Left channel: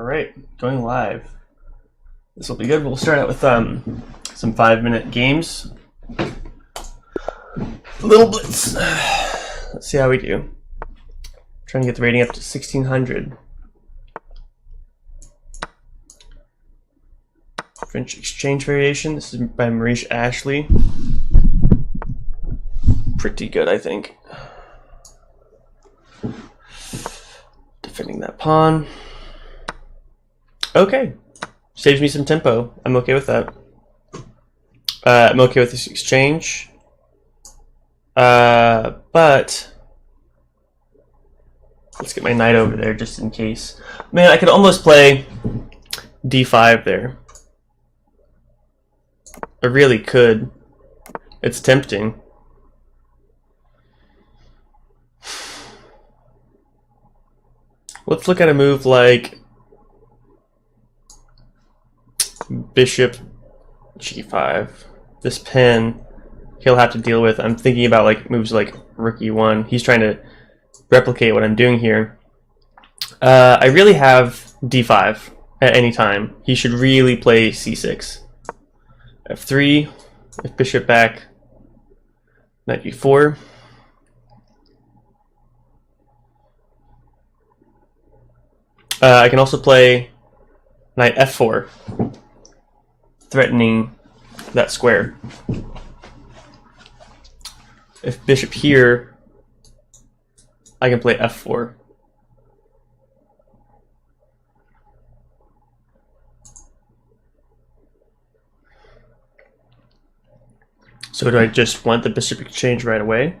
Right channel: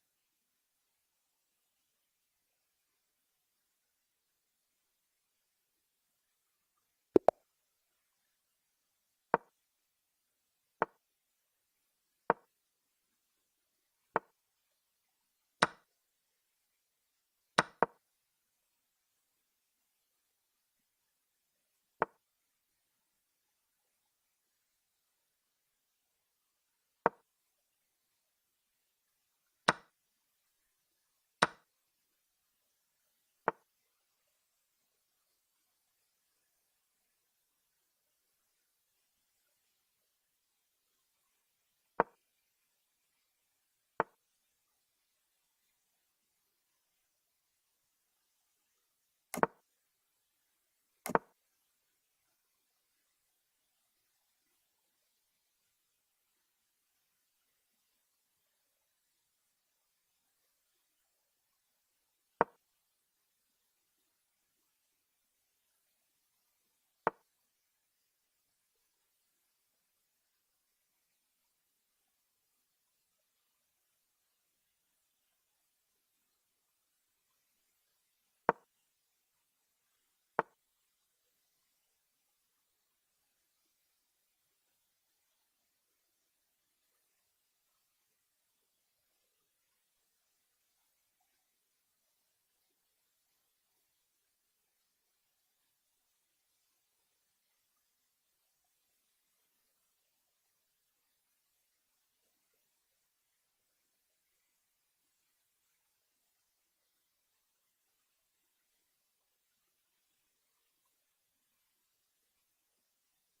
All right, going live. This will be good. We'll start out with some 5-minute games. Little blitz. Let's see how we do. Trying to get the rating up to 1600. French exchange variation. This is by Maurice Ashley. Pretty good, I think. Defending that pawn. Okay. Saves me some tempo. I'm okay with that. I'm okay with this exchange. But let's get my knight over there just in case. Man, I could almost play d5 there. I really could. It's tempting. Let's look at a move like bishop g5. This pin he'll have to deal with. I'm thinking about like moves like rook e1. He's trying to replicate what I'm doing here. I really have d5 at any time. He should really play c6. f3, if bishop back, knight b4. I can also play knight f4, threatening that square. If bishop here, I can play f4. So do I just want the bishop exchange right away?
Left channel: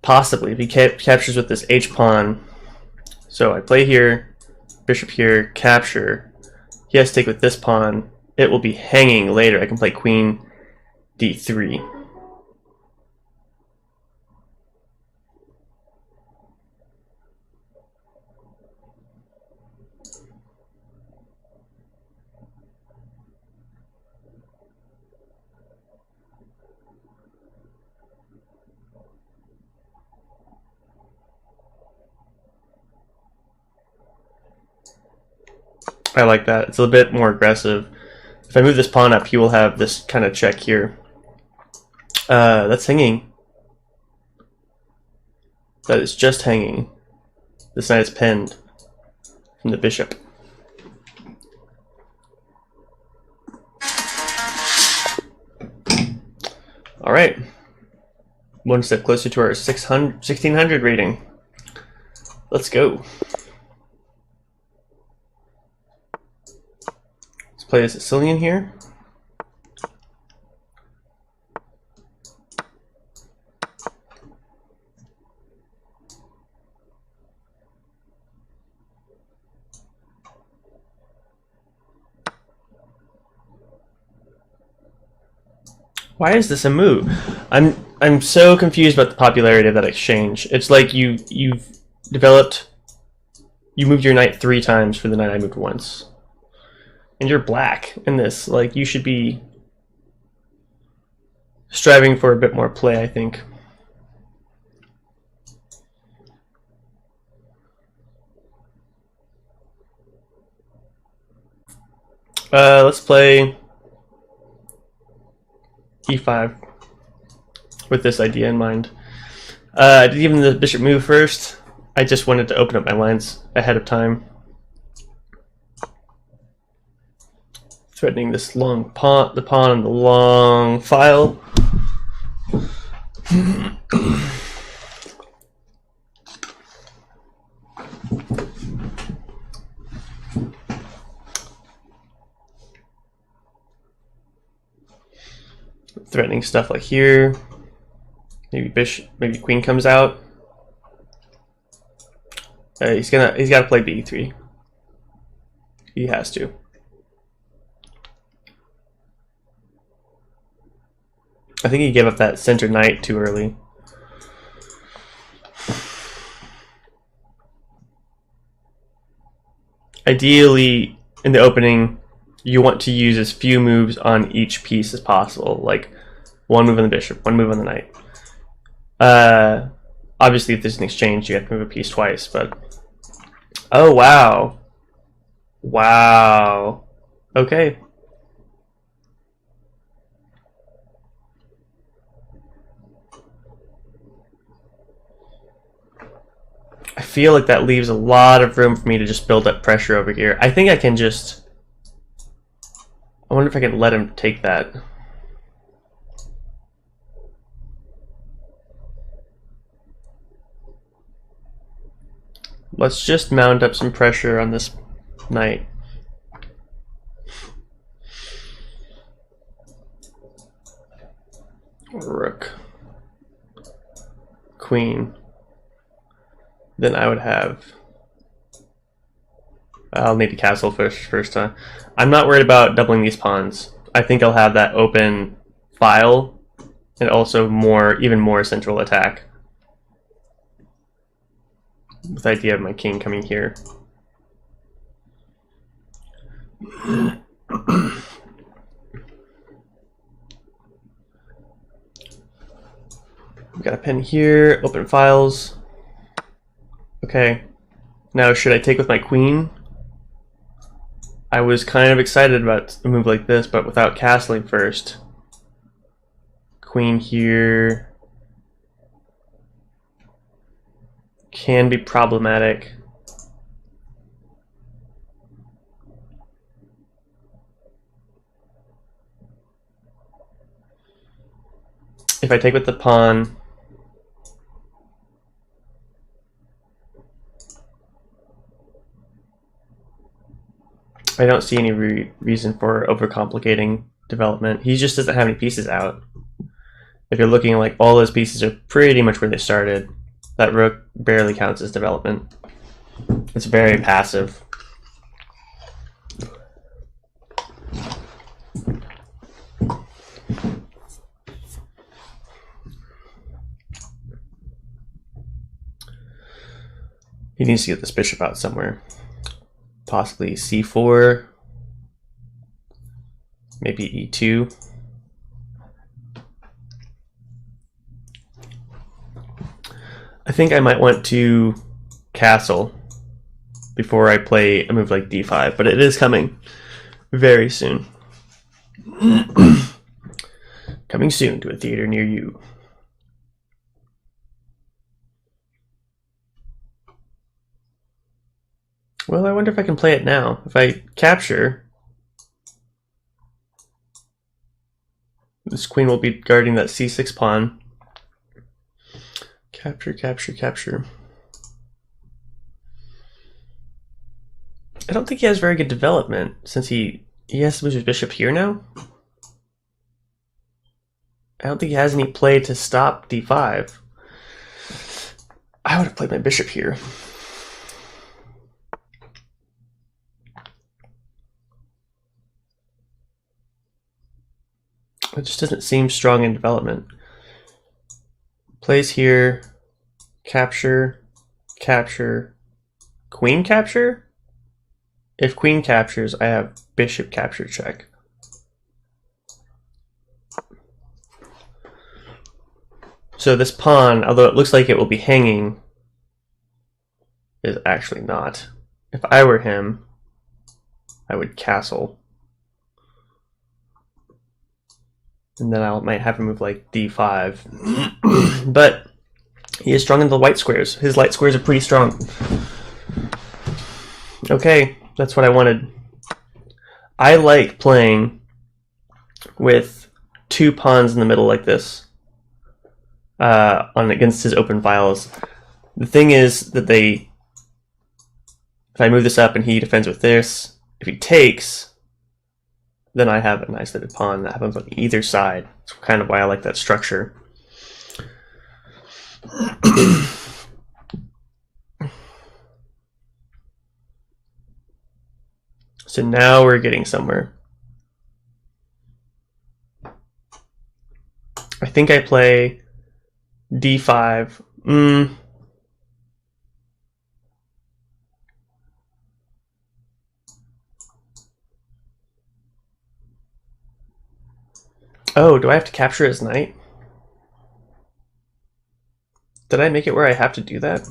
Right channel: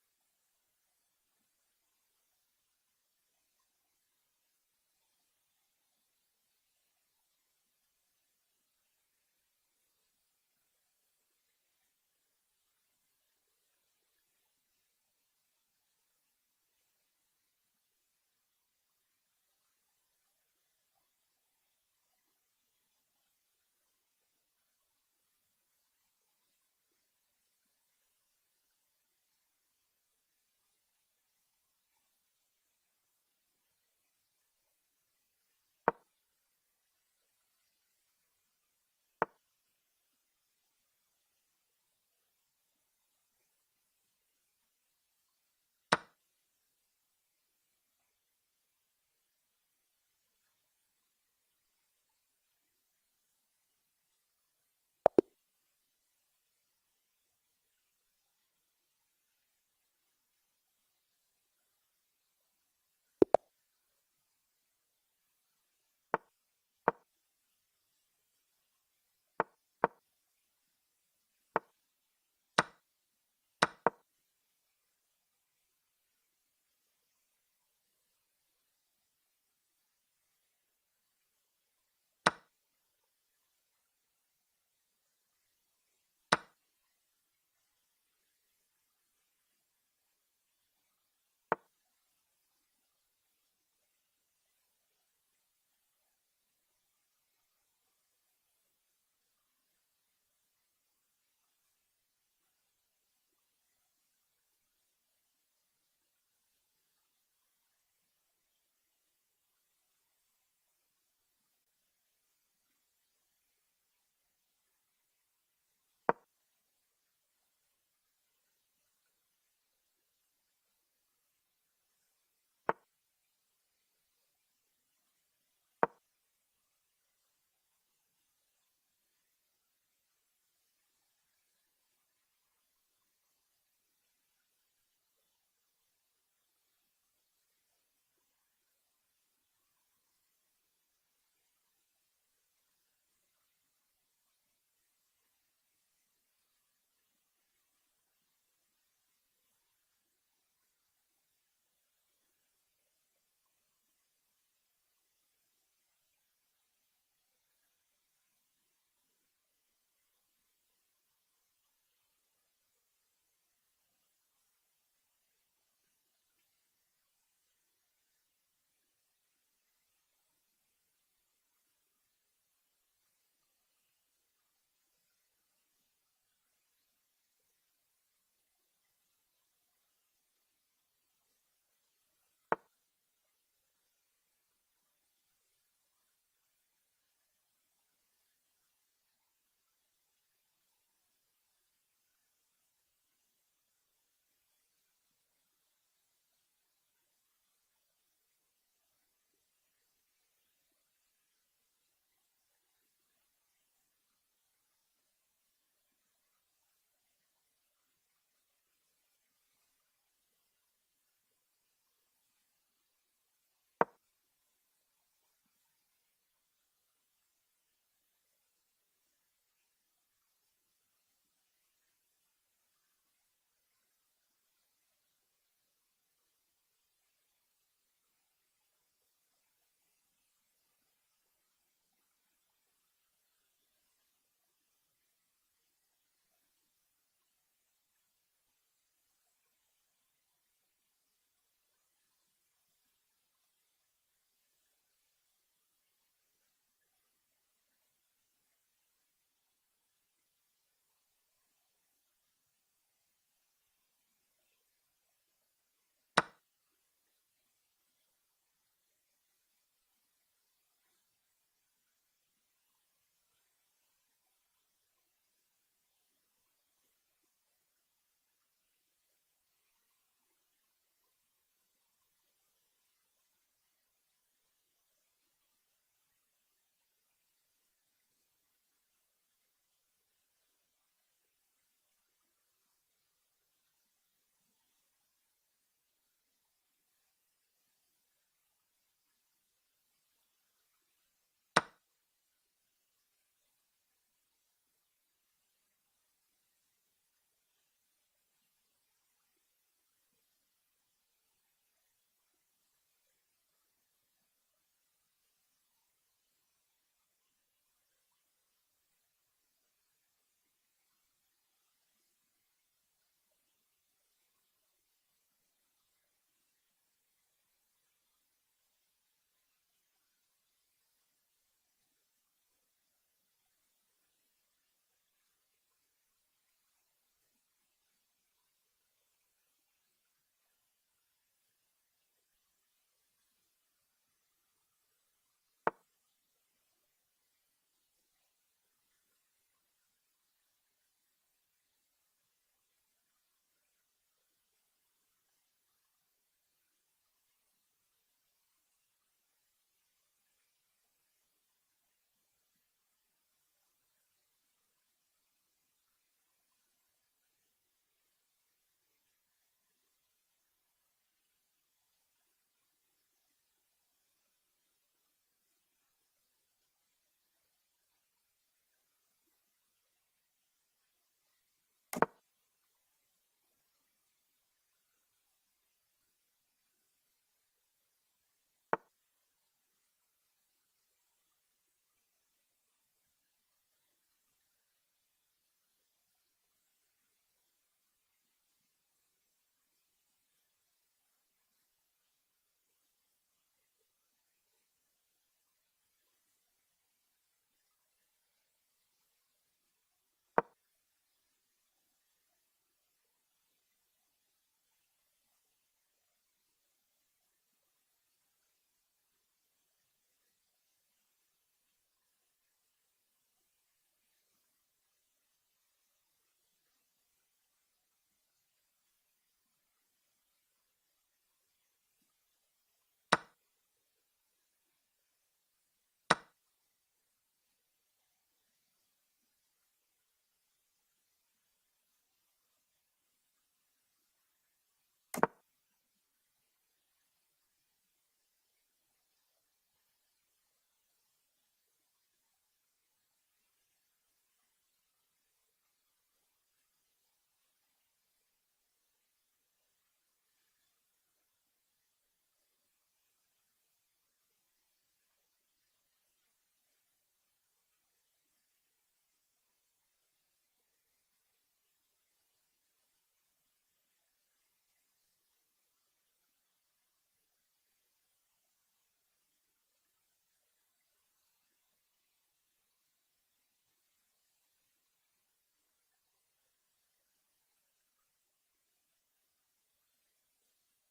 Possibly, if he captures with this h-pawn. So I play here, bishop here, capture. He has to take with this pawn. It will be hanging later. I can play queen d3. I like that. It's a bit more aggressive. If I move this pawn up, he will have this kind of check here. That's hanging. That is just hanging. This knight is pinned from the bishop. All right. One step closer to our 1600 rating. Let's go. Play a Sicilian here. Why is this a move? I'm so confused about the popularity of that exchange. It's like you've developed. You moved your knight 3 times for the knight I moved once. And you're black in this. Like, you should be striving for a bit more play, I think. Let's play e5 with this idea in mind. I did give him the bishop move first. I just wanted to open up my lines ahead of time. Threatening this long pawn, the pawn on the long file. Threatening stuff like here. Maybe bishop, maybe queen comes out. He's got to play b3. He has to. I think he gave up that center knight too early. Ideally, in the opening, you want to use as few moves on each piece as possible. Like, one move on the bishop, one move on the knight. Obviously, if there's an exchange, you have to move a piece twice, but Oh, wow. Wow. Okay. I feel like that leaves a lot of room for me to just build up pressure over here. I think I can just... I wonder if I can let him take that. Let's just mount up some pressure on this knight. Rook. Queen. Then I would have... I'll need to castle first time. I'm not worried about doubling these pawns. I think I'll have that open file and also even more central attack. With the idea of my king coming here. We got a pen here, open files. Okay. Now should I take with my queen? I was kind of excited about a move like this, but without castling first. Queen here can be problematic. If I take with the pawn, I don't see any reason for overcomplicating development. He just doesn't have any pieces out. If you're looking like all those pieces are pretty much where they started, that rook barely counts as development. It's very passive. He needs to get this bishop out somewhere. Possibly c4, maybe e2. I think I might want to castle before I play a move like d5, but it is coming very soon. Coming soon to a theater near you. Well, I wonder if I can play it now. If I capture, this queen will be guarding that c6 pawn. Capture, capture, capture. I don't think he has very good development since he has to move his bishop here now. I don't think he has any play to stop d5. I would have played my bishop here. It just doesn't seem strong in development. Plays here, capture, capture, queen capture? If queen captures, I have bishop capture check. So this pawn, although it looks like it will be hanging, is actually not. If I were him, I would castle. And then I might have him move like d5. But he is strong in the white squares. His light squares are pretty strong. Okay, that's what I wanted. I like playing with two pawns in the middle like this on against his open files. The thing is that if I move this up and he defends with this, if he takes, then I have an isolated pawn that happens on either side. That's kind of why I like that structure. So now we're getting somewhere. I think I play d5. Oh, do I have to capture his knight? Did I make it where I have to do that?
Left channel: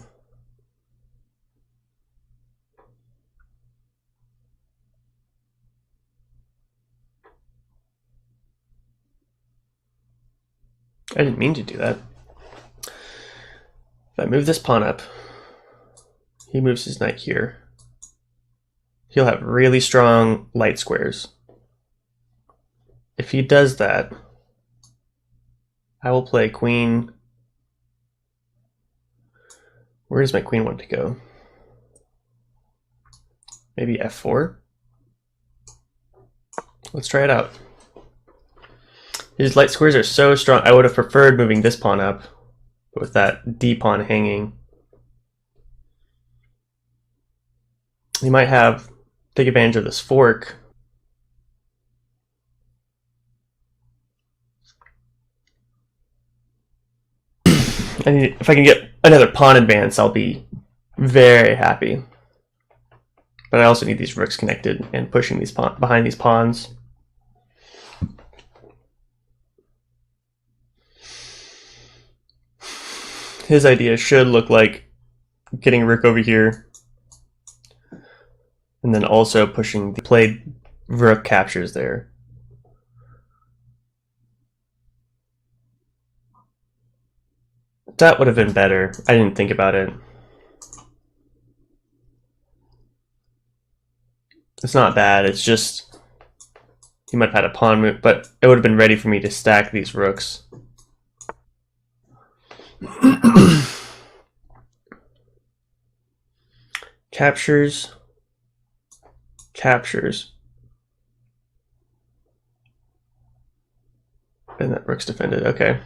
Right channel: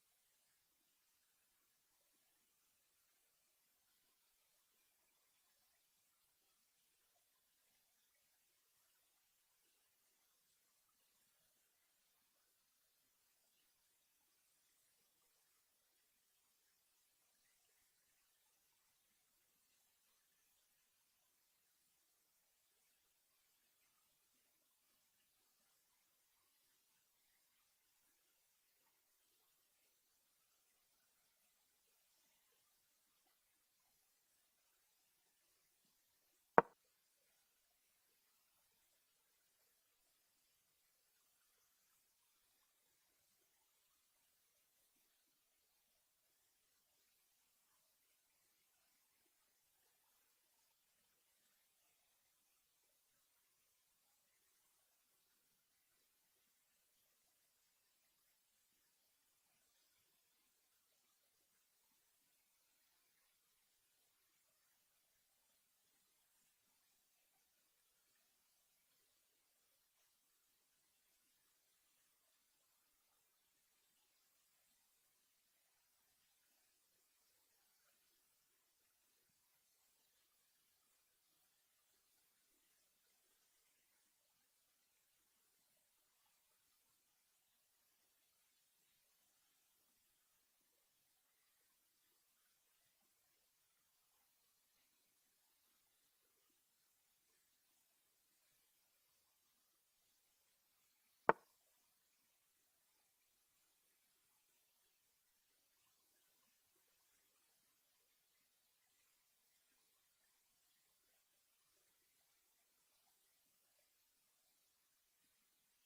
I didn't mean to do that. If I move this pawn up, he moves his knight here. He'll have really strong light squares. If he does that, I will play queen. Where does my queen want to go? Maybe f4? Let's try it out. His light squares are so strong. I would have preferred moving this pawn up, but with that d pawn hanging, he might take advantage of this fork. If I can get another pawn advance, I'll be very happy. But I also need these rooks connected and pushing these behind these pawns. His idea should look like getting a rook over here, and then also pushing the played rook captures there. That would have been better. I didn't think about it. It's not bad, it's just he might have had a pawn move, but it would have been ready for me to stack these rooks. Captures. And that rook's defended, okay.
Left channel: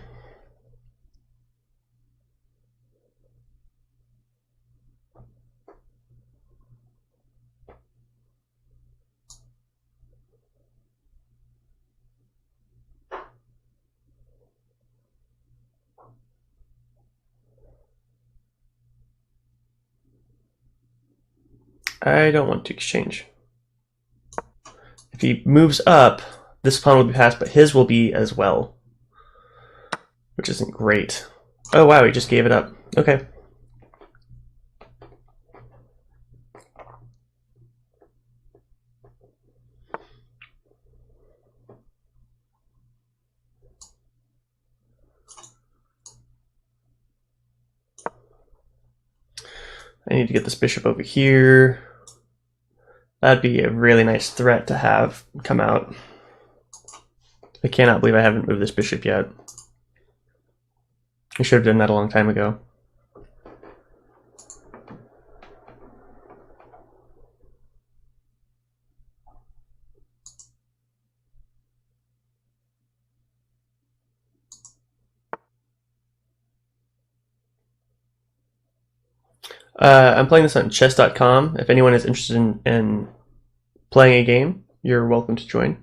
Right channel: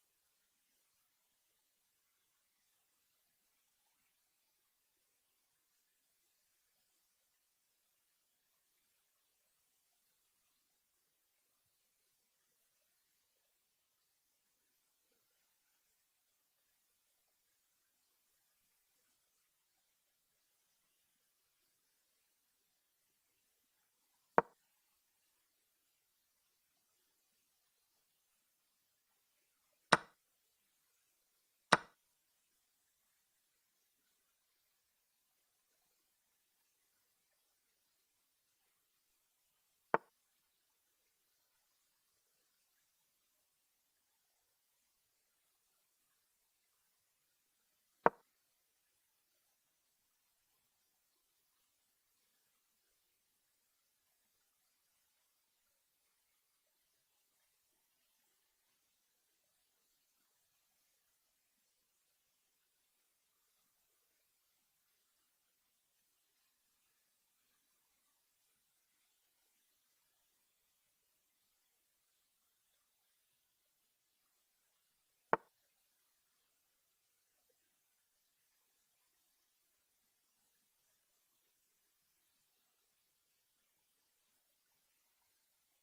I don't want to exchange. If he moves up, this pawn will be passed, but his will be as well, which isn't great. Oh wow, he just gave it up. Okay. I need to get this bishop over here. That'd be a really nice threat to have come out. I cannot believe I haven't moved this bishop yet. I should have done that a long time ago. I'm playing this on chess.com. If anyone is interested in playing a game, you're welcome to join.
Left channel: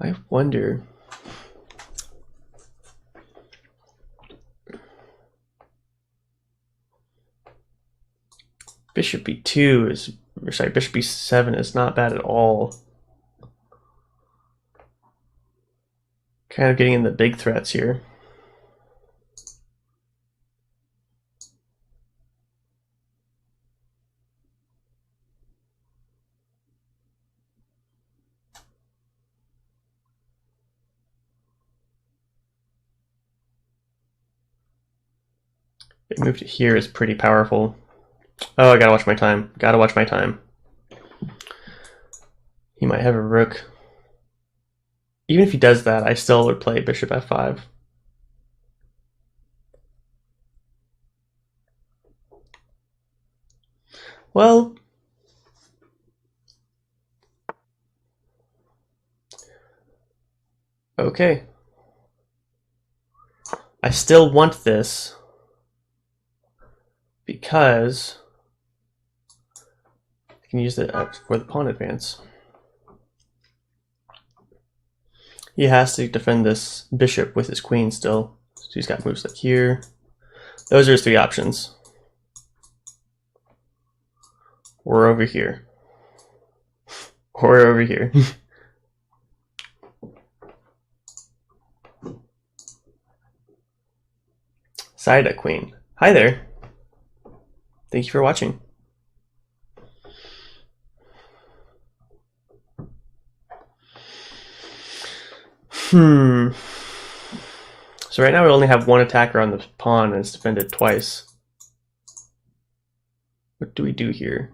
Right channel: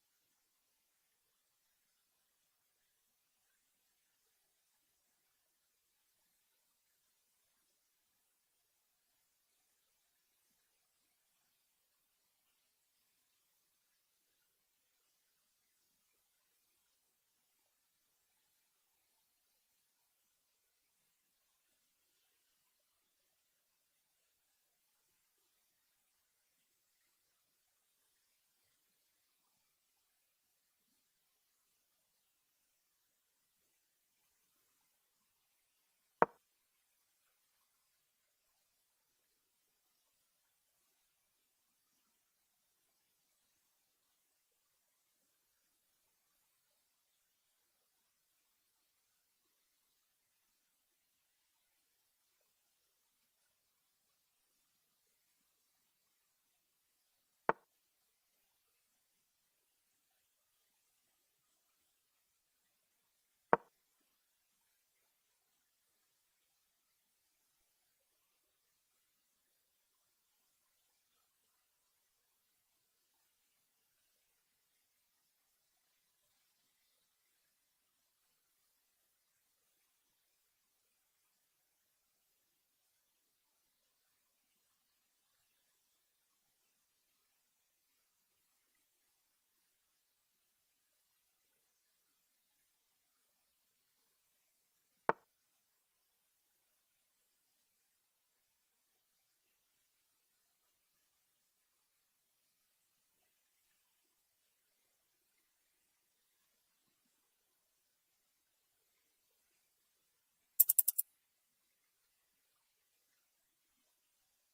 I wonder. Bishop b2 is, or sorry, bishop b7 is not bad at all. Kind of getting in the big threats here. They moved it here is pretty powerful. Oh, I gotta watch my time. Gotta watch my time. He might have a rook. Even if he does that, I still would play bishop f5. Well, okay. I still want this because I can use it for the pawn advance. He has to defend this bishop with his queen still. So he's got moves like here. Those are his three options. Or over here. Or over here. Saida Queen. Hi there. Thank you for watching. Hmm. So right now we only have one attacker on the pawn and it's defended twice. What do we do here?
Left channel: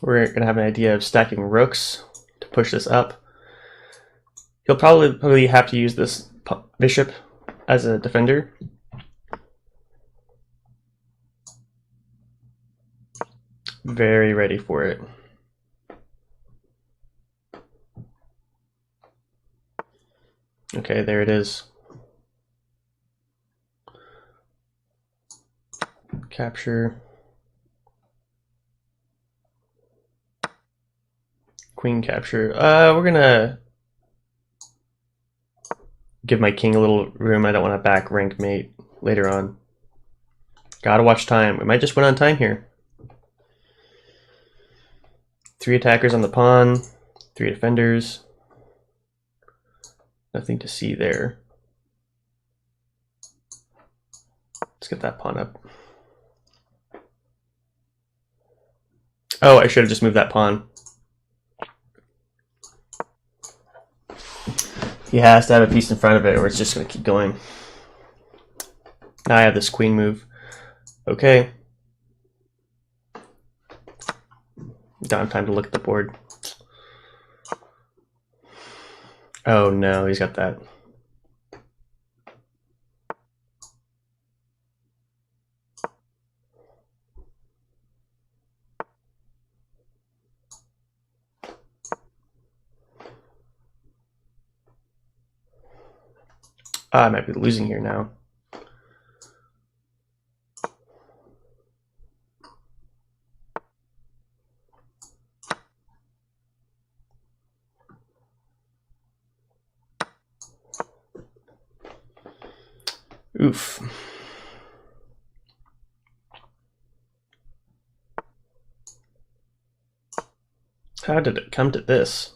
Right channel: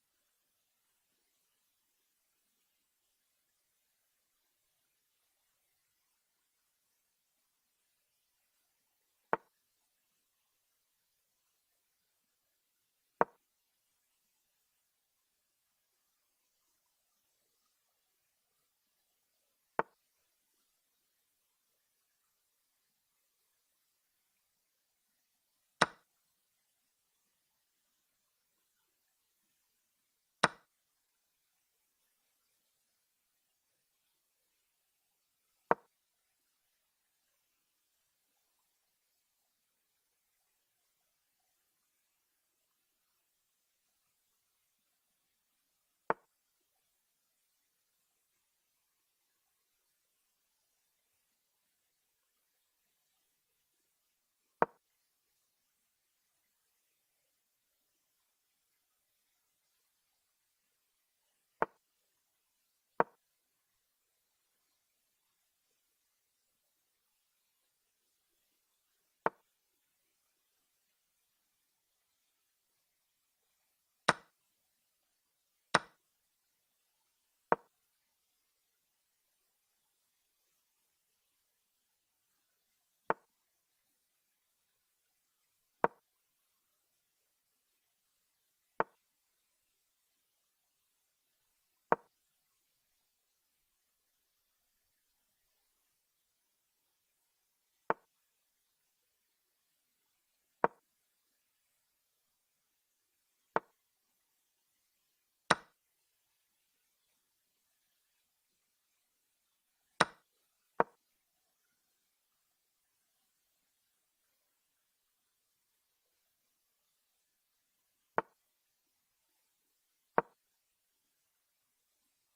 We're going to have an idea of stacking rooks to push this up. He'll probably have to use this bishop as a defender. Very ready for it. Okay, there it is. Capture. Queen capture. We're gonna give my king a little room. I don't want to back rank mate later on. Gotta watch time. We might just win on time here. 3 attackers on the pawn, 3 defenders. Nothing to see there. Let's get that pawn up. Oh, I should have just moved that pawn. He has to have a piece in front of it or it's just going to keep going. Now I have this queen move. Okay. Don't have time to look at the board. Oh no, he's got that. I might be losing here now. Oof. How did it come to this?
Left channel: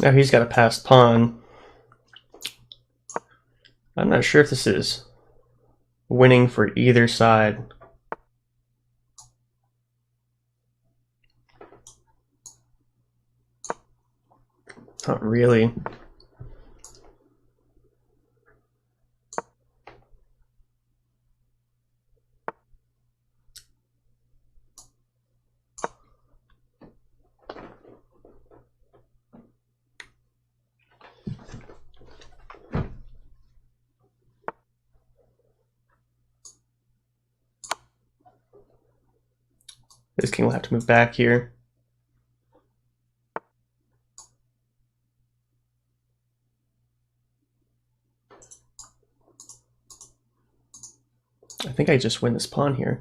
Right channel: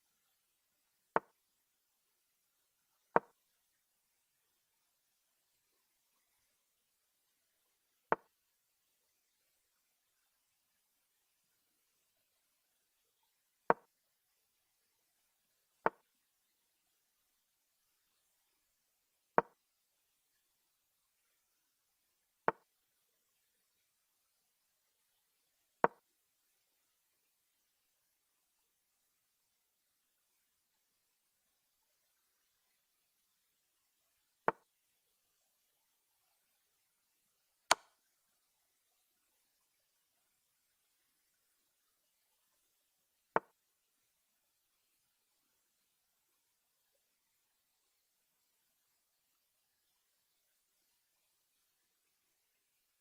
Now he's got a passed pawn. I'm not sure if this is winning for either side. Not really. This king will have to move back here. I think I just win this pawn here.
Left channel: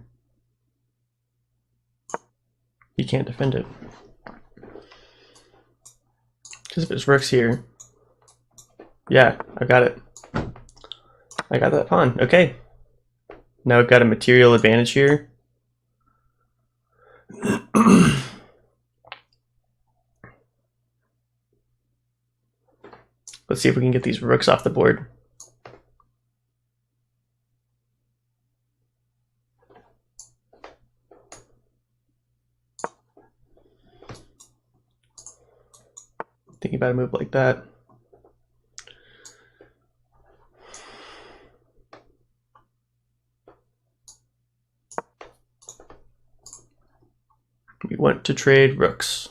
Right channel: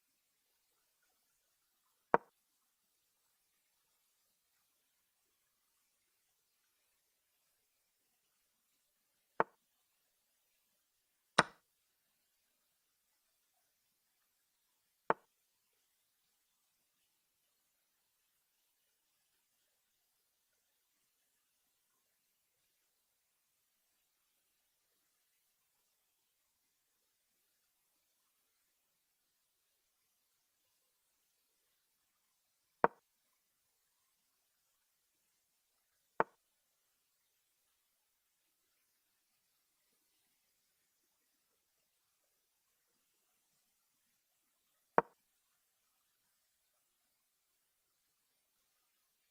He can't defend it. Because if his rook's here. Yeah, I got it. I got that pawn. Okay. Now we've got a material advantage here. Let's see if we can get these rooks off the board. Thinking about a move like that. We want to trade rooks.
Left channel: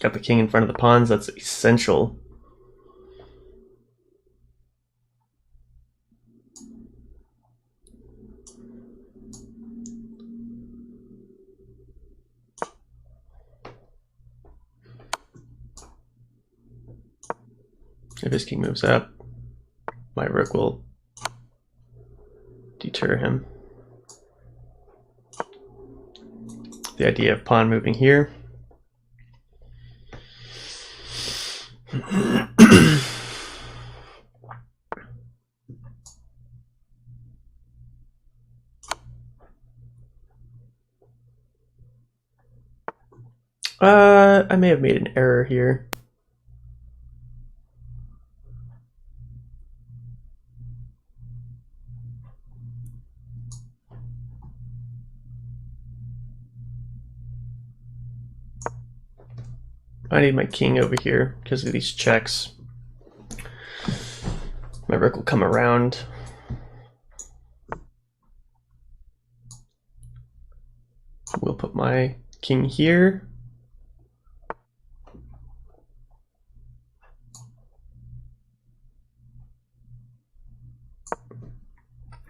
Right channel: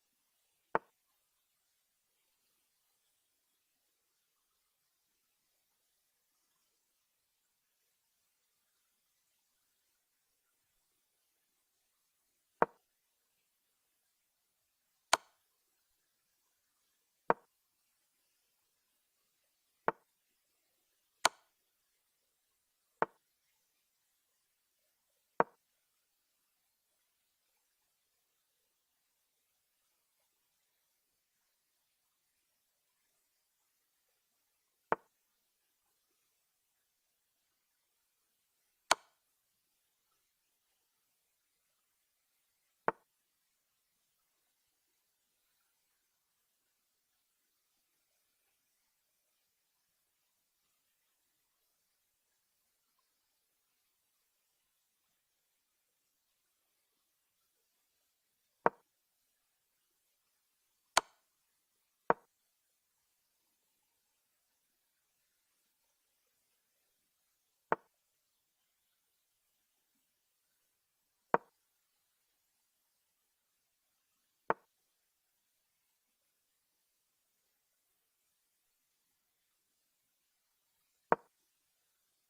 Got the king in front of the pawns. That's essential. If his king moves up, my rook will deter him. The idea of pawn moving here. I may have made an error here. I need my king over here because of these checks. My rook will come around. We'll put my king here.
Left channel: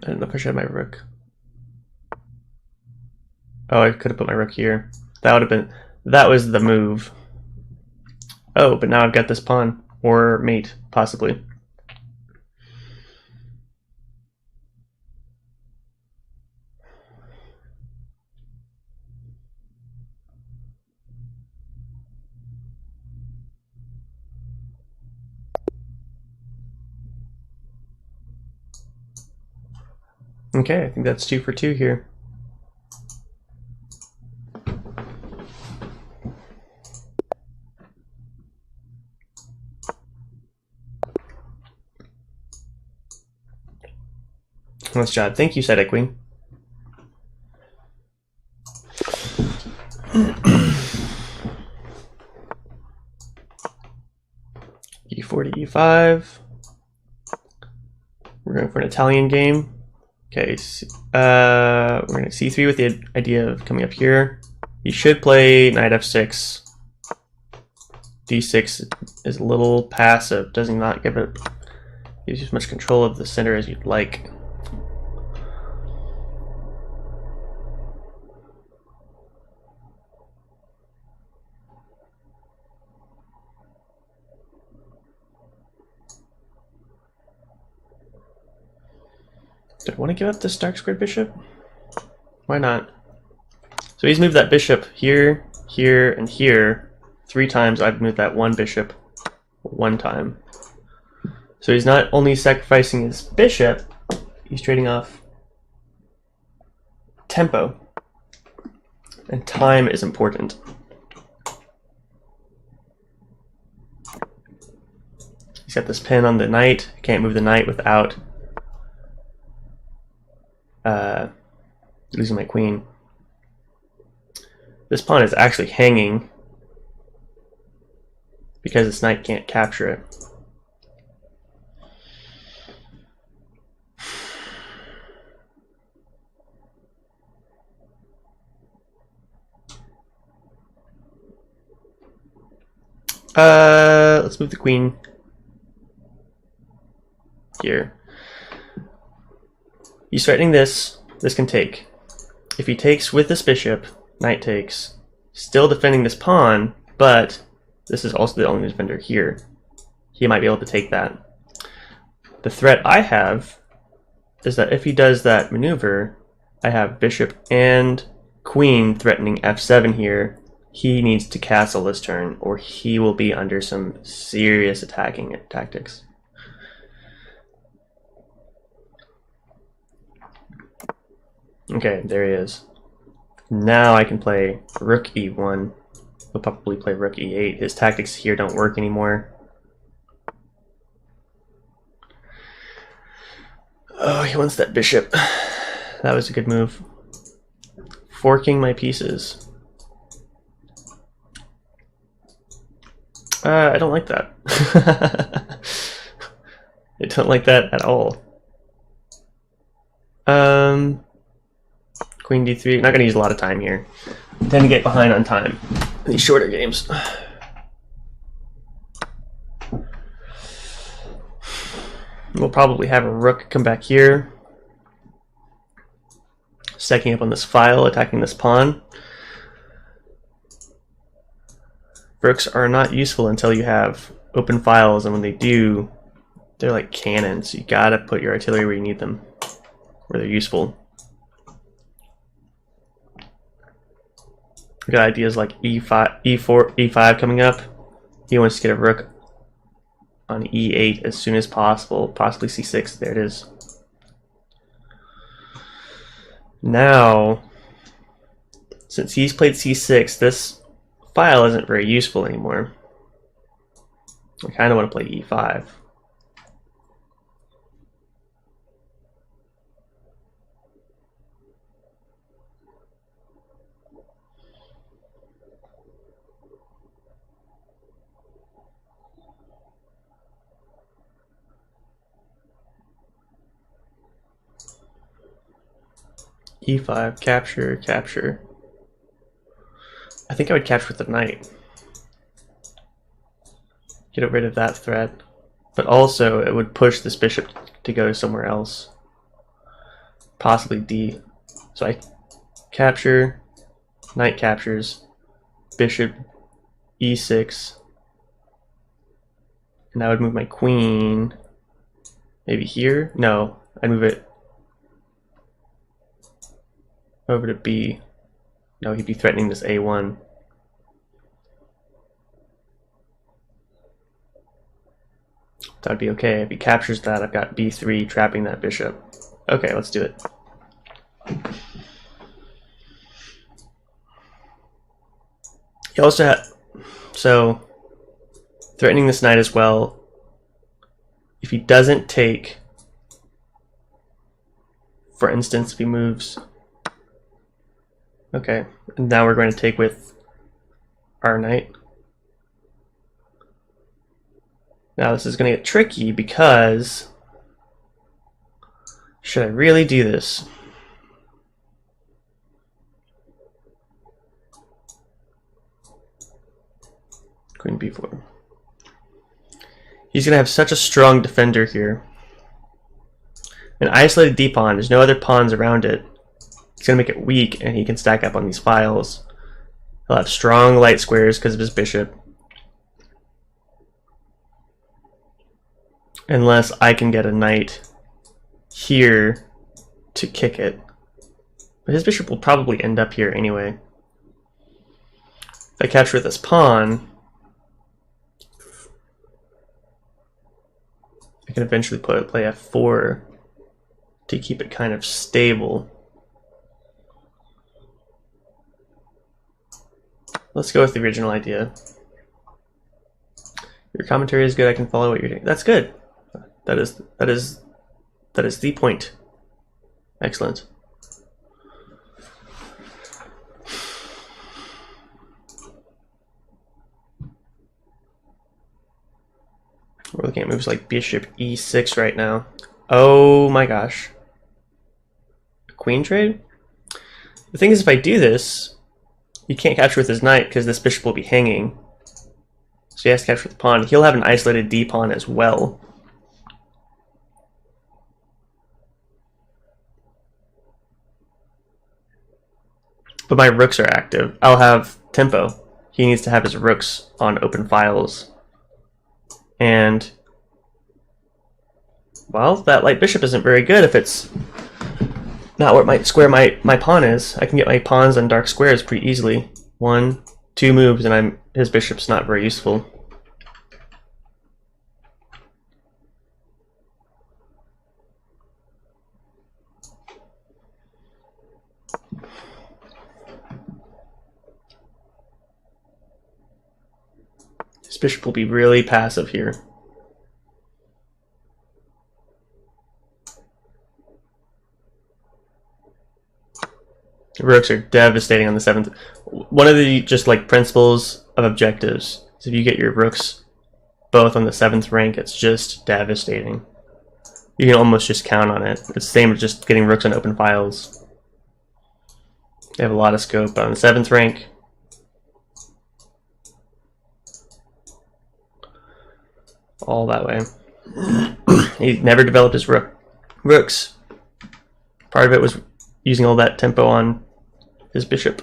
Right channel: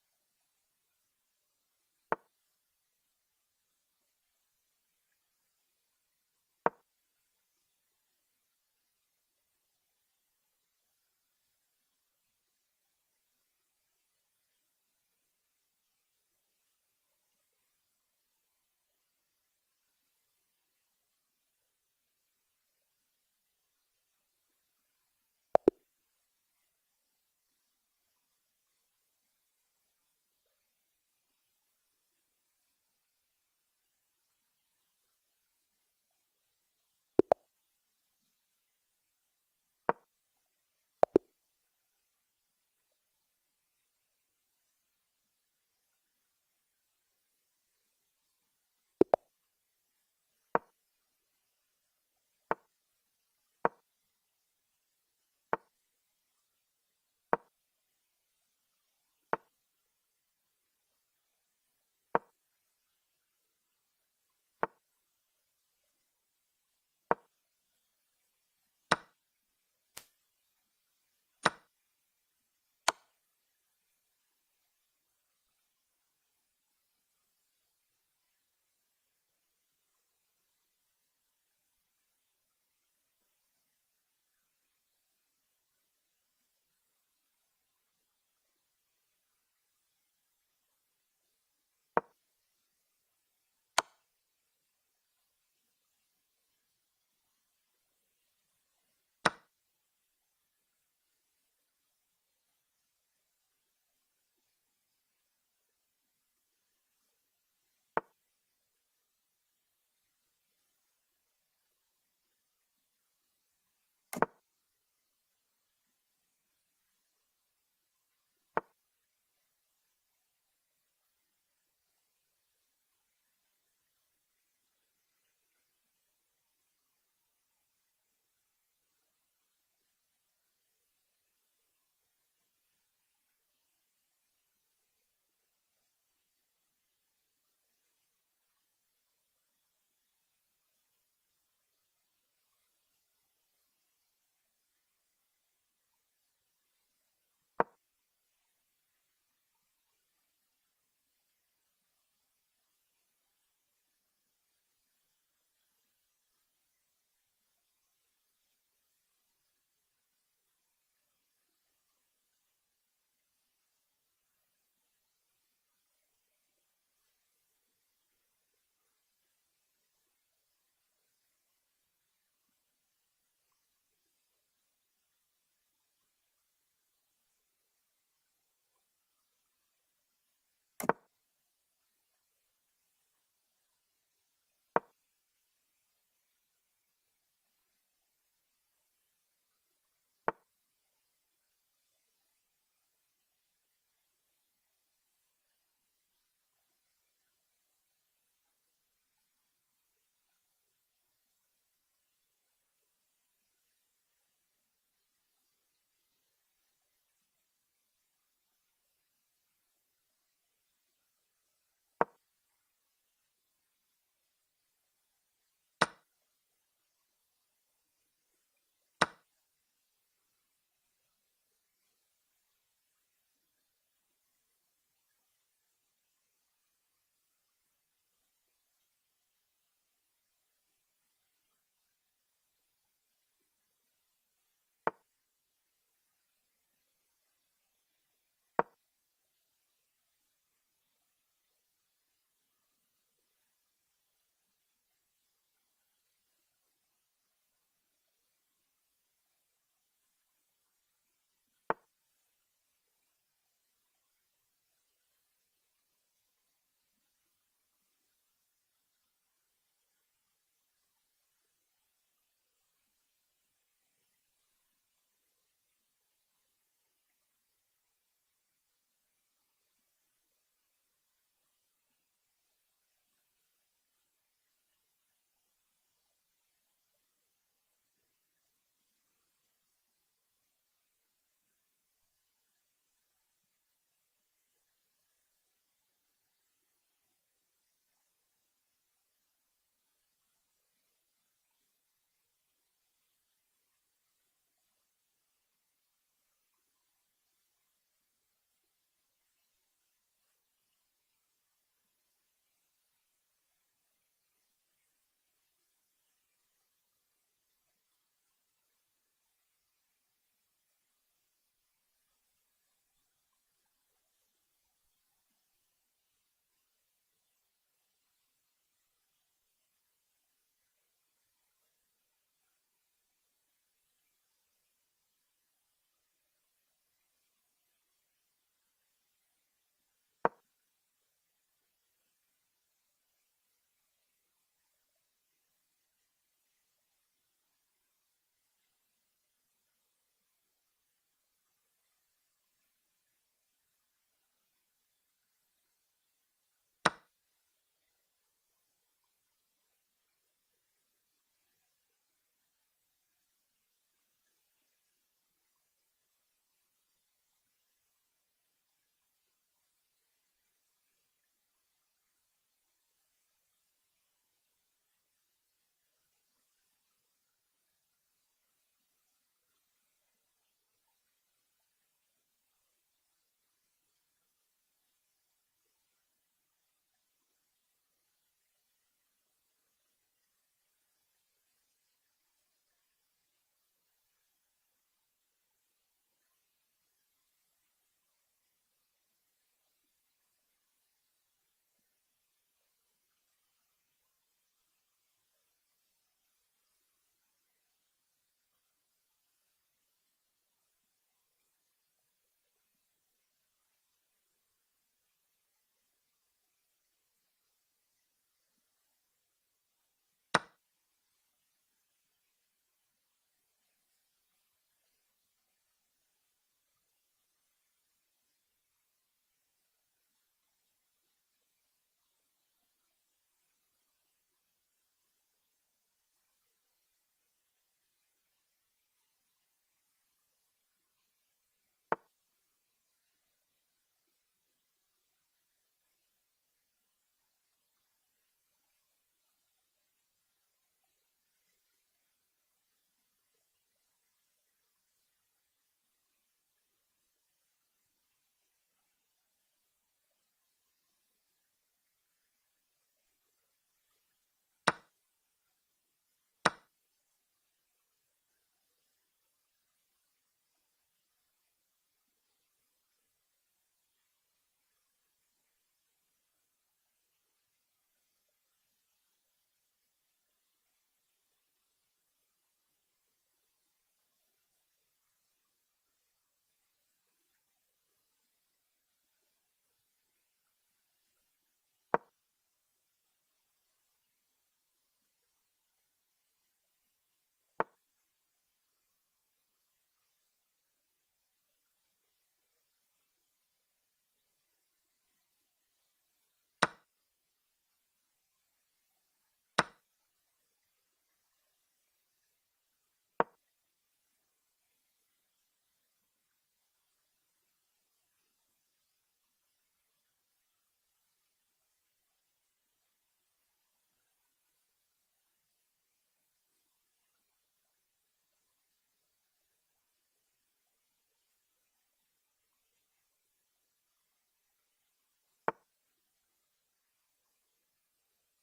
I don't know if I should have my rook. Oh, I could have put my rook here. That would have been, that was the move. Oh, but now I've got this pawn, or mate, possibly. Okay, I think that's 2 for 2 here. Nice job. Thank you, Side Queen. E4 to E5. We're going for an Italian game. Okay, we're going to C3 with the idea of coming up here. You should play knight F6. D6 is a little passive, does not give you as much control of the center as you'd like. Do I want to give up this dark squared bishop? Why not? So he's moved that bishop here, here, and here 3 times. I've moved that one bishop 1 time. So he's not only sacrificing his bishop, he's trading off tempo. And time is important. He's got this pin on the knight. Can't move the knight without losing my queen. This pawn is actually hanging because this knight can't capture it. Let's move the queen here. He's threatening this. This can take. If he takes with this bishop, knight takes, still defending this pawn, but this is also the only defender here. He might be able to take that. The threat I have is that if he does that maneuver, I have bishop and queen threatening f7 here. He needs to castle this turn, or he will be under some serious attacking tactics. Okay, there he is. Now I can play rook e1. He'll probably play rook e8. His tactics here don't work anymore. Oh, he wants that bishop. That was a good move. Forking my pieces. I don't like that. I don't like that at all. Queen d3. I'm not going to use a lot of time here. I tend to get behind on time in these shorter games. We'll probably have a rook come back here, stacking up on this file, attacking this pawn. Rooks are not useful until you have open files, and when they do, they're like cannons. You gotta put your artillery where you need them, where they're useful. We got ideas like e5, e4, e5 coming up. He wants to get a rook on e8 as soon as possible, possibly c6. There it is. Now, since he's played c6, this file isn't very useful anymore. I kind of want to play e5. e5, capture, capture. I think I would capture with the knight. Get rid of that threat. But also, it would push this bishop to go somewhere else. Possibly d. So I capture, knight captures, bishop e6. And I would move my queen maybe here? No, I'd move it over to b. No, he'd be threatening this a1. That would be okay. If he captures that, I've got b3 trapping that bishop. Okay, let's do it. He also had, so threatening this knight as well. If he doesn't take, for instance, if he moves, okay, and now we're going to take with our knight. Now this is going to get tricky because, should I really do this? Queen b4. He's going to have such a strong defender here. An isolated d-pawn, there's no other pawns around it. It's going to make it weak, and he can stack up on these files. He'll have strong light squares because of his bishop. Unless I can get a knight here to kick it. But his bishop will probably end up here anyway. If I capture this pawn, I can eventually play f4 to keep it kind of stable. Let's go with the original idea. Your commentary is good. I can follow what you're doing. That's good. That is the point. Excellent. We're looking at moves like bishop e6 right now. Oh my gosh. Queen trade? The thing is, if I do this, he can't capture with his knight because this bishop will be hanging. So he has to capture with the pawn. He'll have an isolated d-pawn as well. But my rooks are active. I'll have tempo. He needs to have his rooks on open files. And, well, that light bishop isn't very good if it's not what square my pawn is. I can get my pawns on dark squares pretty easily. 1, 2 moves and his bishop's not very useful. His bishop will be really passive here. The rooks are devastating on the 7th. One of the just like principles of objectives is if you get your rooks both on the 7th rank, it's just devastating. You can almost just count on it. It's the same as just getting rooks on open files. They have a lot of scope, but on the 7th rank, all that way. He never developed his rooks. Part of it was using all that tempo on his bishop.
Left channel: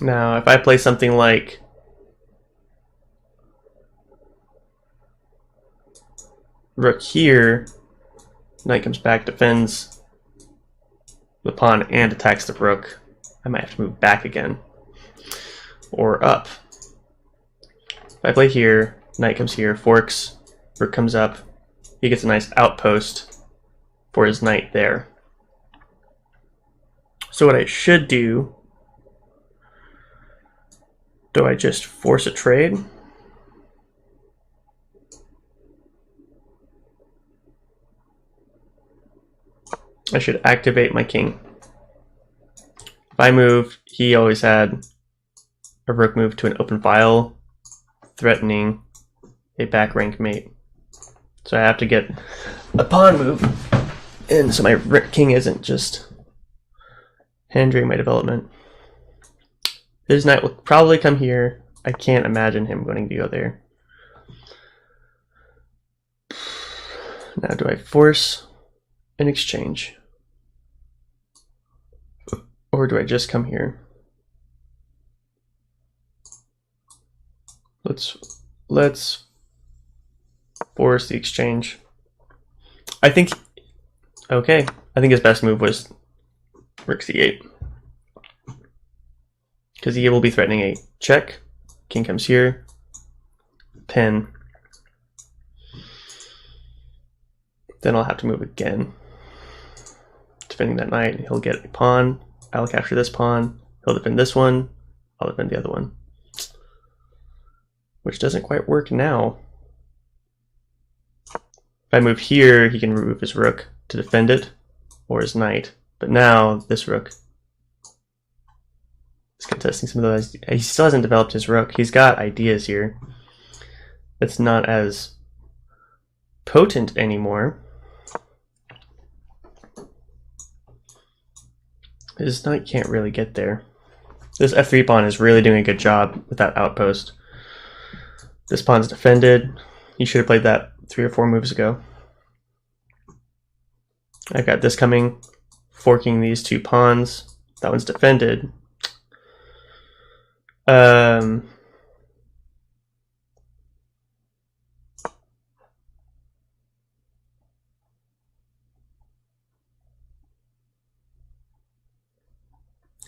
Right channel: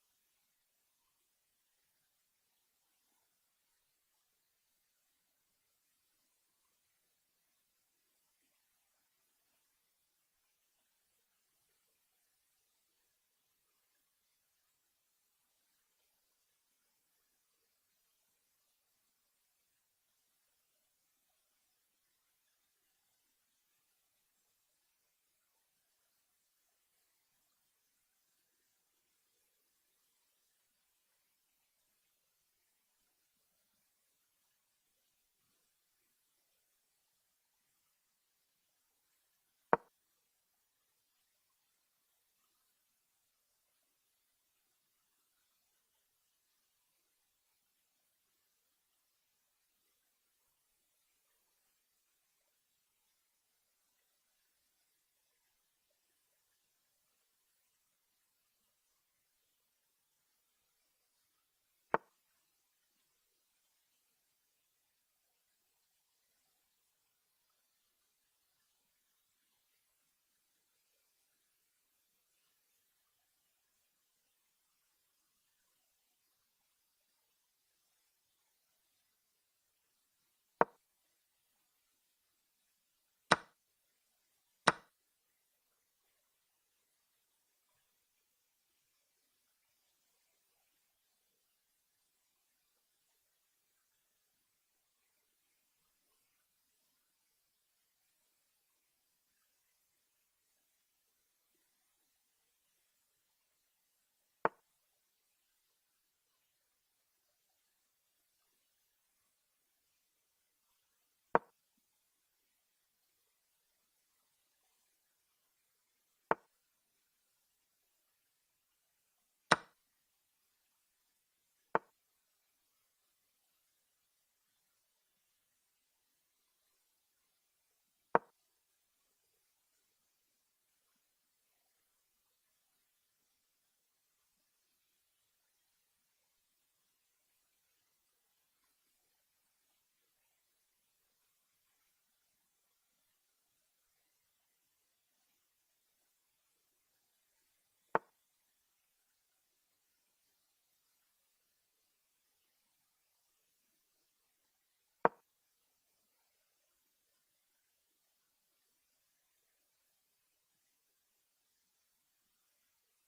Now, if I play something like rook here, knight comes back, defends the pawn, and attacks the rook, I might have to move back again. Or up. If I play here, knight comes here, forks, rook comes up, he gets a nice outpost for his knight there. So what I should do I just force a trade? I should activate my king. If I move, he always had a rook move to an open file, threatening a back rank mate. So I have to get a pawn move, and so my king isn't just hindering my development. His knight will probably come here. I can't imagine him going to go there. Now, do I force an exchange? Or do I just come here? Let's force the exchange. I think his best move was rook c8. Because he will be threatening a check. King comes here. Pin. Then I'll have to move again. Defending that knight, he'll get a pawn. I'll capture this pawn. He'll defend this one. I'll defend the other one. Which doesn't quite work now. If I move here, he can remove his rook to defend it, or his knight. But now, this rook is contesting some of those. He still hasn't developed his rook. He's got ideas here. It's not as potent anymore. His knight can't really get there. This f3 pawn is really doing a good job with that outpost. This pawn's defended. He should have played that 3 or 4 moves ago. I've got this coming, forking these 2 pawns. That one's defended.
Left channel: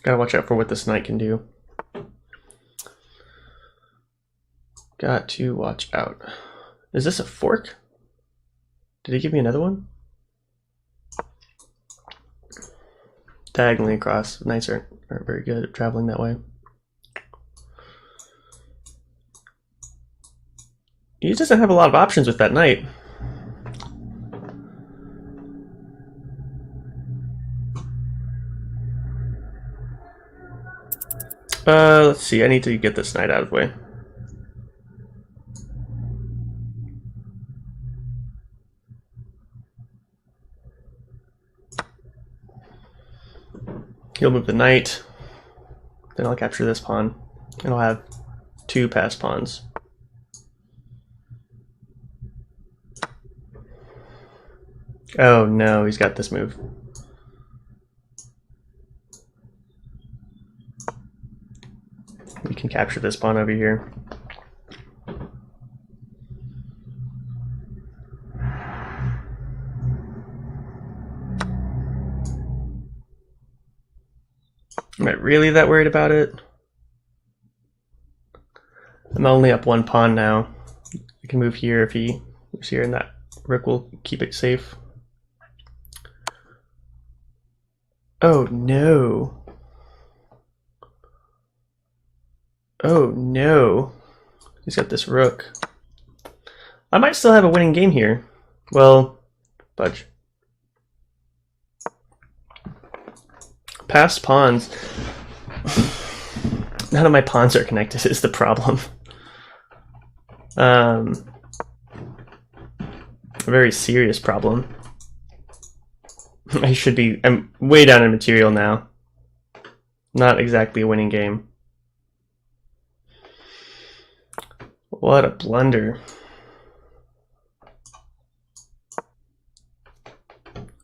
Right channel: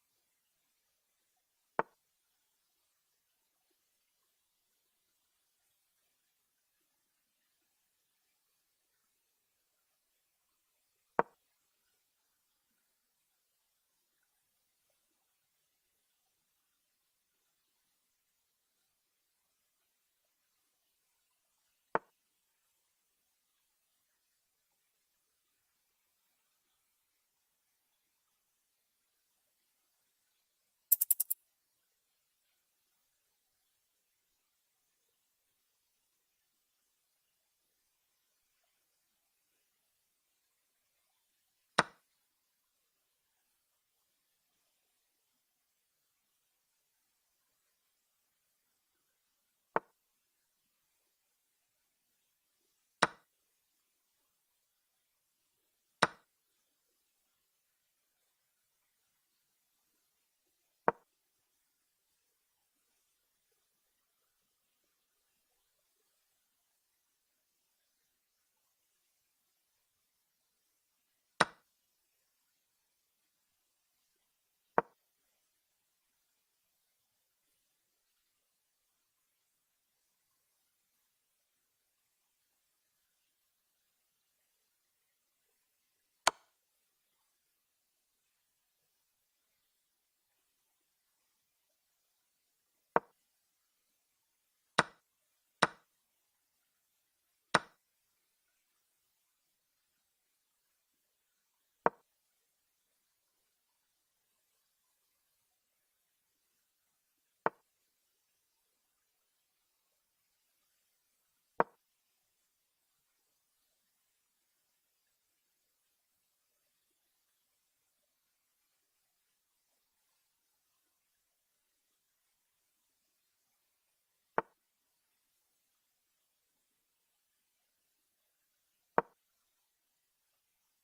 Gotta watch out for what this knight can do. Got to watch out. Is this a fork? Did he give me another one? Diagonally across. Knights aren't very good at traveling that way. He doesn't have a lot of options with that knight. Let's see, I need to get this knight out of the way. He'll move the knight, then I'll capture this pawn, and I'll have 2 passed pawns. Oh no, he's got this move. We can capture this pawn over here. Am I really that worried about it? I'm only up 1 pawn now. I can move here if he moves here, and that rook will keep it safe. Oh no. Oh no. He's got this rook. I might still have a winning game here. Well, fudge. Passed pawns. None of my pawns are connected is the problem. A very serious problem. I'm way down in material now. Not exactly a winning game. What a blunder.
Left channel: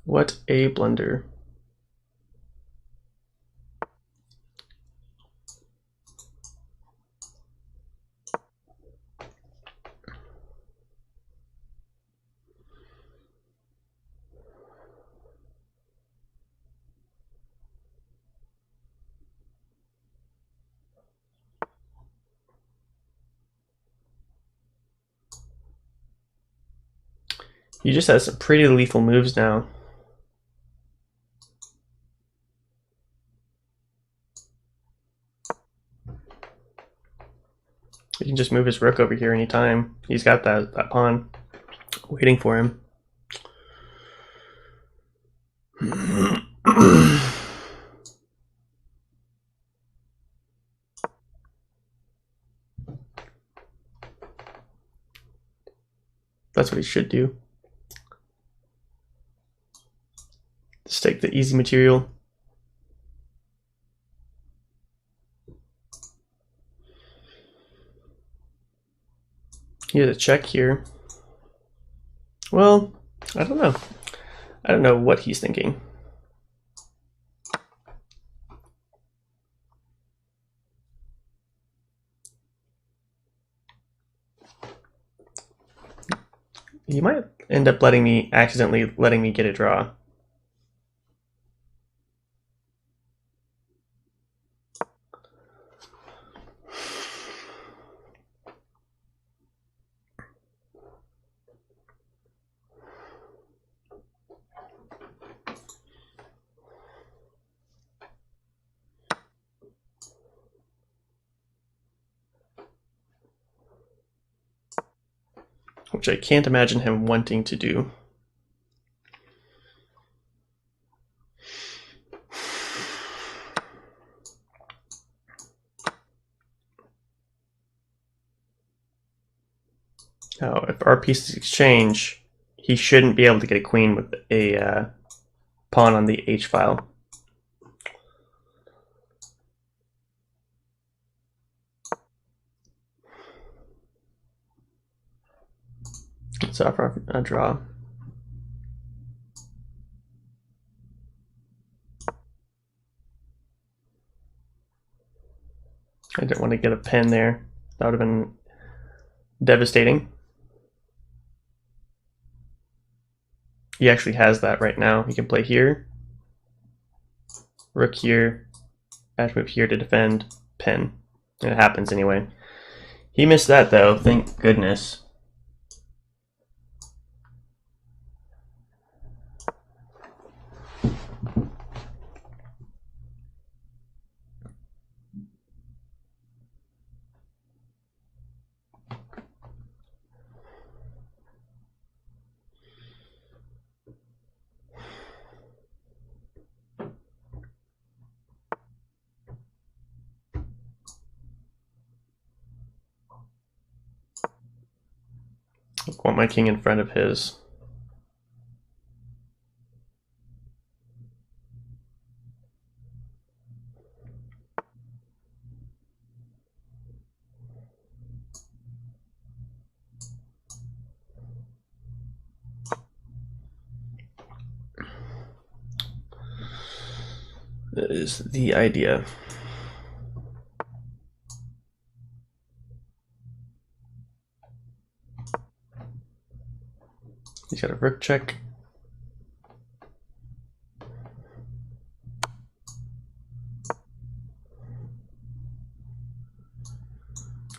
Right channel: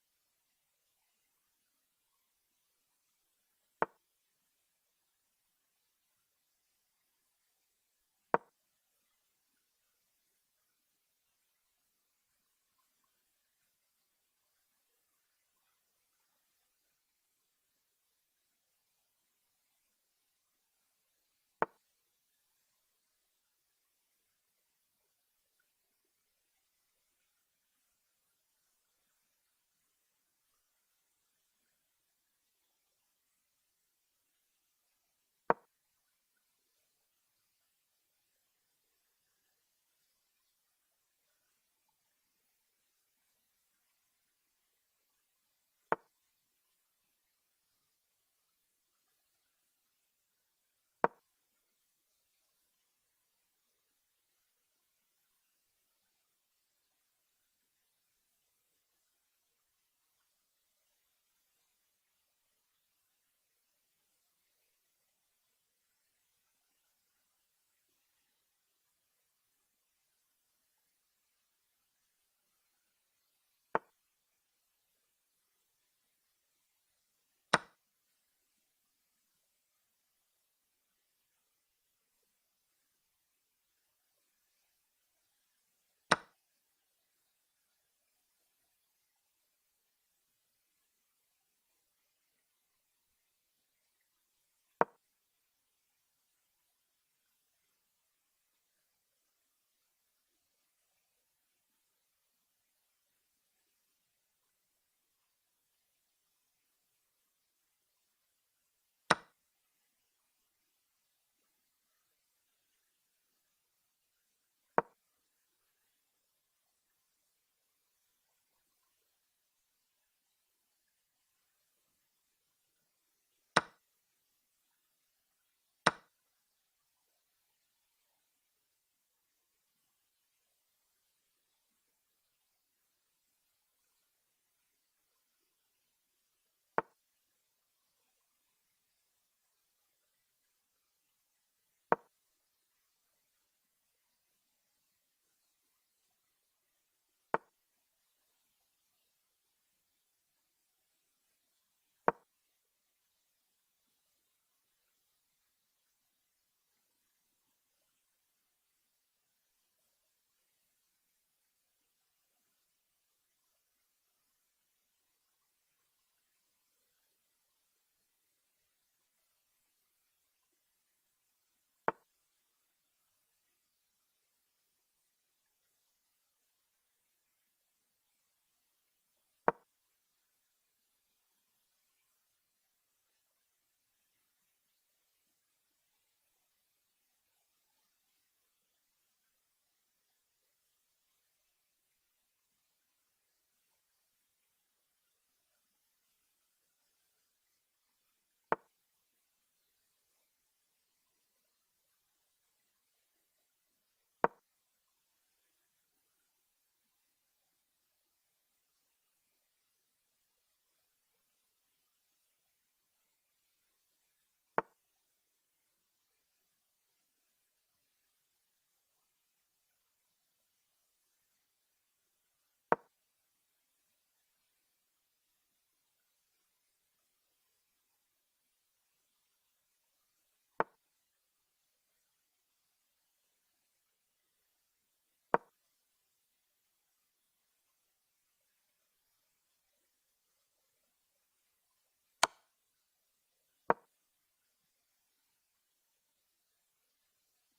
What a blunder. He just has some pretty lethal moves now. He can just move his rook over here anytime. He's got that pawn waiting for him. That's what he should do. Just take the easy material. He has a check here. Well, I don't know. I don't know what he's thinking. He might end up accidentally letting me get a draw. Which I can't imagine him wanting to do. Now, if our pieces exchange, he shouldn't be able to get a queen with a pawn on the H file. Let's offer a draw. I didn't want to get a pin there. That would have been devastating. He actually has that right now. He can play here, rook here, dash move here to defend, pin. It happens anyway. He missed that though, thank goodness. I want my king in front of his. That is the idea. He's got a rook check.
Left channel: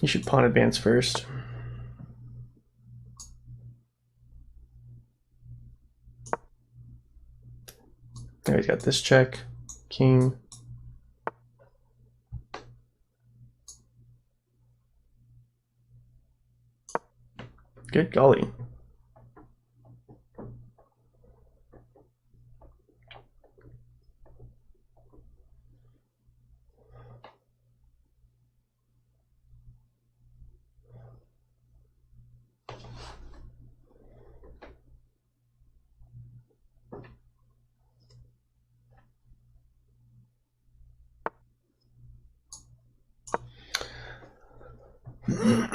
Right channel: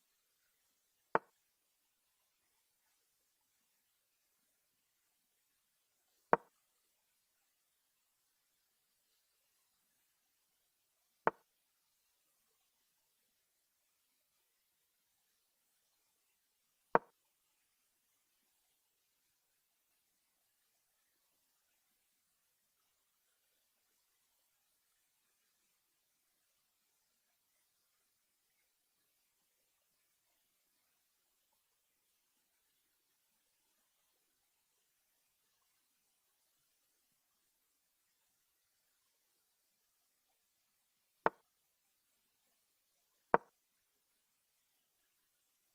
He should pawn advance first. There, he's got this check, king. Good golly. You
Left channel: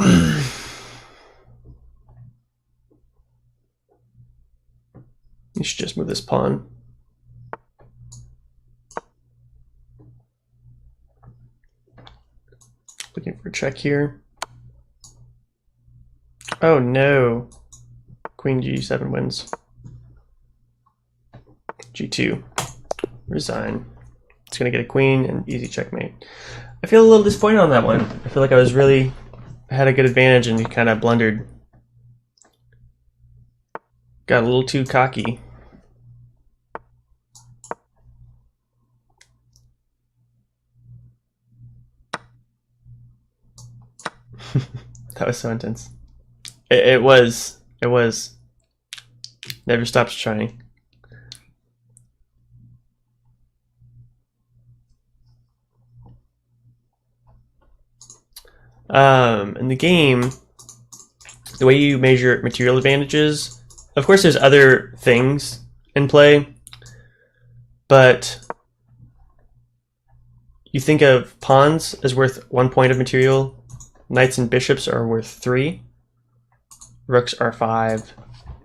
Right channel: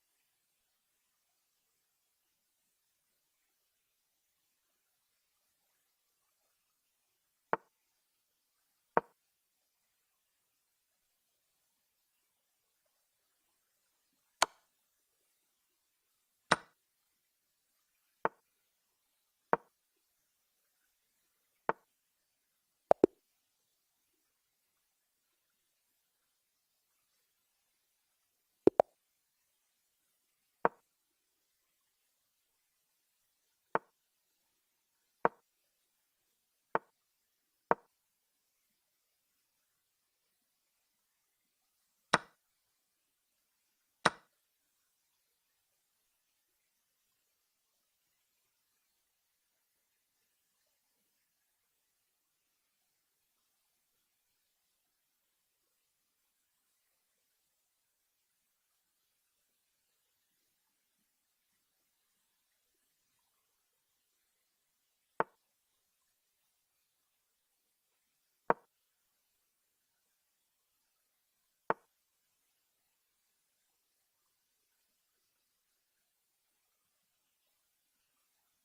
should just move this pawn. Looking for a check here. Oh no. Queen G7 wins. G2. Resign. It's gonna get a queen and easy checkmate. I feel a little disappointed on that one. I feel like I had a good advantage and he kind of blundered. Got a little too cocky. That was so intense. It was. Never stops trying. In the game, the way you measure material advantages, of course there's other things in play, but you think of pawns as worth 1 point of material, knights and bishops are worth 3, rooks are 5,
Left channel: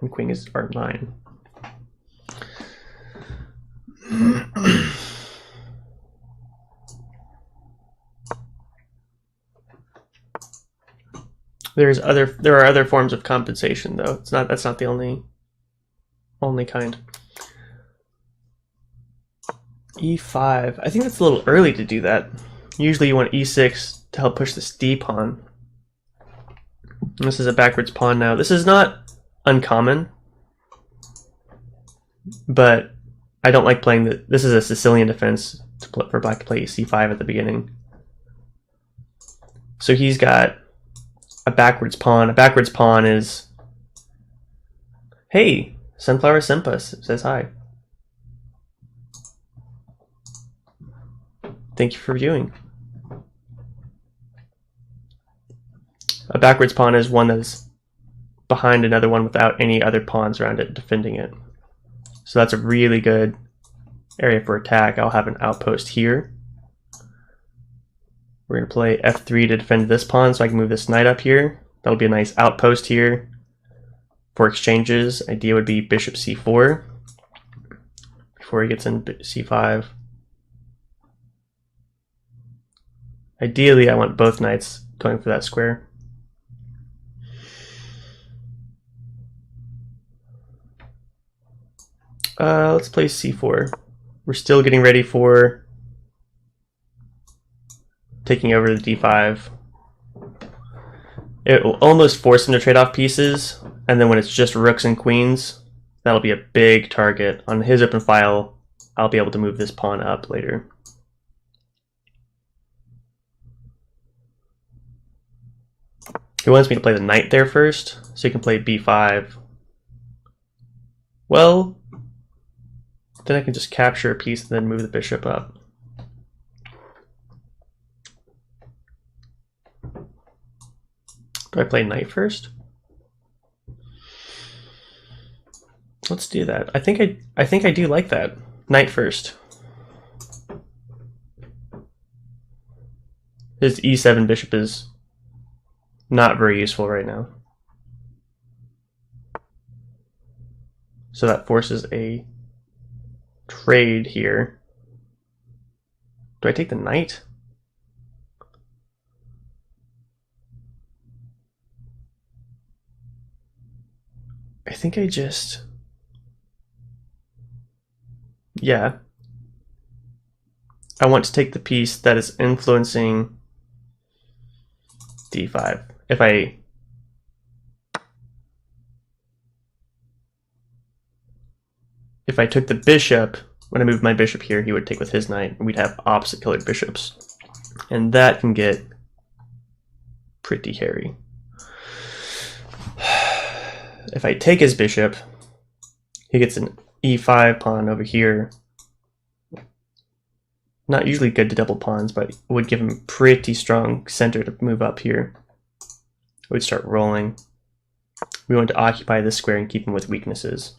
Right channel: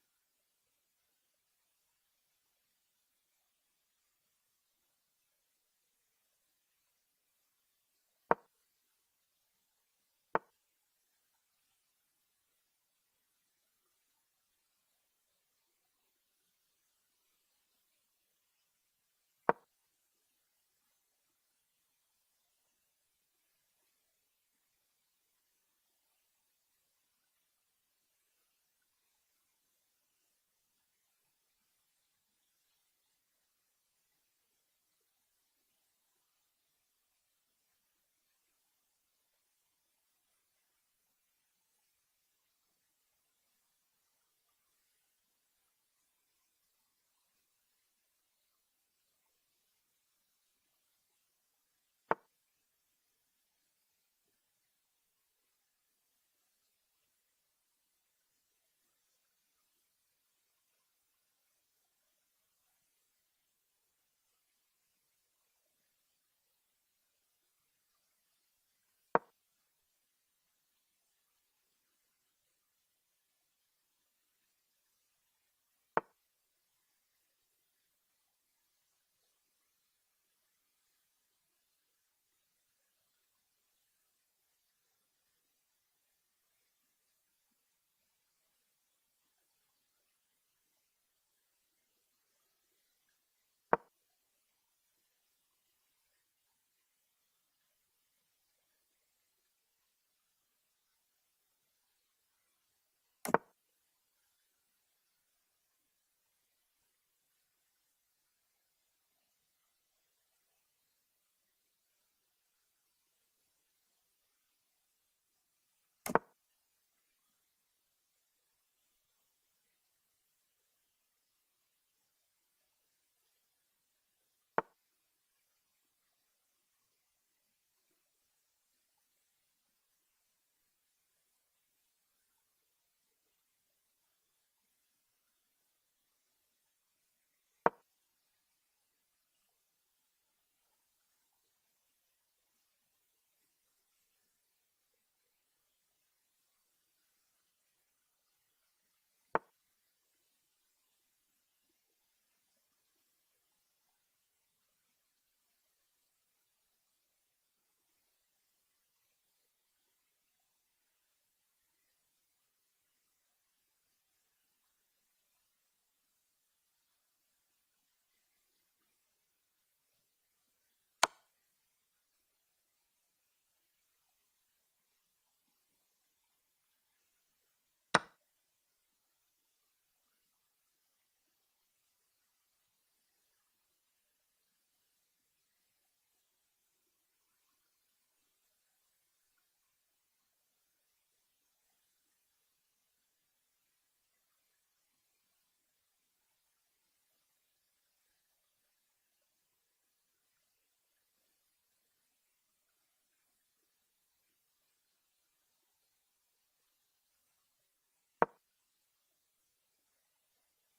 and queens are 9. There are other forms of compensation though. That's not the only kind. E5. I think that's a little early to do that. Usually you want E6 to help push this D pawn. And this is a backwards pawn now. This is not uncommon, but I don't like playing this is a Sicilian defense for black to play C5 at the beginning. So he's got a backwards pawn. A backwards pawn is, hey, Sunflower Simpa says hi. Thank you for viewing. A backwards pawn is one that's behind another one without any other pawns around it defending it. So that's a really good area for attack. I'll have an outpost here. We're going to play f3 to defend this pawn so I can move this knight up here. That'll be a nice outpost here. For exchanges, idea would be bishop c4 before he gets in c5. Ideally, I want both knights going for that square. Let's play c4. We're still getting ready for taking over the d5. It will almost force him to trade off pieces, and then when it's just rooks and queens, that'll be a big target. On his open file, I'll be able to move this pawn up later. He wants me to play the knight there first, so he can play b5. Well, then I can just capture a piece and then move the bishop up. Do I play knight first? Let's do that. I think I do like that. Knight first. His e7 bishop is not very useful right now. So that forces a trade here. Do I take the knight? I think I just... yeah. I want to take the piece that is influencing d5. If I took the bishop, when I moved my bishop here, he would take with his knight, and we'd have opposite colored bishops. And that can get pretty hairy. If I take his bishop, he gets an e5 pawn over here. Not usually good to double pawns, but it would give him pretty strong center to move up here. It would start rolling. We want to occupy this square and keep him with weaknesses.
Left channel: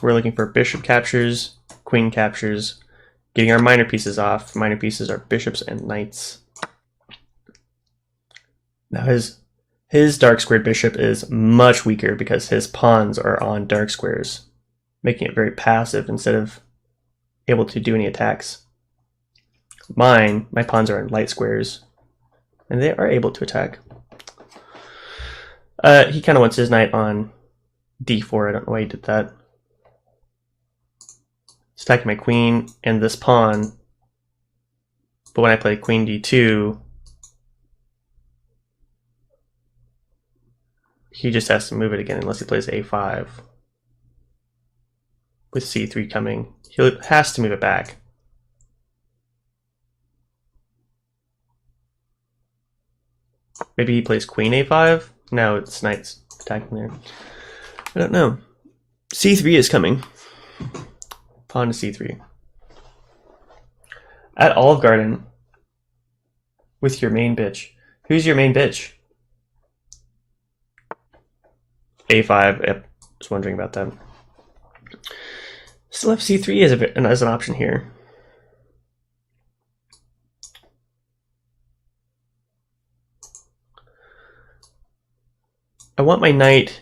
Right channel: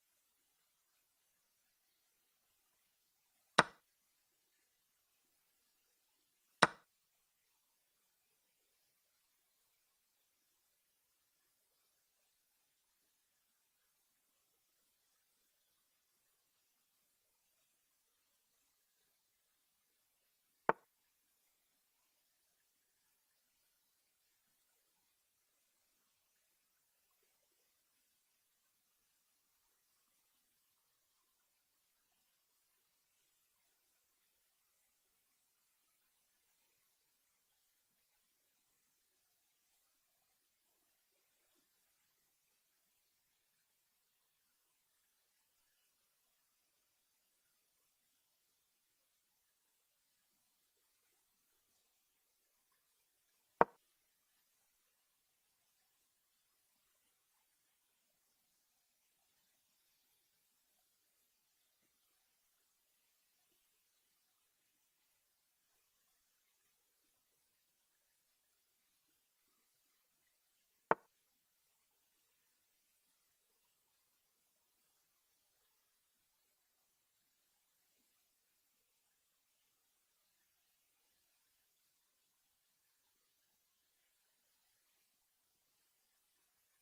We're looking for bishop captures, queen captures, getting our minor pieces off. Minor pieces are bishops and knights. Now his dark squared bishop is much weaker because his pawns are on dark squares, making it very passive instead of able to do any attacks. My pawns are on light squares, and they are able to attack. He kind of wants his knight on d4. I don't know why he did that. It's attacking my queen and this pawn, but when I play queen d2, he just has to move it again unless he plays a5. With c3 coming, he has to move it back. Maybe he plays queen a5? No, it's knight's attacking there. I don't know. c3 is coming. Pawn to c3. At Olive Garden, with your main bitch. Who's your main bitch? a5. Yep, was wondering about that. Still have c3 as an option here. I want my knight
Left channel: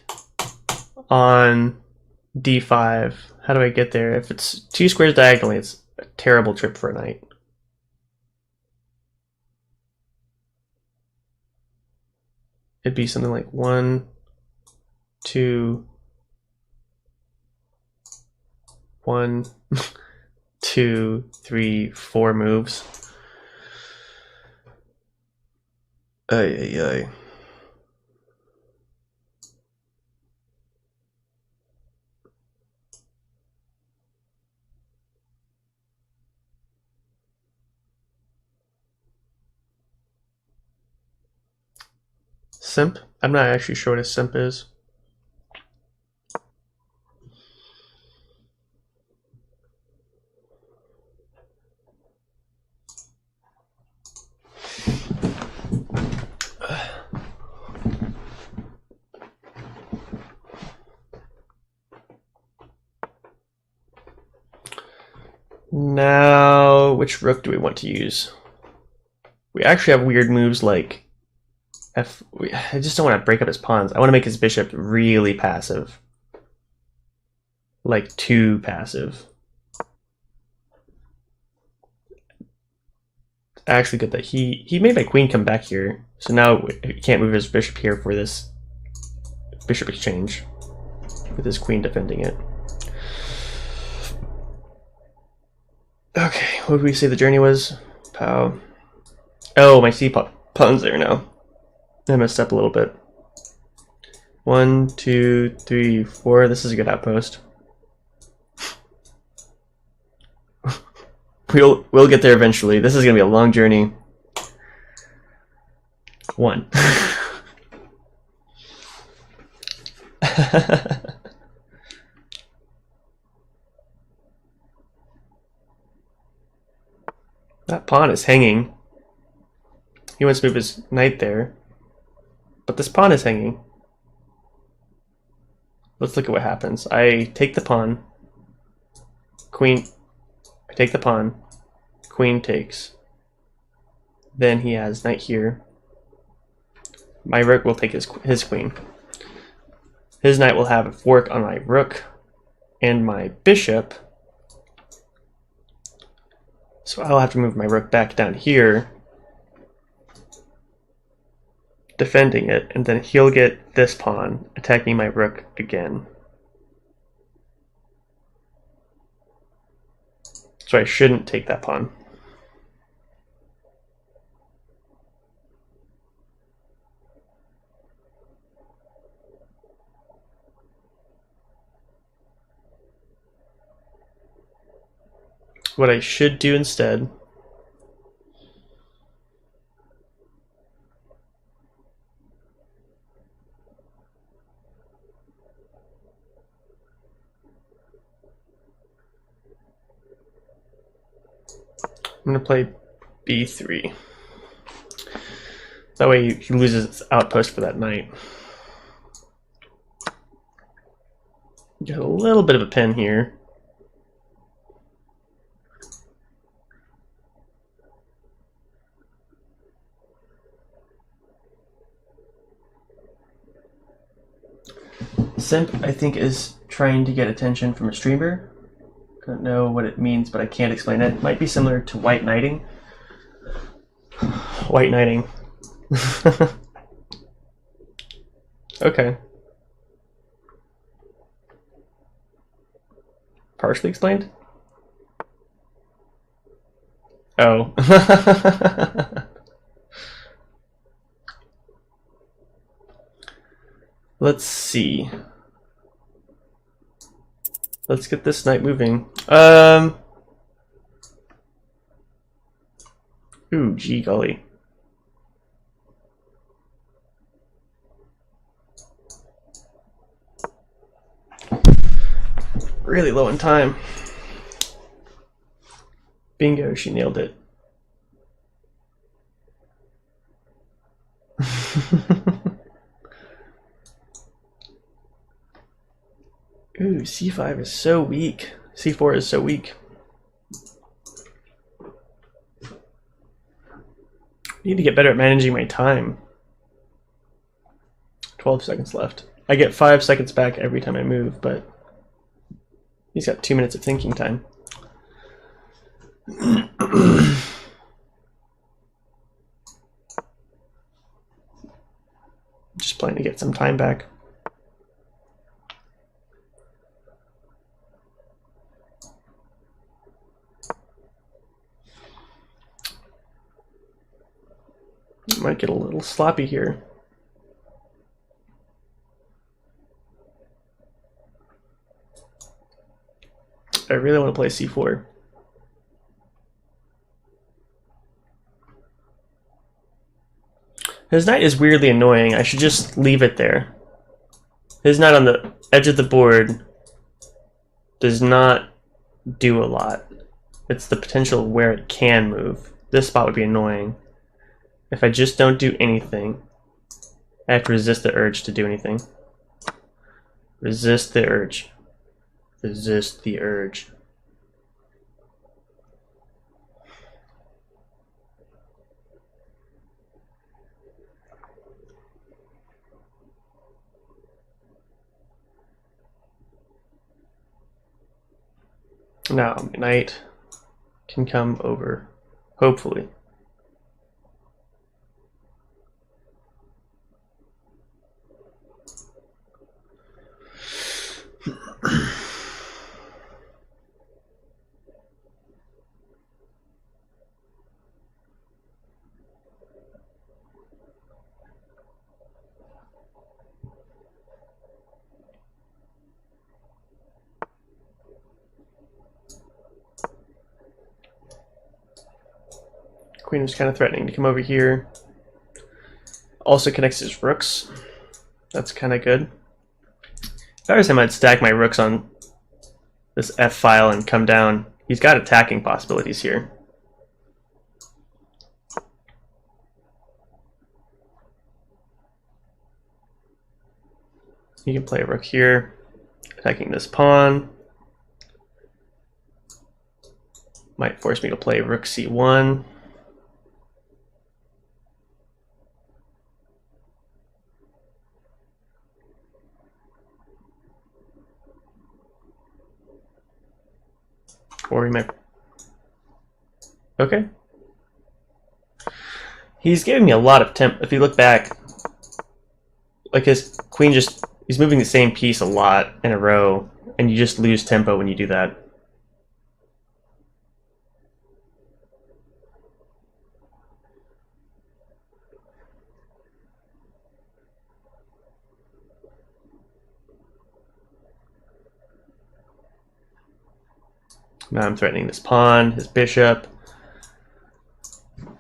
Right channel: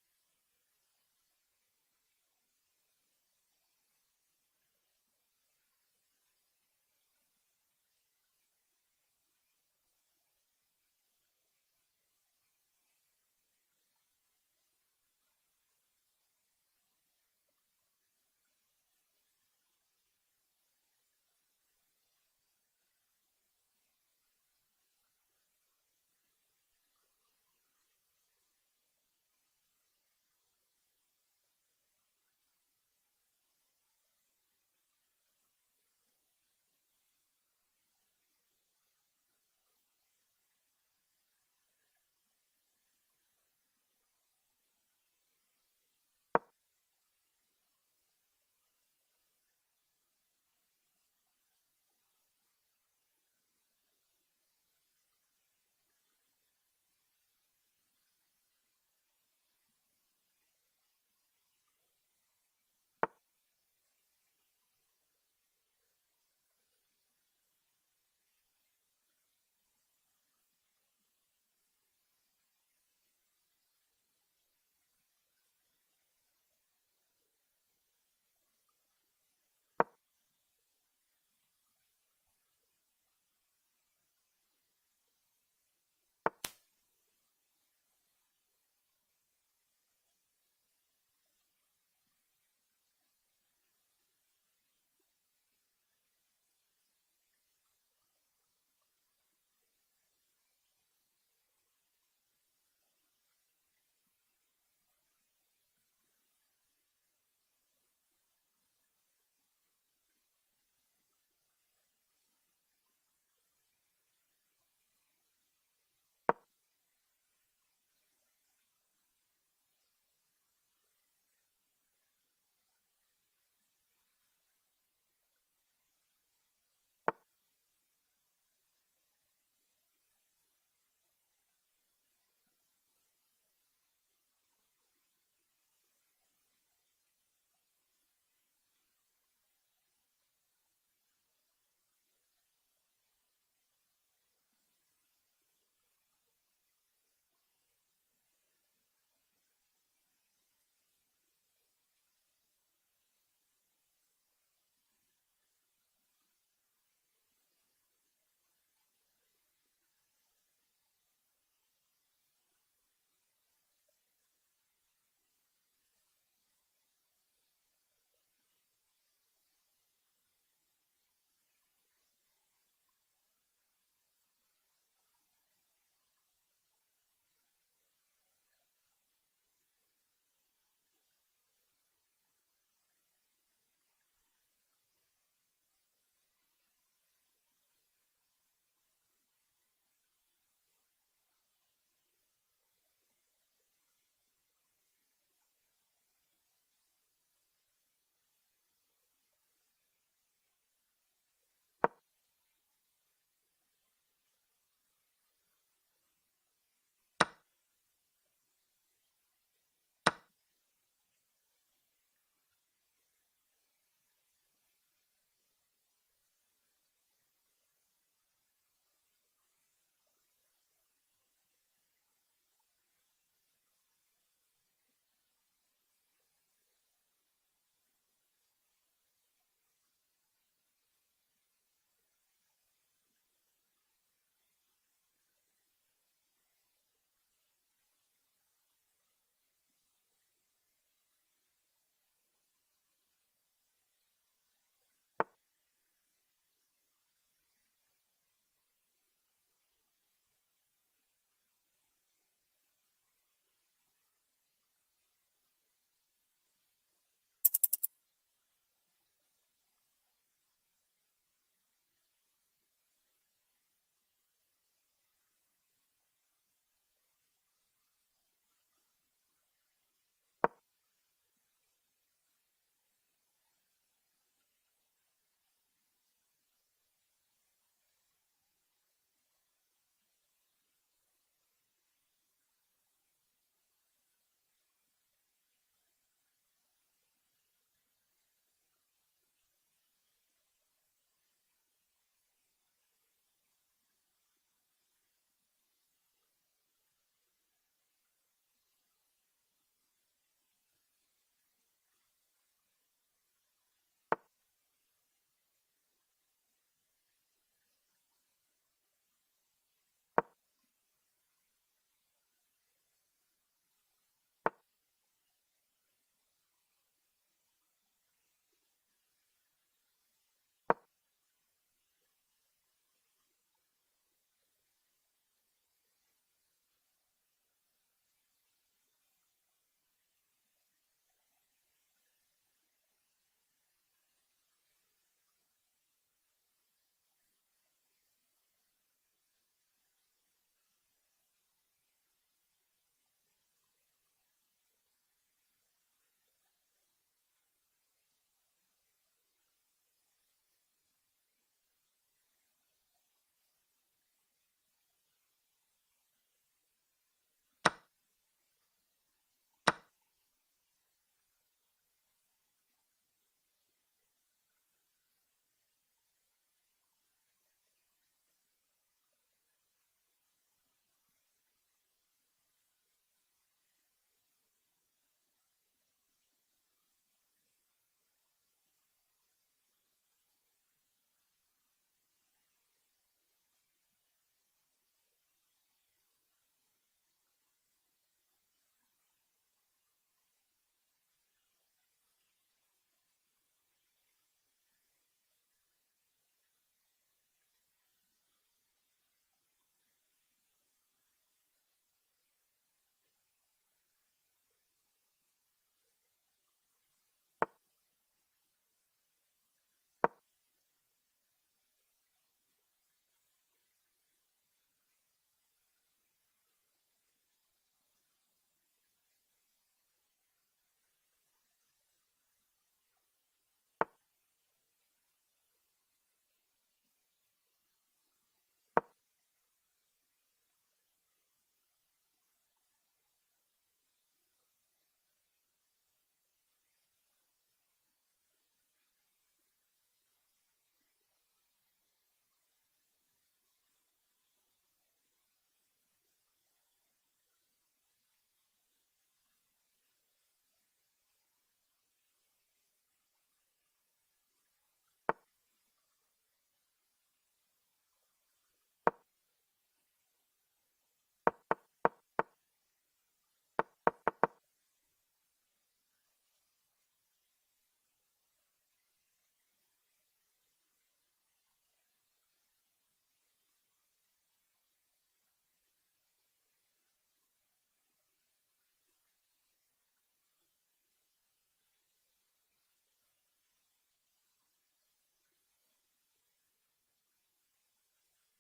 on d5. How do I get there? If it's 2 squares diagonally, it's a terrible trip for a knight. It'd be something like 1, 2, 1, 2, 3, 4 moves. Ay, ay, ay. Simp? I'm not actually sure what a simp is. Now, which rook do we want to use? We actually have weird moves like I just don't want to break up his pawns. I want to make his bishop really passive. Like too passive. Actually good that he made my queen come back here. So now he can't move his bishop here for this bishop exchange. With his queen defending it. Okay, what did we say the journey was? Pow. Oh, my c-pawn's there now. I messed up a little bit. 1, 2, 3, 4. This is a good outpost. We'll get there eventually. This is gonna be a long journey. 1. That pawn is hanging. He wants to move his knight there. But this pawn is hanging. Let's look at what happens. I take the pawn. Queen. I take the pawn. Queen takes. Then he has knight here. My rook will take his queen. His knight will have a fork on my rook and my bishop. So I'll have to move my rook back down here, defending it, and then he'll get this pawn, attacking my rook again. So I shouldn't take that pawn. What I should do instead I'm going to play b3. That way he loses his outpost for that knight. Got a little bit of a pin here. simp, I think, is trying to get attention from a streamer. I don't know what it means, but I can't explain it. It might be similar to white knighting. White knighting. Okay. Partially explained? Oh. Let's see. Let's get this knight moving. Ooh, gee golly. Really low in time. Bingo, she nailed it. Ooh, c5 is so weak. c4 is so weak. I need to get better at managing my time. 12 seconds left. I get 5 seconds back every time I move, but he's got 2 minutes of thinking time. Just planning to get some time back. Might get a little sloppy here. I really want to play c4. His knight is weirdly annoying. I should just leave it there. His knight on the edge of the board does not do a lot. It's the potential where it can move. This spot would be annoying. If I just don't do anything, I have to resist the urge to do anything. Resist the urge. Resist the urge. Now, knight can come over, hopefully. Queen was kind of threatening to come over here. Also connects his rooks. That's kind of good. If I was him, I'd stack my rooks on this F file and come down. He's got attacking possibilities here. You can play a rook here, attacking this pawn. Might force me to play rook c1. Or he might... Okay. He's giving me a lot of temp. If you look back, like his queen just... He's moving the same piece a lot in a row, and you just lose tempo when you do that. Now I'm threatening this pawn, his bishop.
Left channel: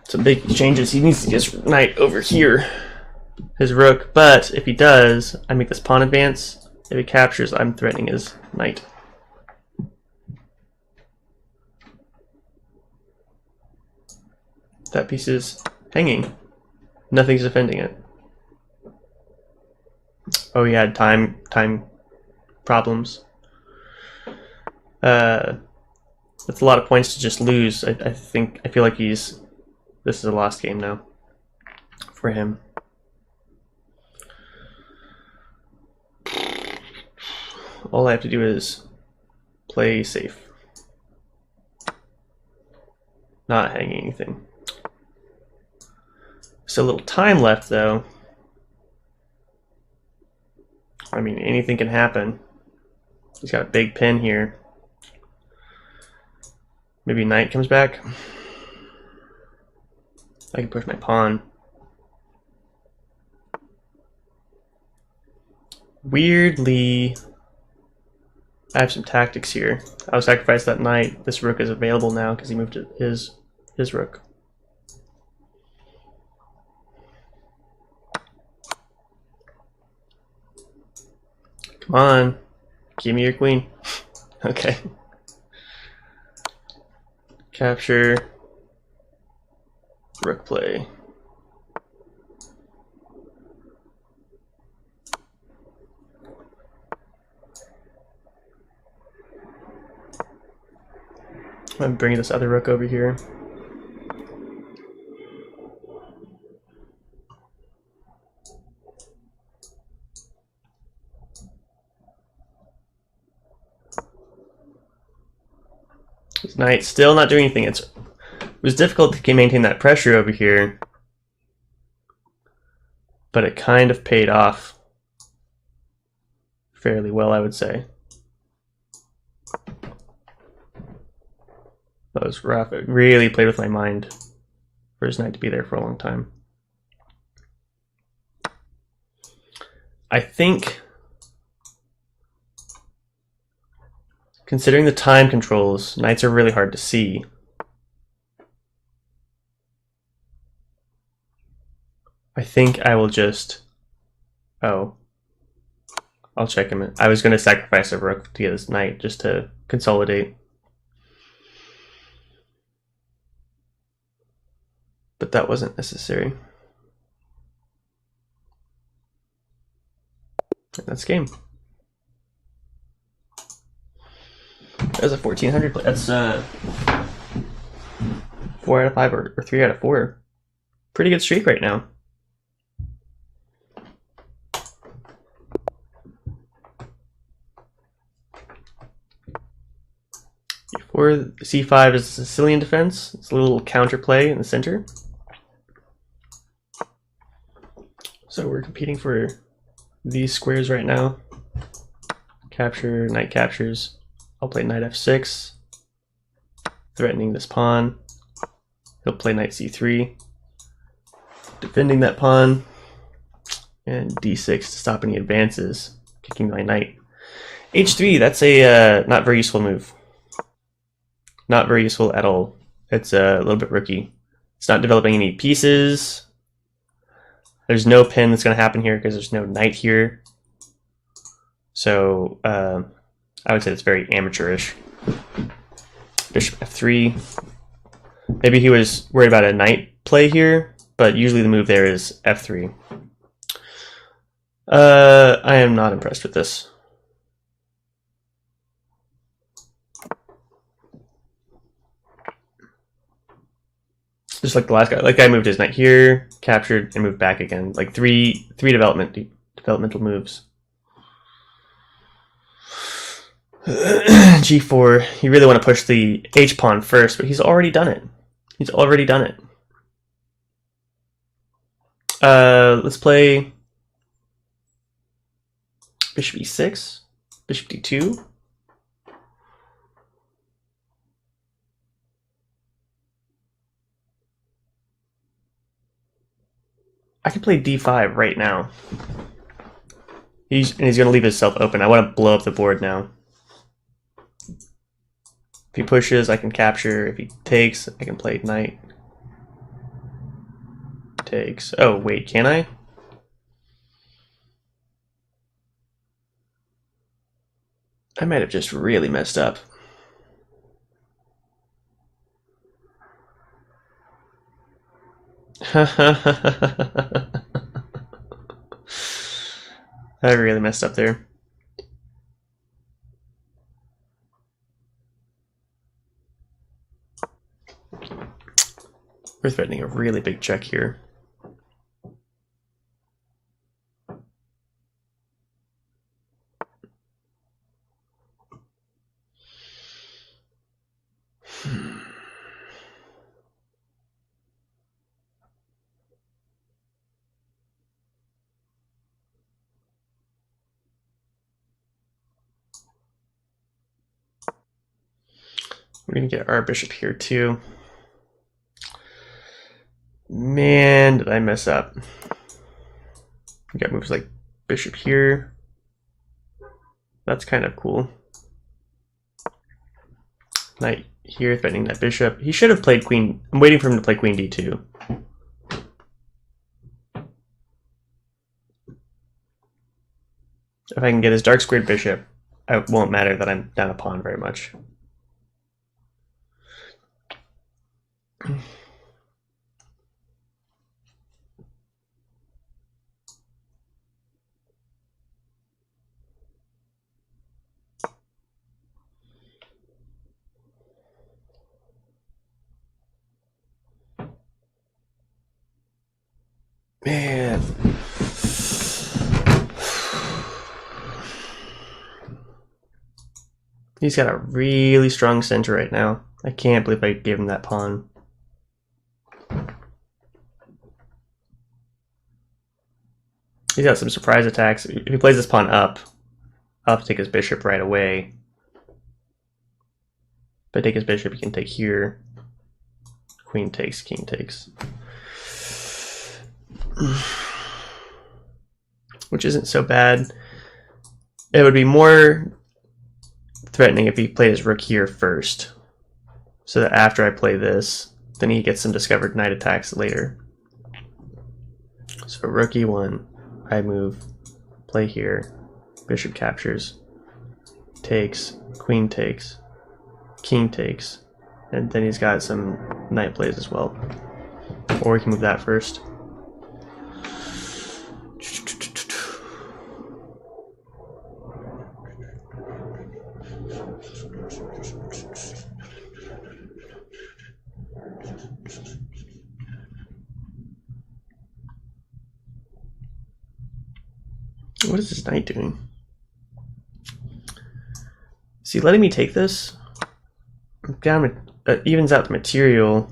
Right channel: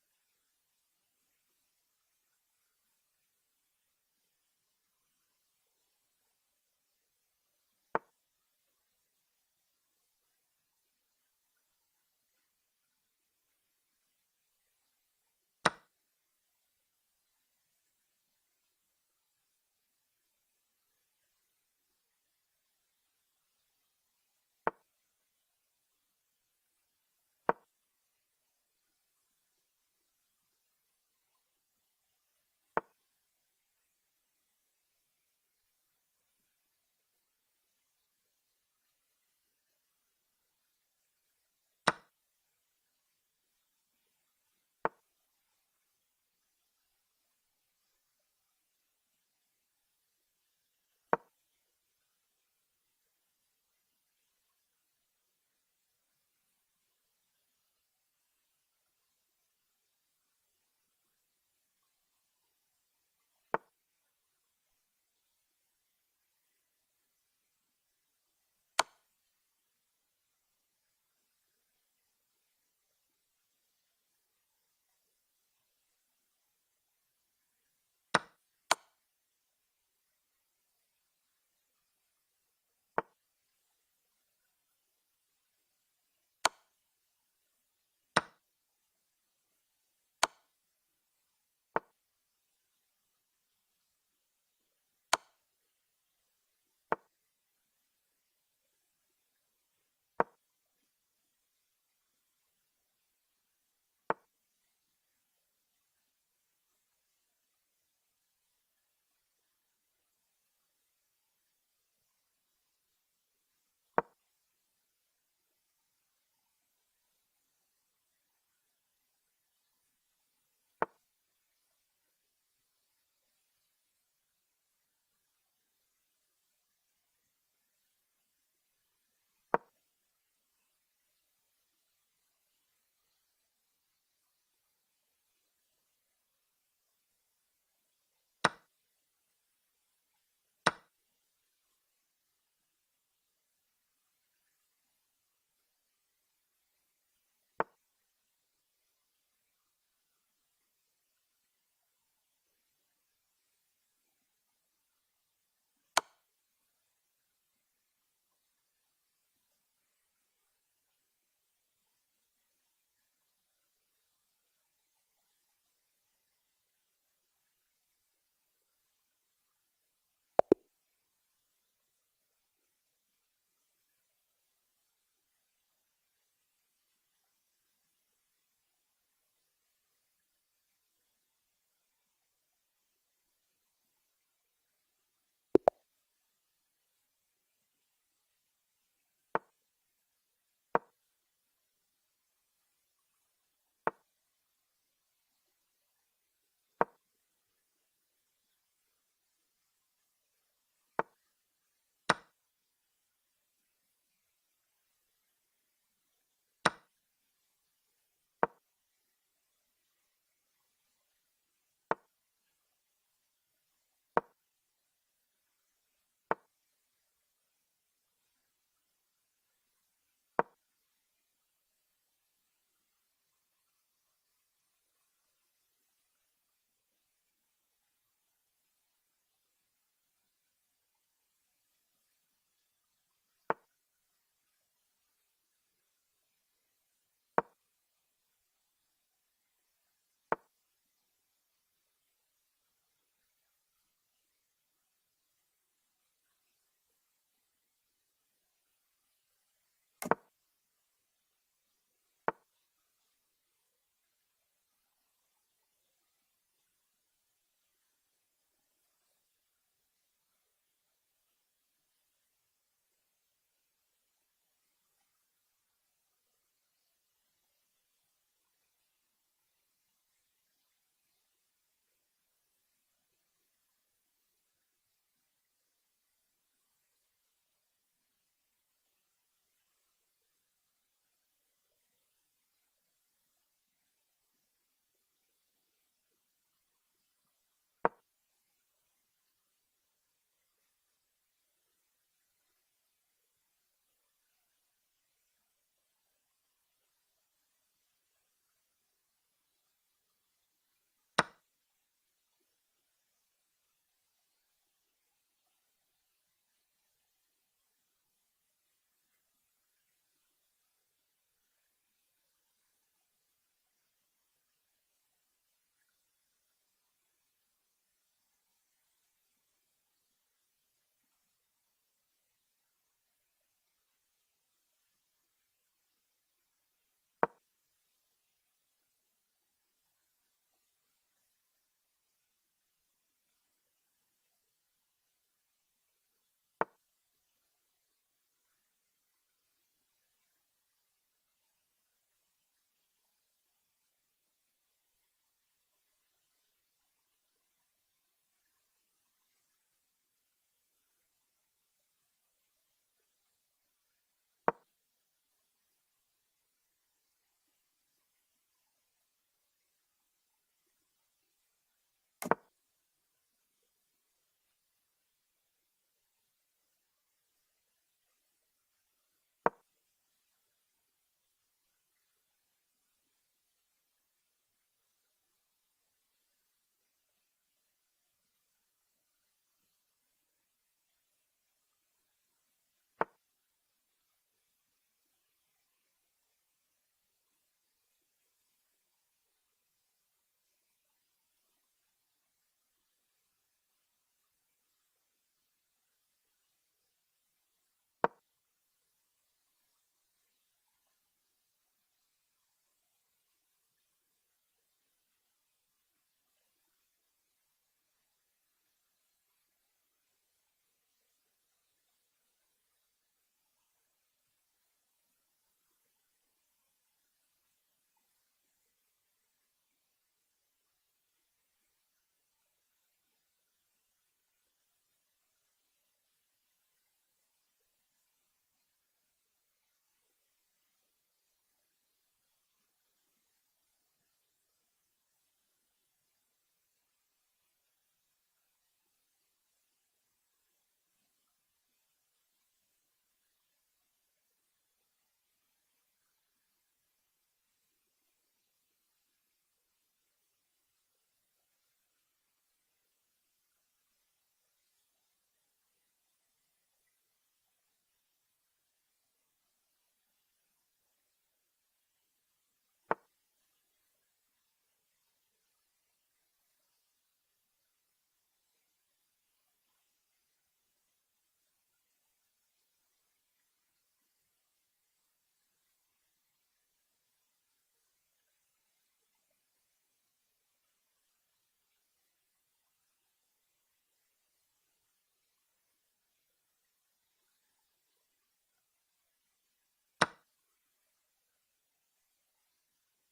Some big changes. He needs to get his knight over here, his rook. But if he does, I make this pawn advance. If he captures, I'm threatening his knight. That piece is hanging. Nothing's defending it. Oh, he had time problems. That's a lot of points to just lose. I feel like this is a lost game now for him. all I have to do is play safe. Not hanging anything. So a little time left though. I mean, anything can happen. He's got a big pin here. Maybe knight comes back. I can push my pawn. Weirdly, I have some tactics here. I'll sacrifice that knight. This rook is available now because he moved to his rook. Come on, give me your queen. Okay. Capture. Rook play. I'm bringing this other rook over here. This knight still not doing anything. It was difficult to maintain that pressure over here, but it kind of paid off fairly well, I would say. That was rough. It really played with my mind for his knight to be there for a long time. I think, considering the time controls, knights are really hard to see. I think I will just... Oh. I'll check him. I was going to sacrifice a rook to get his knight just to consolidate. But that wasn't necessary. That's game. That's a 1400 play. That's 4 out of 5 or 3 out of 4. Pretty good streak right now. E4, C5 is Sicilian defense. It's a little counterplay in the center. So we're competing for these squares right now. Capture, knight captures. I'll play knight f6, threatening this pawn. He'll play knight c3, defending that pawn, and d6 to stop any advances, kicking my knight. h3, that's a not very useful move. Not very useful at all. It's a little bit rookie. It's not developing any pieces. There's no pin that's going to happen here because there's no knight here. So I would say it's very amateurish. Bishop f3. Maybe he was worried about a knight play here, but usually the move there is f3. I am not impressed with this. Just like the last guy. Like guy moved his knight here, captured, and moved back again. Like three developmental moves. G4. You really want to push the H pawn first, but he's already done it. He's already done it. Let's play Bishop E6, Bishop D2. I can play D5 right now. He's going to leave himself open. I want to blow up the board now. If he pushes, I can capture. If he takes, I can play knight. Takes. Oh, wait, can I? I might have just really messed up. I really messed up there. We're threatening a really big check here. We're gonna get our bishop here too. Man, did I mess up. We got moves like bishop here. That's kind of cool. Knight here, threatening that bishop. He should have played queen. I'm waiting for him to play queen d2. If I can get his dark squared bishop, it won't matter that I'm down a pawn very much. Man. He's got a really strong center right now. I can't believe I gave him that pawn. He's got some surprise attacks. If he plays this pawn up, I'll have to take his bishop right away. If I take his bishop, he can take here. Queen takes, king takes. Which isn't so bad. It would be more threatening if he played his rook here first, so that after I play this, then he gets some discovered knight attacks later. So rook e1, I move, play here, bishop captures, takes, queen takes, king takes, and then he's got some knight plays as well. Or we can move that first. What is this knight doing? Is he letting me take this? Down, evens out the material.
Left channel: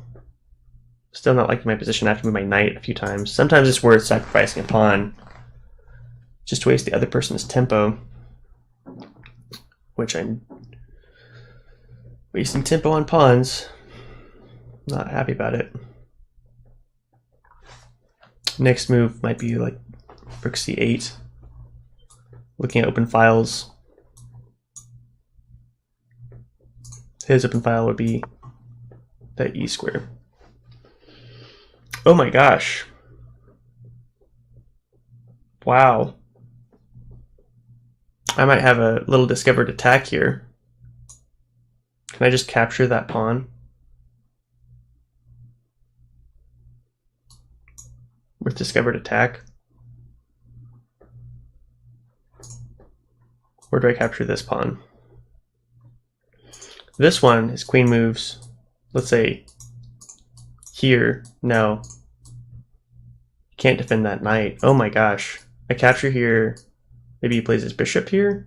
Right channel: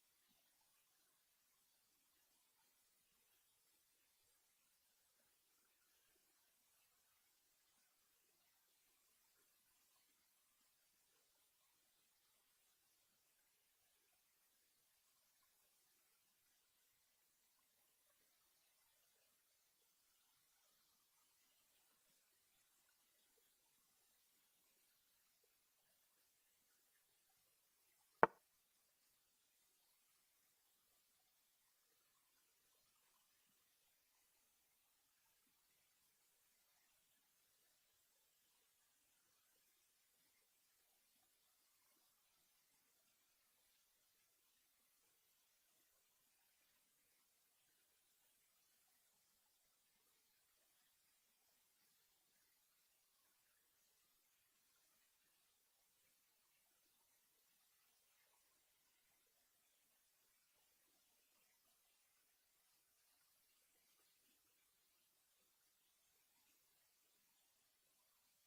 Still not liking my position. I have to move my knight a few times. Sometimes it's worth sacrificing a pawn just to waste the other person's tempo, which I'm wasting tempo on pawns. Not happy about it. Next move might be like rook c8. Looking at open files. His open file would be that e square. Oh my gosh. Wow. I might have a little discovered attack here. Can I just capture that pawn? With discovered attack? Where do I capture this pawn? This one, his queen moves, let's say, here. No. Can't defend that knight. Oh my gosh. I capture here. Maybe he plays his bishop here?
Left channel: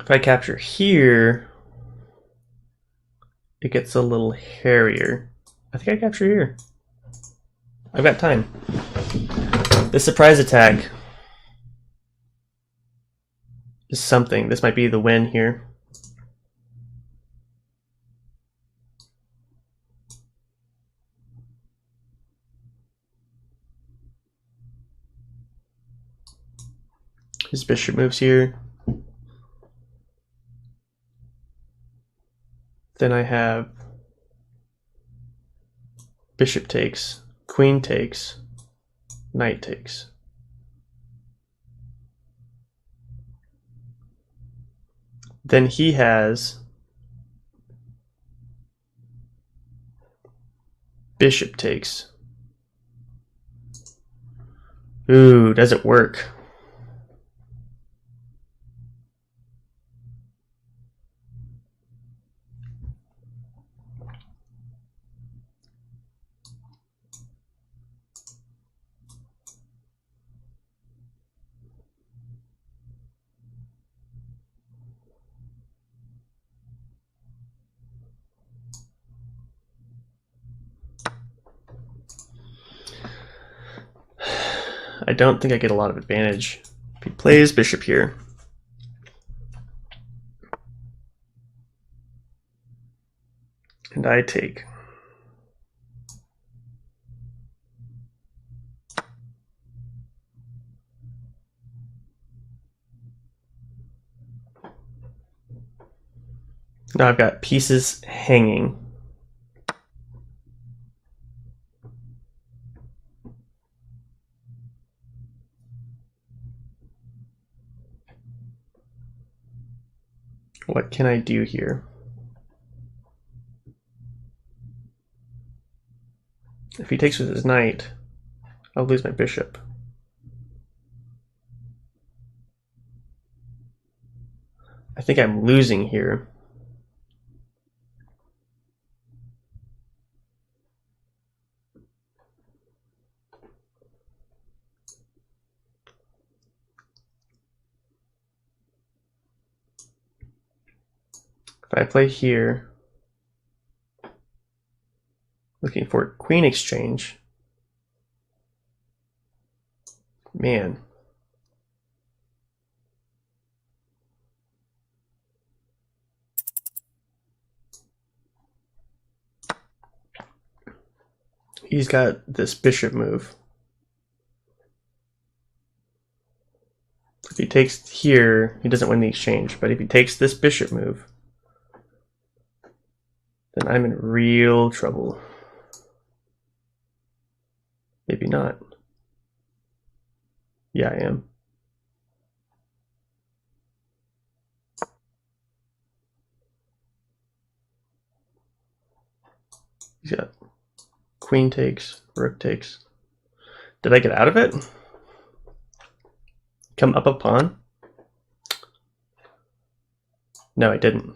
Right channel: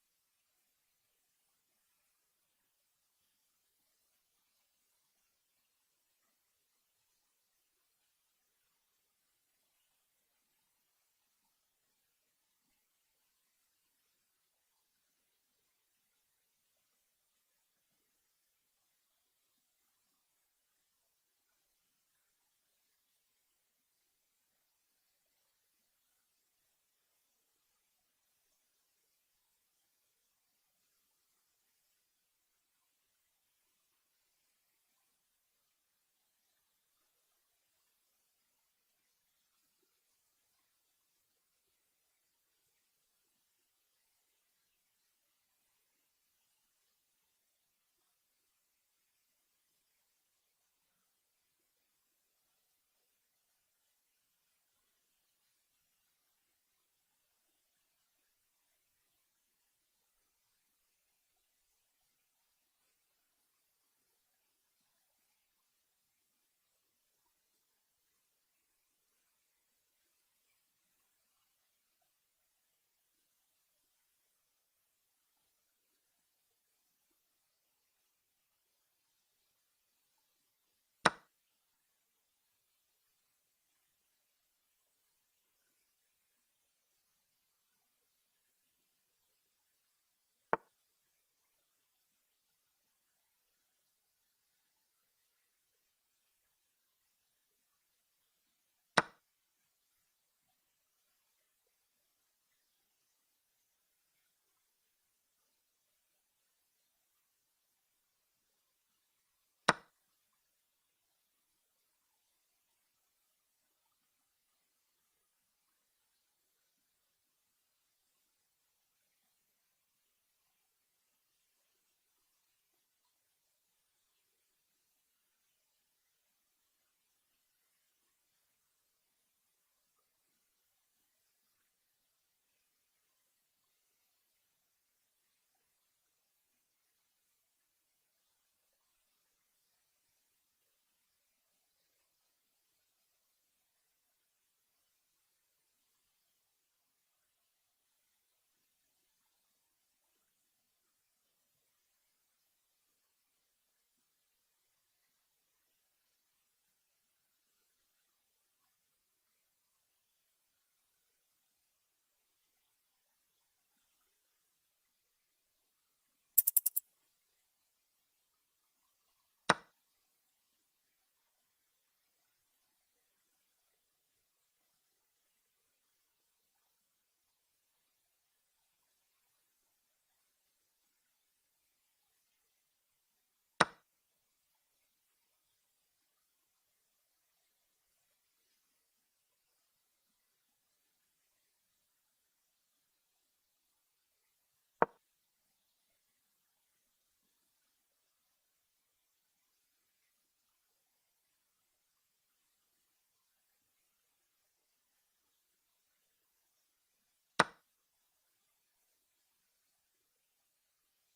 If I capture here, it gets a little hairier. I think I capture here. I've got time. The surprise attack is something. This might be the win here. His bishop moves here. Then I have bishop takes, queen takes, knight takes. Then he has bishop takes. Ooh, does it work? I don't think I get a lot of advantage. If he plays bishop here. And I take. Now I've got pieces hanging. What can I do here? If he takes with his knight, I'll lose my bishop. I think I'm losing here. If I play here, looking for queen exchange, man. He's got this bishop move. If he takes here, he doesn't win the exchange, but if he takes this bishop move, then I'm in real trouble. Maybe not. Yeah, I am. He's got queen takes, rook takes. Did I get out of it? Come up a pawn? No, I didn't.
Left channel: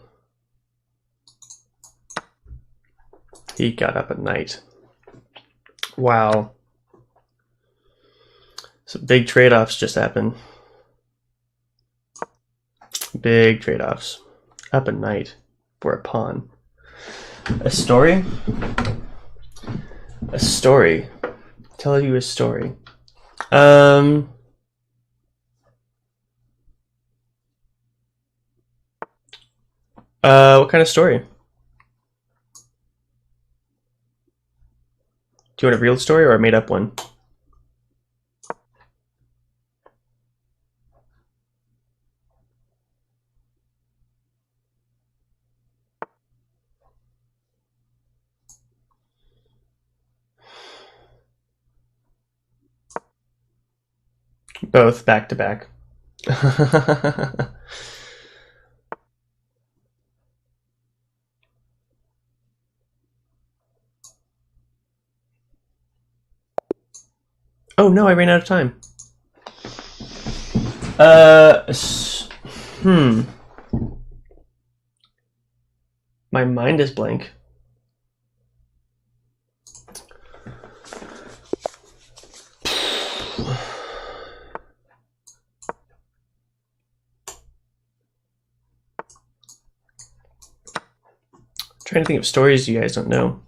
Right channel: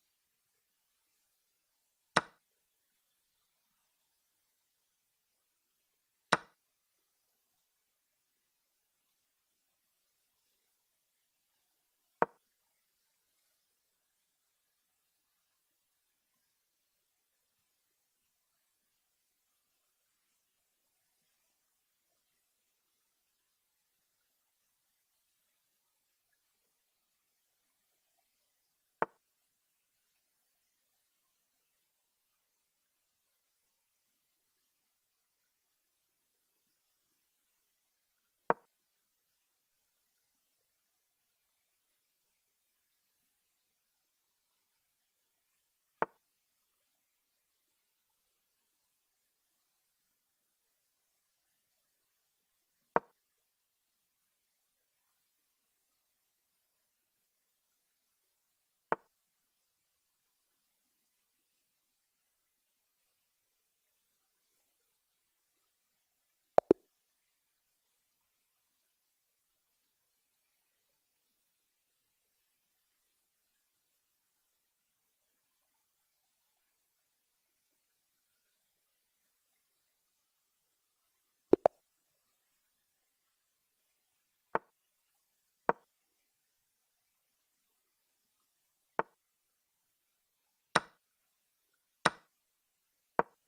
He got up a knight. Wow. Some big trade-offs just happened. Big trade-offs. Up a knight for a pawn. A story? A story. Tell you a story. What kind of story? Do you want a real story or a made-up one? Both back to back. Oh no, I ran out of time. My mind is blank. Trying to think of stories you guys don't know.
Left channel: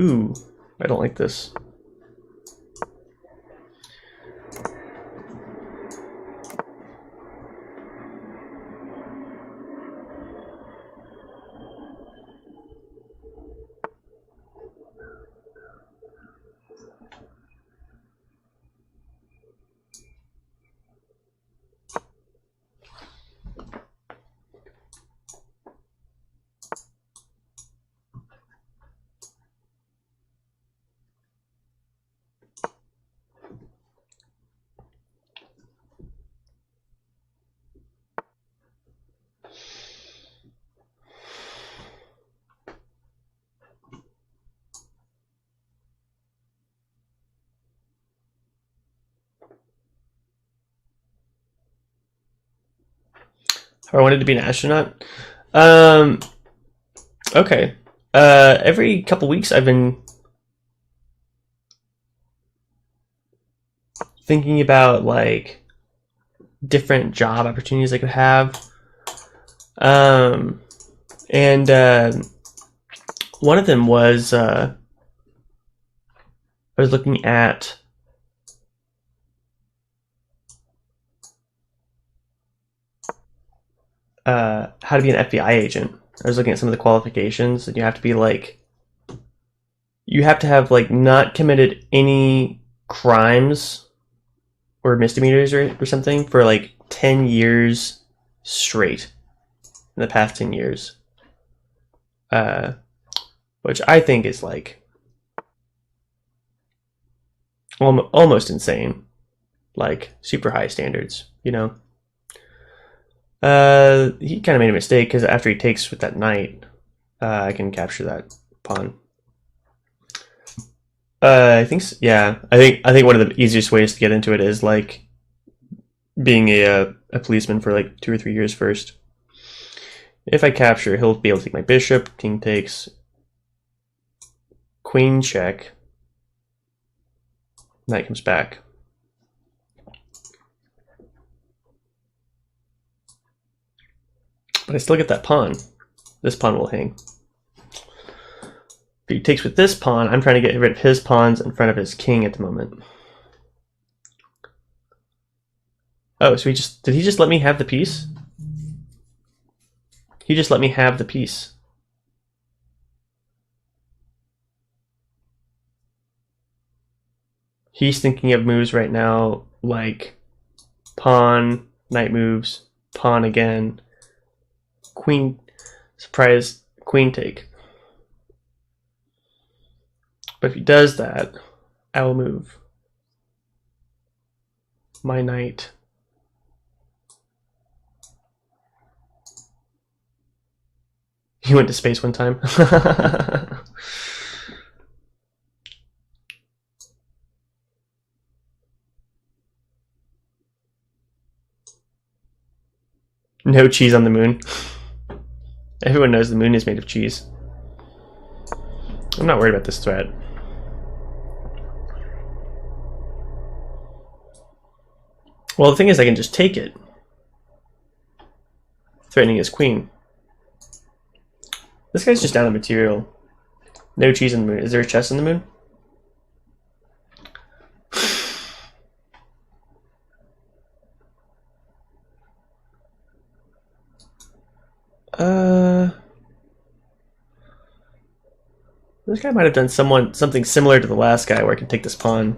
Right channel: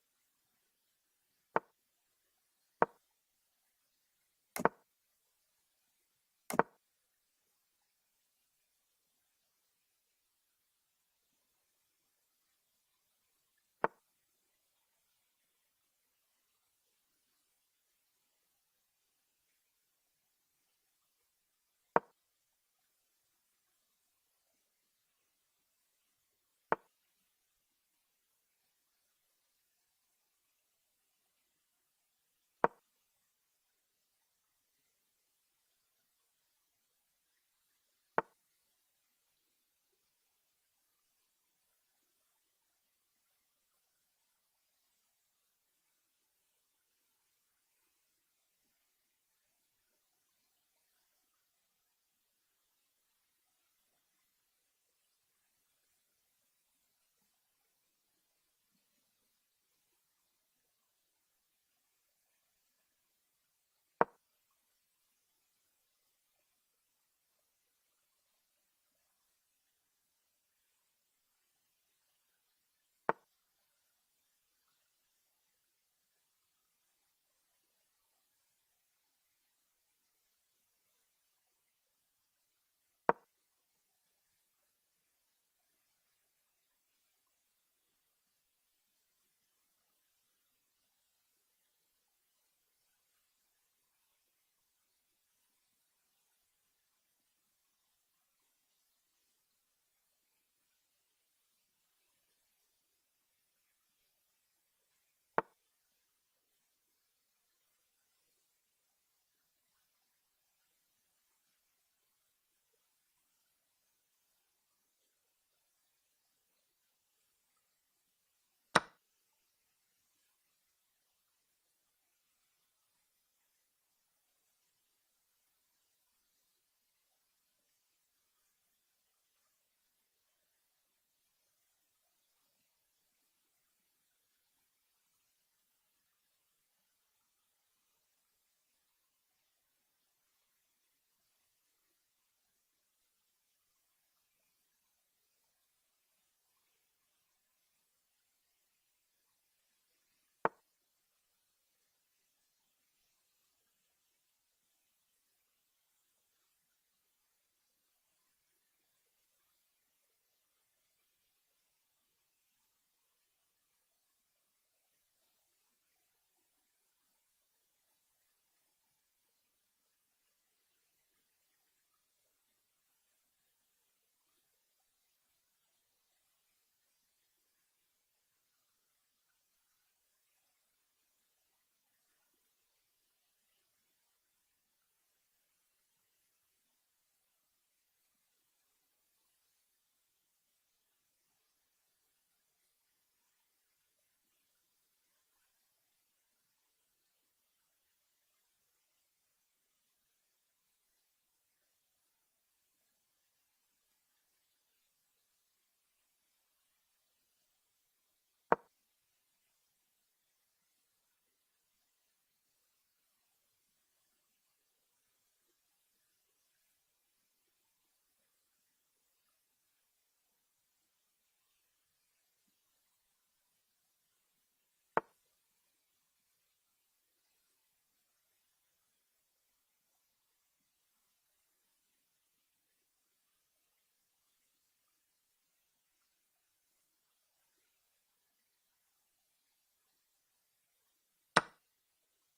Ooh, I don't like this. Or I wanted to be an astronaut. Okay. Every couple weeks I've been thinking about like different job opportunities I could have. And one of them was I was looking at how to be an FBI agent. I was looking at some of the qualifications, and you have to be like, you have to have like not committed any crimes or misdemeanors or something for like 10 years straight in the past 10 years. Which I think is like almost insane, like super high standards, you know. He kind of made a mistake because after he takes with that knight, I can capture that pawn. I think yeah. I think one of the easiest ways to get into it is like being a policeman for like 2 or 3 years first. If I capture, he'll be able to take my bishop. King takes. Queen check. Knight comes back. But I still get that pawn. This pawn will hang. If he takes with this pawn, I'm trying to get rid of his pawns in front of his king at the moment. Oh, so did he just let me have the piece? He just let me have the piece. He's thinking of moves right now like pawn, knight moves, pawn again, queen, surprise, queen take. But if he does that, I will move my knight. He went to space one time. No cheese on the moon. Everyone knows the moon is made of cheese. I'm not worried about this threat. Well, the thing is I can just take it. Threatening his queen. This guy's just down on material. No cheese on the moon. Is there a chest on the moon? This guy might have done something similar to the last guy where I can take this pawn.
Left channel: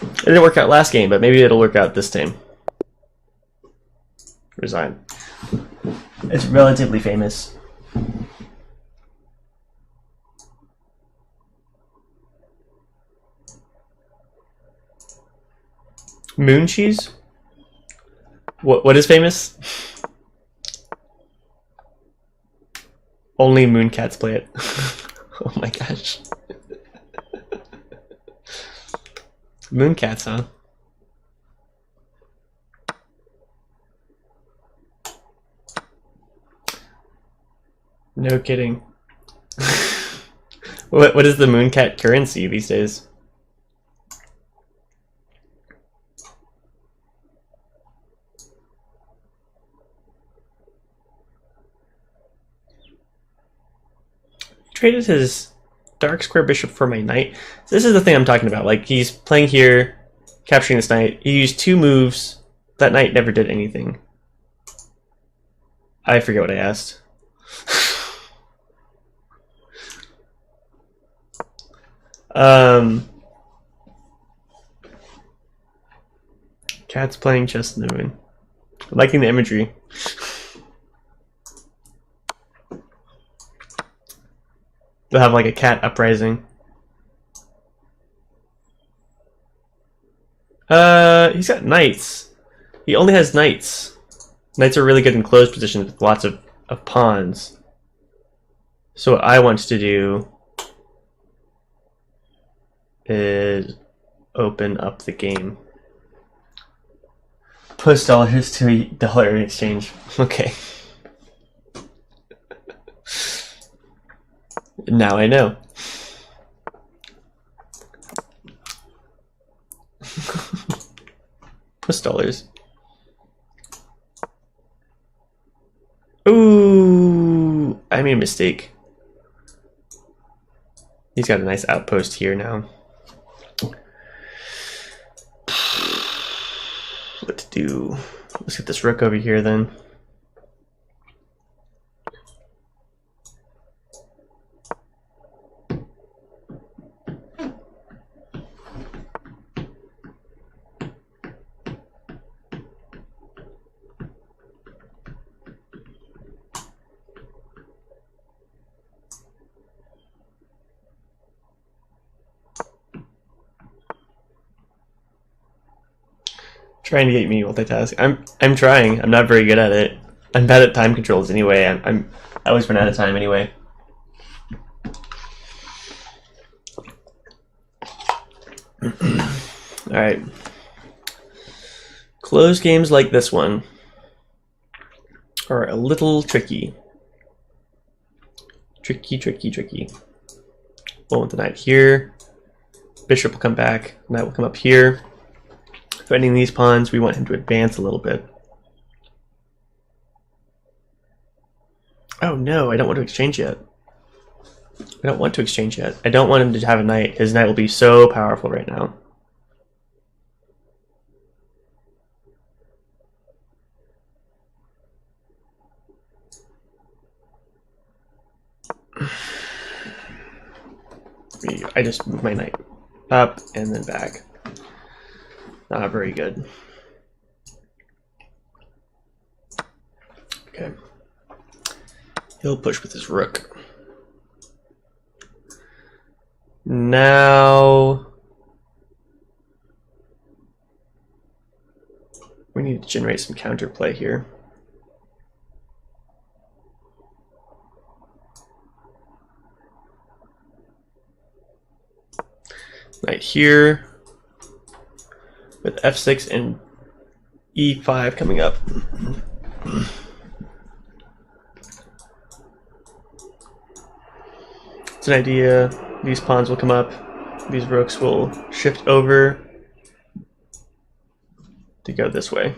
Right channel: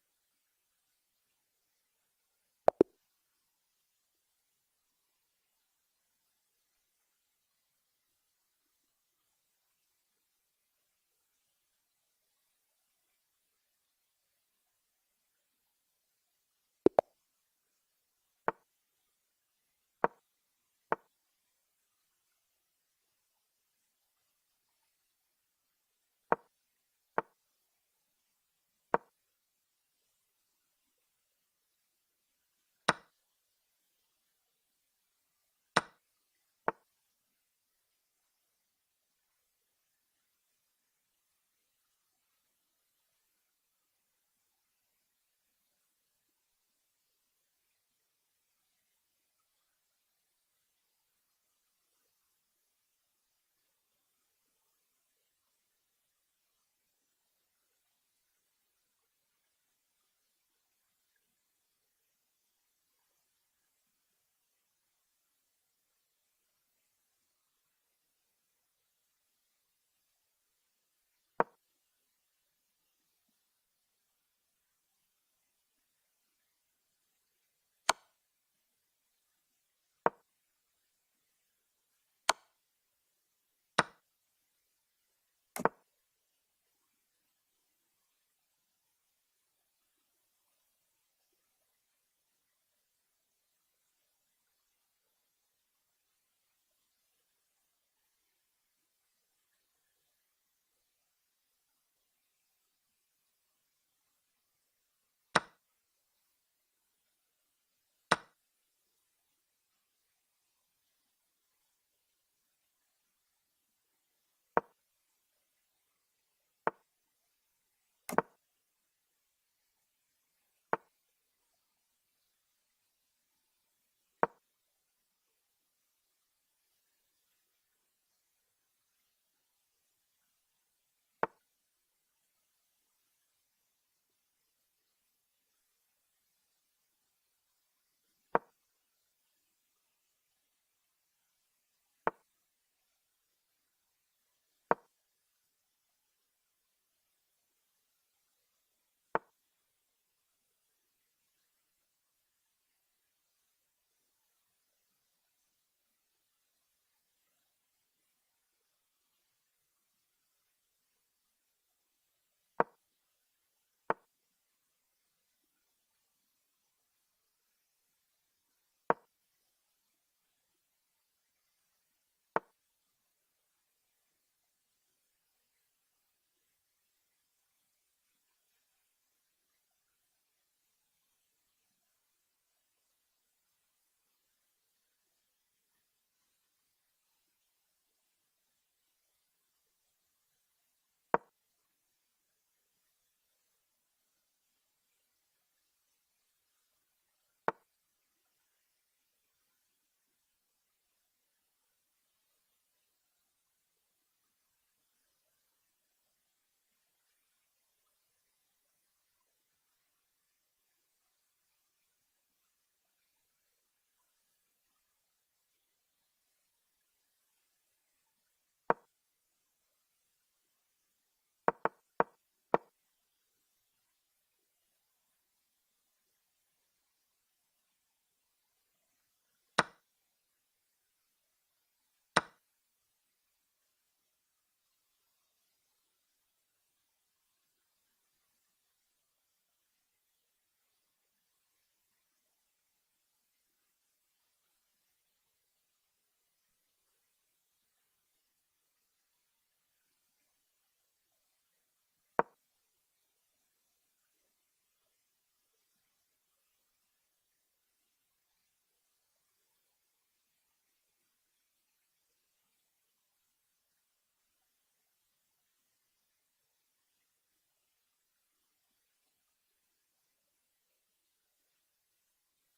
It didn't work out last game, but maybe it'll work out this time. Resign. It's relatively famous. Moon cheese? What is famous? Only moon cats play it. Oh my gosh. Moon cats, huh? No kidding. What is the moon cat currency these days? Traded his dark square bishop for my knight. So this is the thing I'm talking about. Like, he's playing here, capturing this knight. He used 2 moves. That knight never did anything. I forget what I asked. Cat's playing chess in the moon. Liking the imagery. They'll have like a cat uprising. He's got knights. He only has knights. Knights are really good in closed positions with lots of pawns. So what I want to do is open up the game. Post dollars to $1 in exchange. Okay. Now I know. $. Ooh, I made a mistake. He's got a nice outpost here now. What to do? Let's get this rook over here then. Trying to get me multitask. I'm trying. I'm not very good at it. I'm bad at time controls anyway. I always run out of time anyway. All right. Closed games like this one are a little tricky. Tricky. We'll want the knight here. Bishop will come back. Knight will come up here. Threatening these pawns, we want him to advance a little bit. Oh no, I don't want to exchange yet. I don't want him to have a knight. His knight will be so powerful right now. I just move my knight up and then back. Not very good. Okay. He'll push with his rook. Now we need to generate some counterplay here. Knight here with f6 and e5 coming up. It's an idea. These pawns will come up. These rooks will shift over to go this way.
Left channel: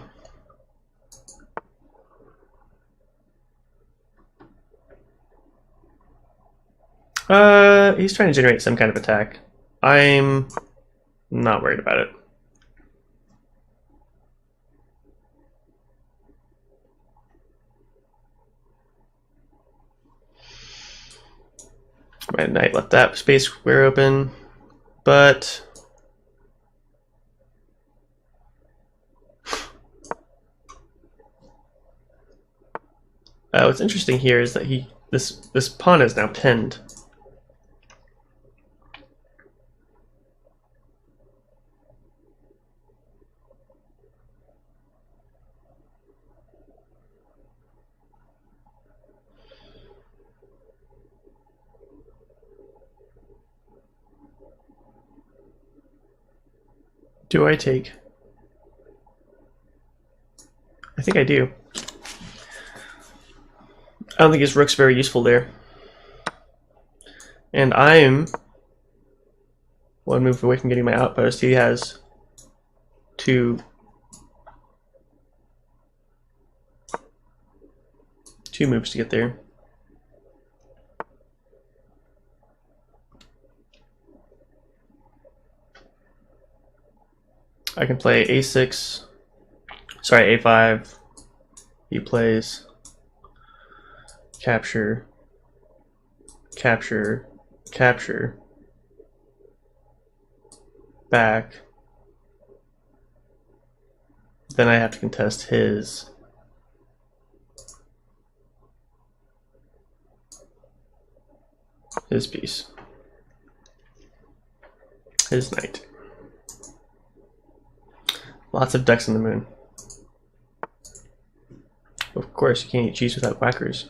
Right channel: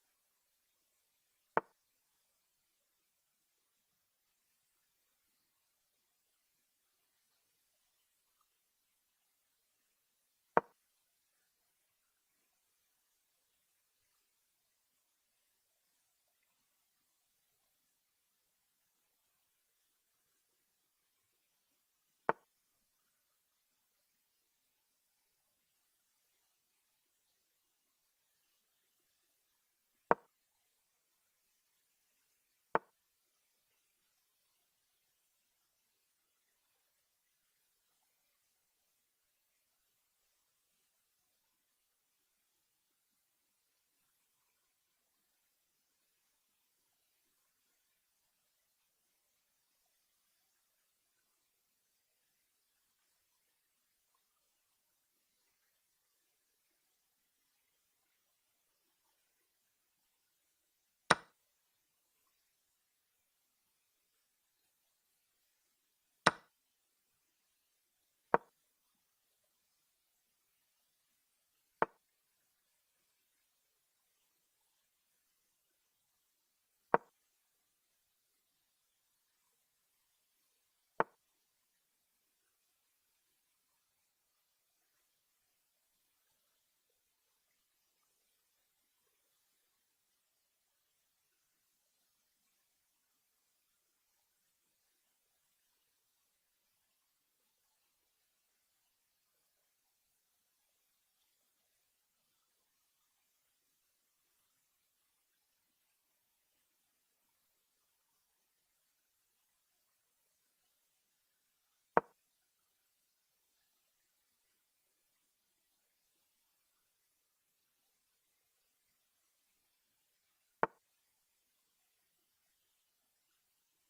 He's trying to generate some kind of attack. I'm not worried about it. My knight left that space square open, but what's interesting here is that this pawn is now pinned. Do I take? I think I do. I don't think his rook's very useful there. And I'm one move away from getting my outpost. He has two moves to get there. I can play a6, sorry, a5. He plays capture, capture, capture, back. Then I have to contest his. His piece. His knight. Lots of ducks in the moon. Of course, you can't eat cheese without quackers.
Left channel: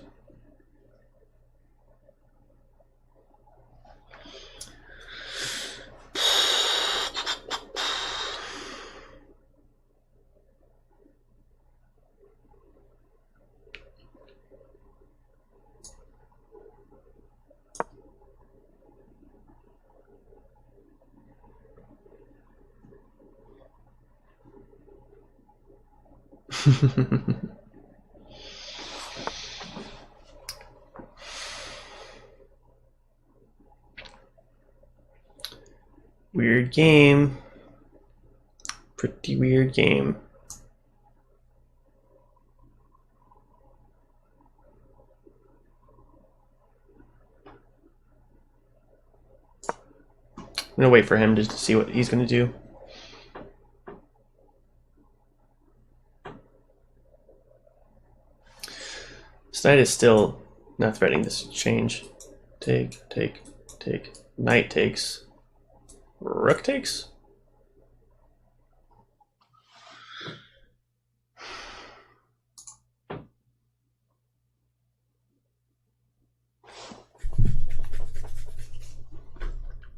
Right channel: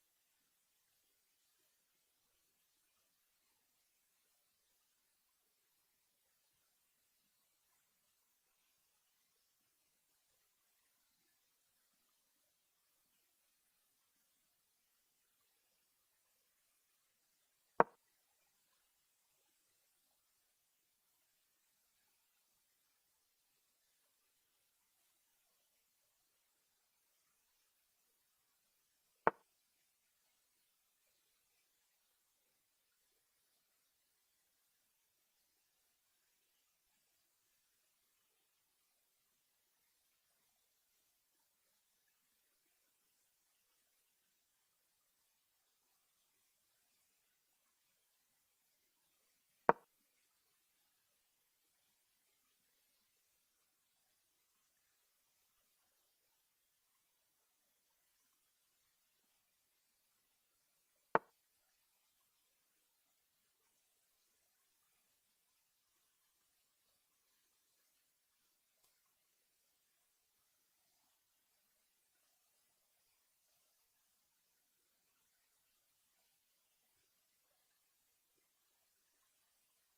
Weird game. Pretty weird game. I'm gonna wait for him just to see what he's gonna do. This knight is still not threatening this exchange. Take. Knight takes. Rook takes?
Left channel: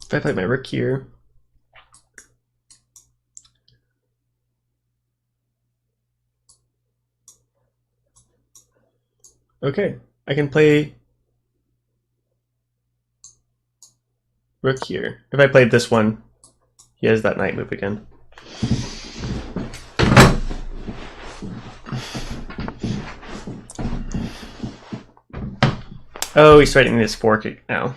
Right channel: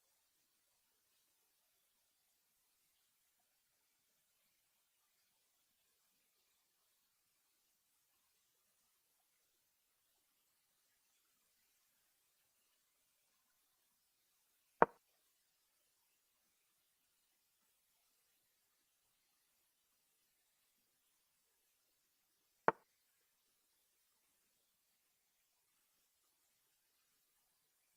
If I play my rook here, okay, I can play rook here. If I played this one, he has that knight move again. Oh, he's threatening this fork now.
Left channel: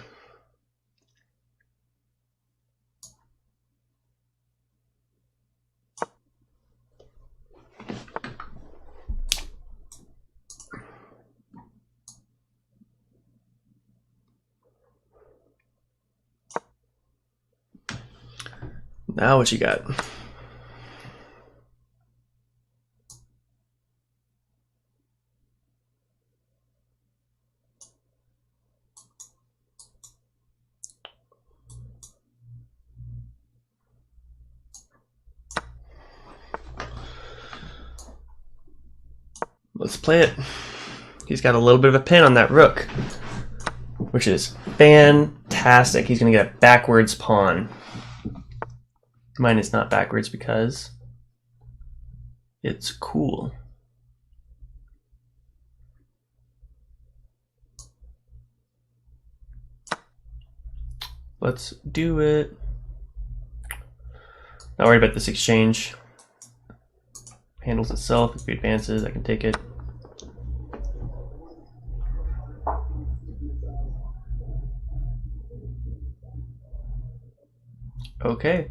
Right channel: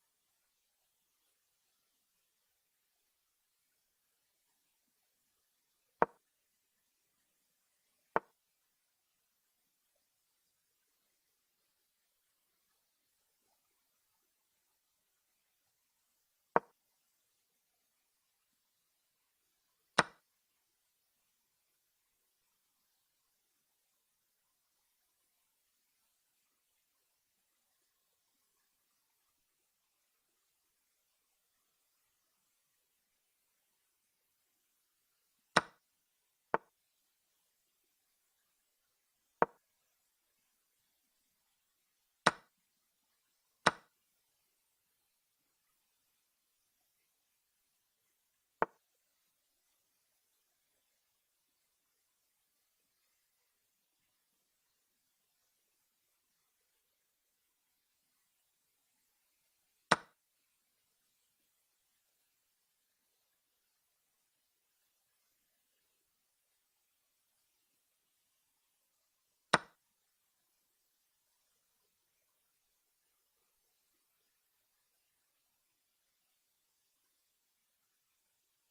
Now what you got? Let's play it. He's got a little bit of a pin on that rook, which is fantastic. He's going to get a backwards pawn. Mine is not backwards because it's cool. Let's do it. Not worried about this exchange. Handles itself. If he advances, I can take it. Okay.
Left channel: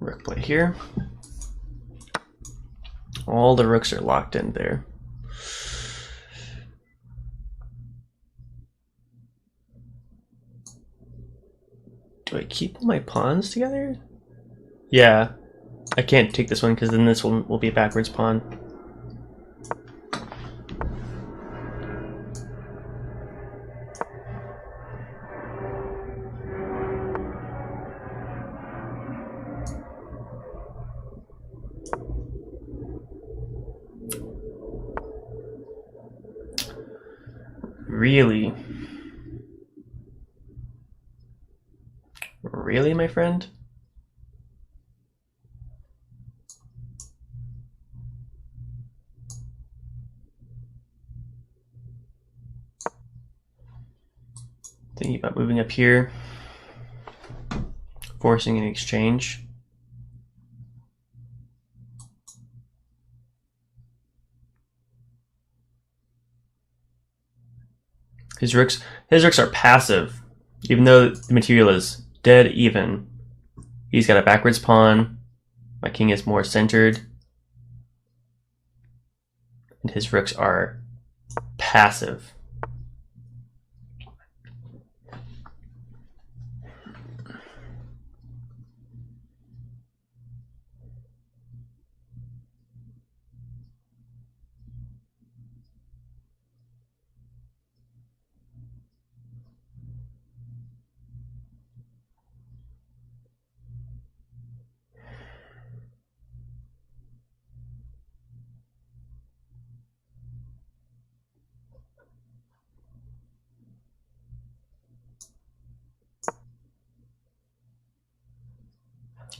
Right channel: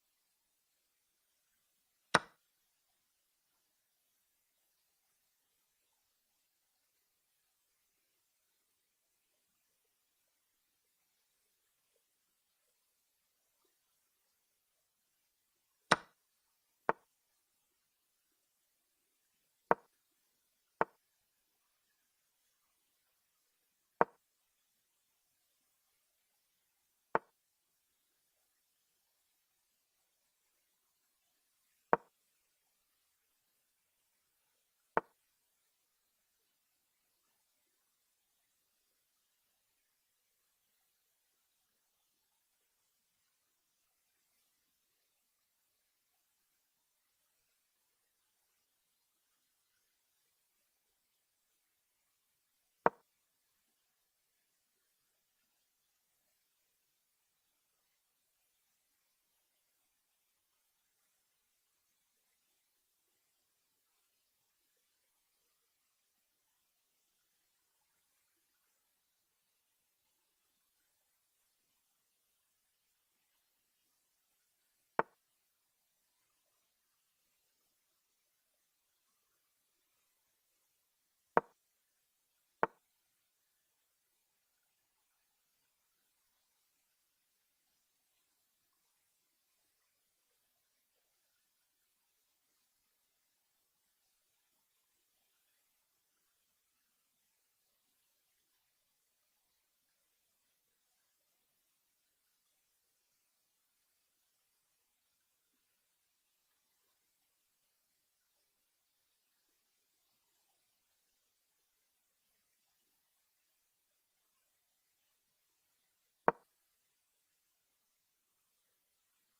Rook play here. All the rooks are locked in there. Do I keep all my pawns together? Yeah. I can't take this one because then this one will be a backwards pawn. Really? Really, my friend? Thinking about moving up here, forcing an exchange. His rooks are passive, even though the material is dead even. He's got a backwards pawn. My king is more centered, and his rooks are passive.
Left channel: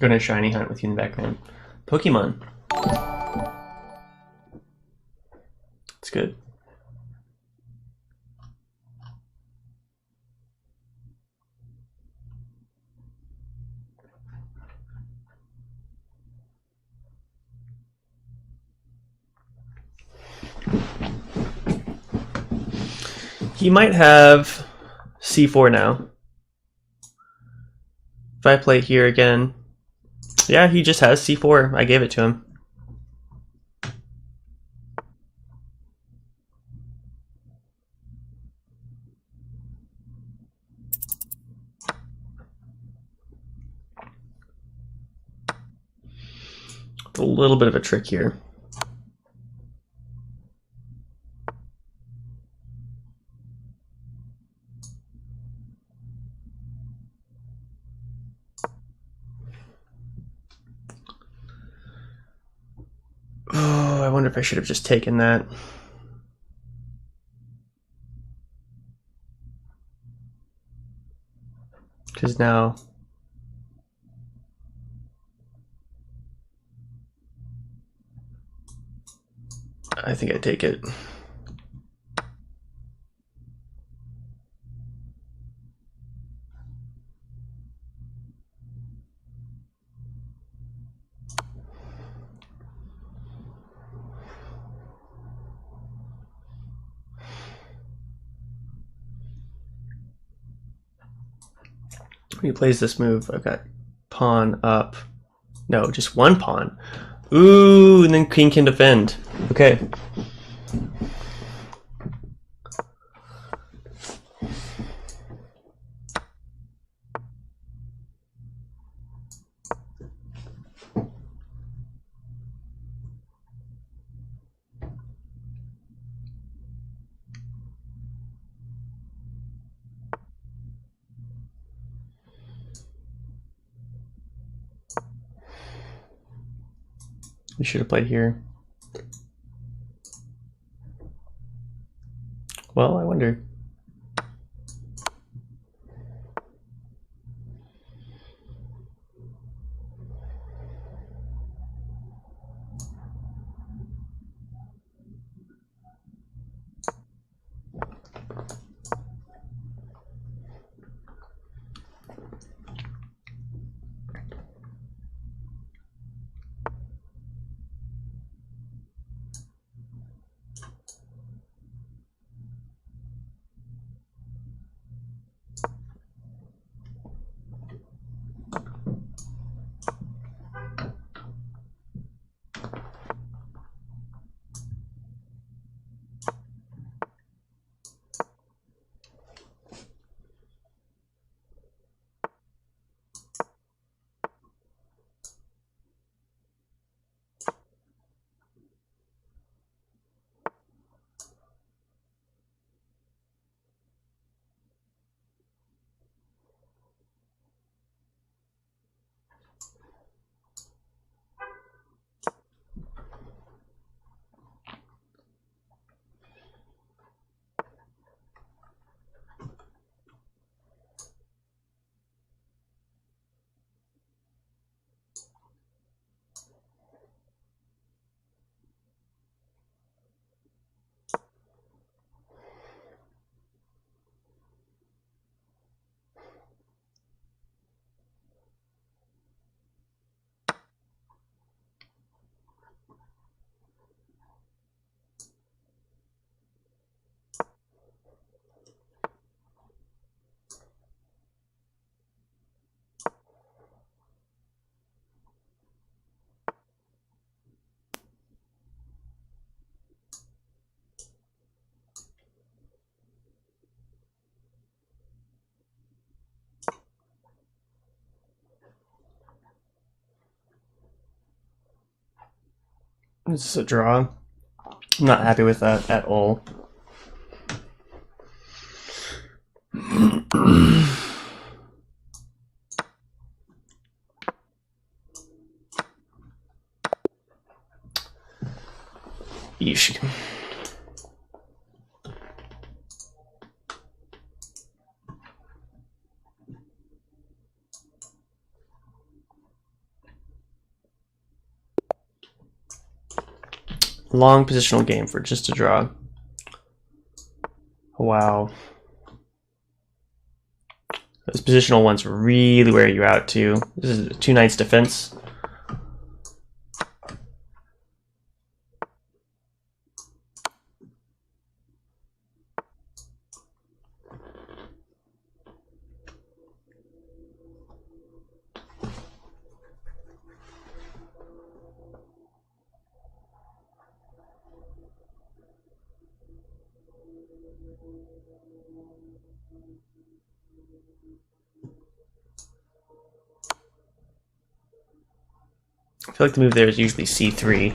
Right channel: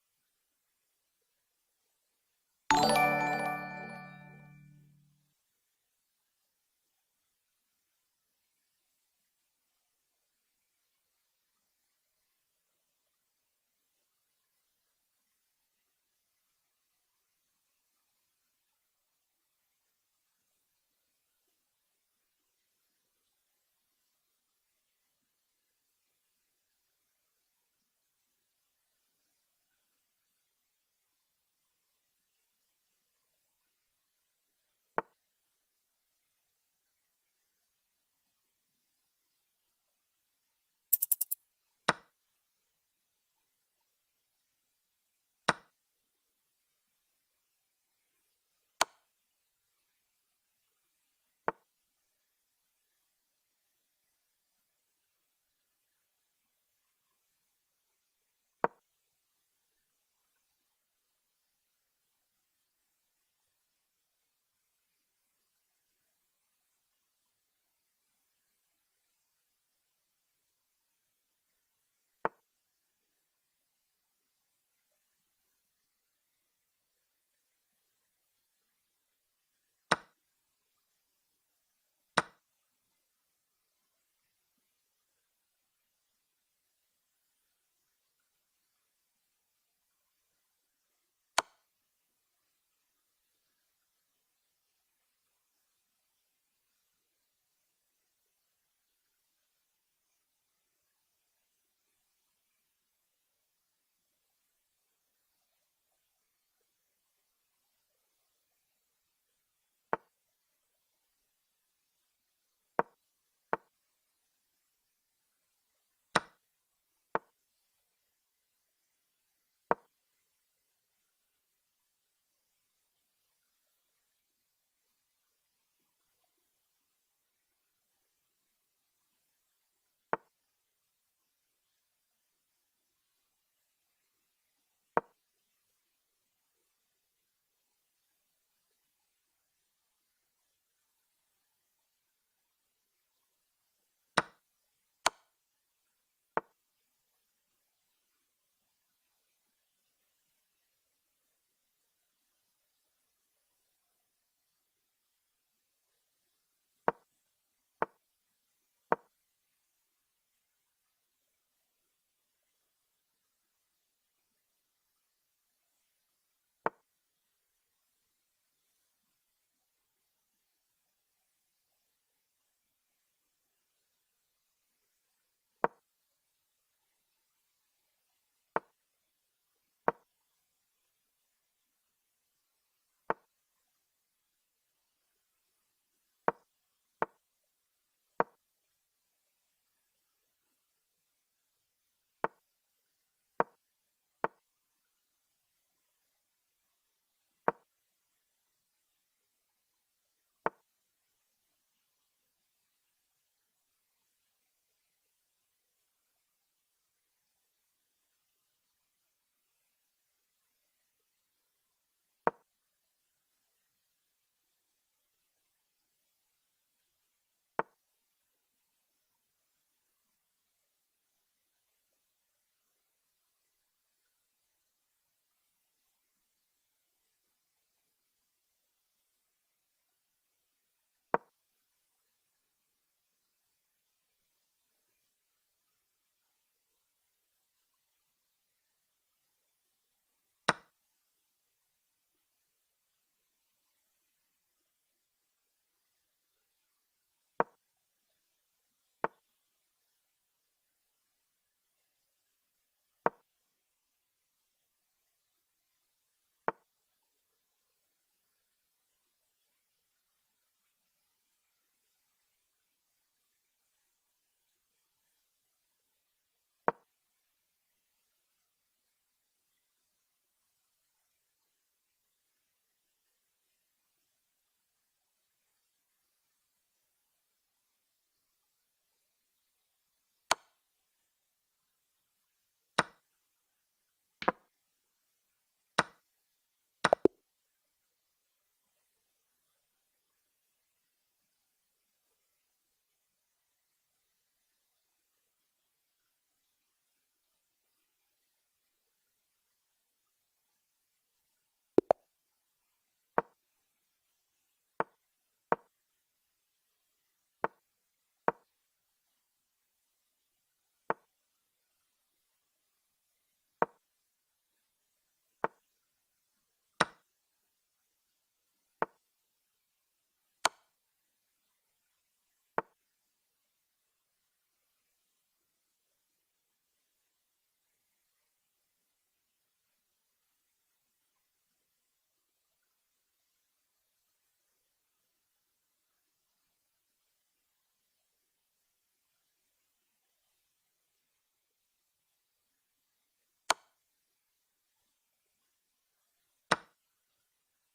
Gonna shiny hunt with you in the background. Pokemon. It's good. He might have c4 now. If I play here again, yeah, he just has c4. I gave it to him. A little bit of a trick here. Oh, I wonder if I should have just taken that. Because now I think I take it. When he plays this move, I've got pawn up. No, just one pawn. Ooh, and then king can defend. Okay. We should have played here. Well, I wonder. This is a draw. I'm not happy with that at all. Yeesh. Long positional game for just a draw. Wow. Those positional ones really wear you out too. This is a 2 knights defense. feel like the move there is usually c3.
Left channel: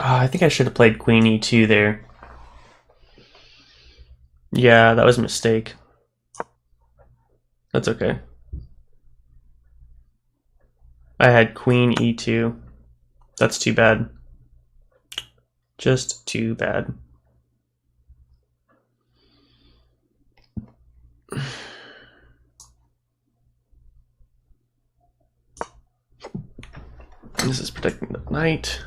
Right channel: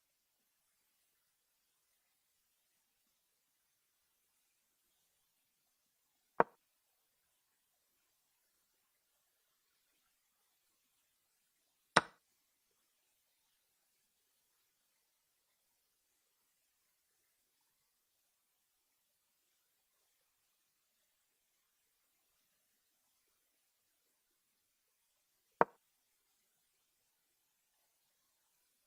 I think I should have played queen e2 there. Yeah, that was a mistake. That's okay. I had queen e2. That's too bad. Just too bad. This is protecting the knight.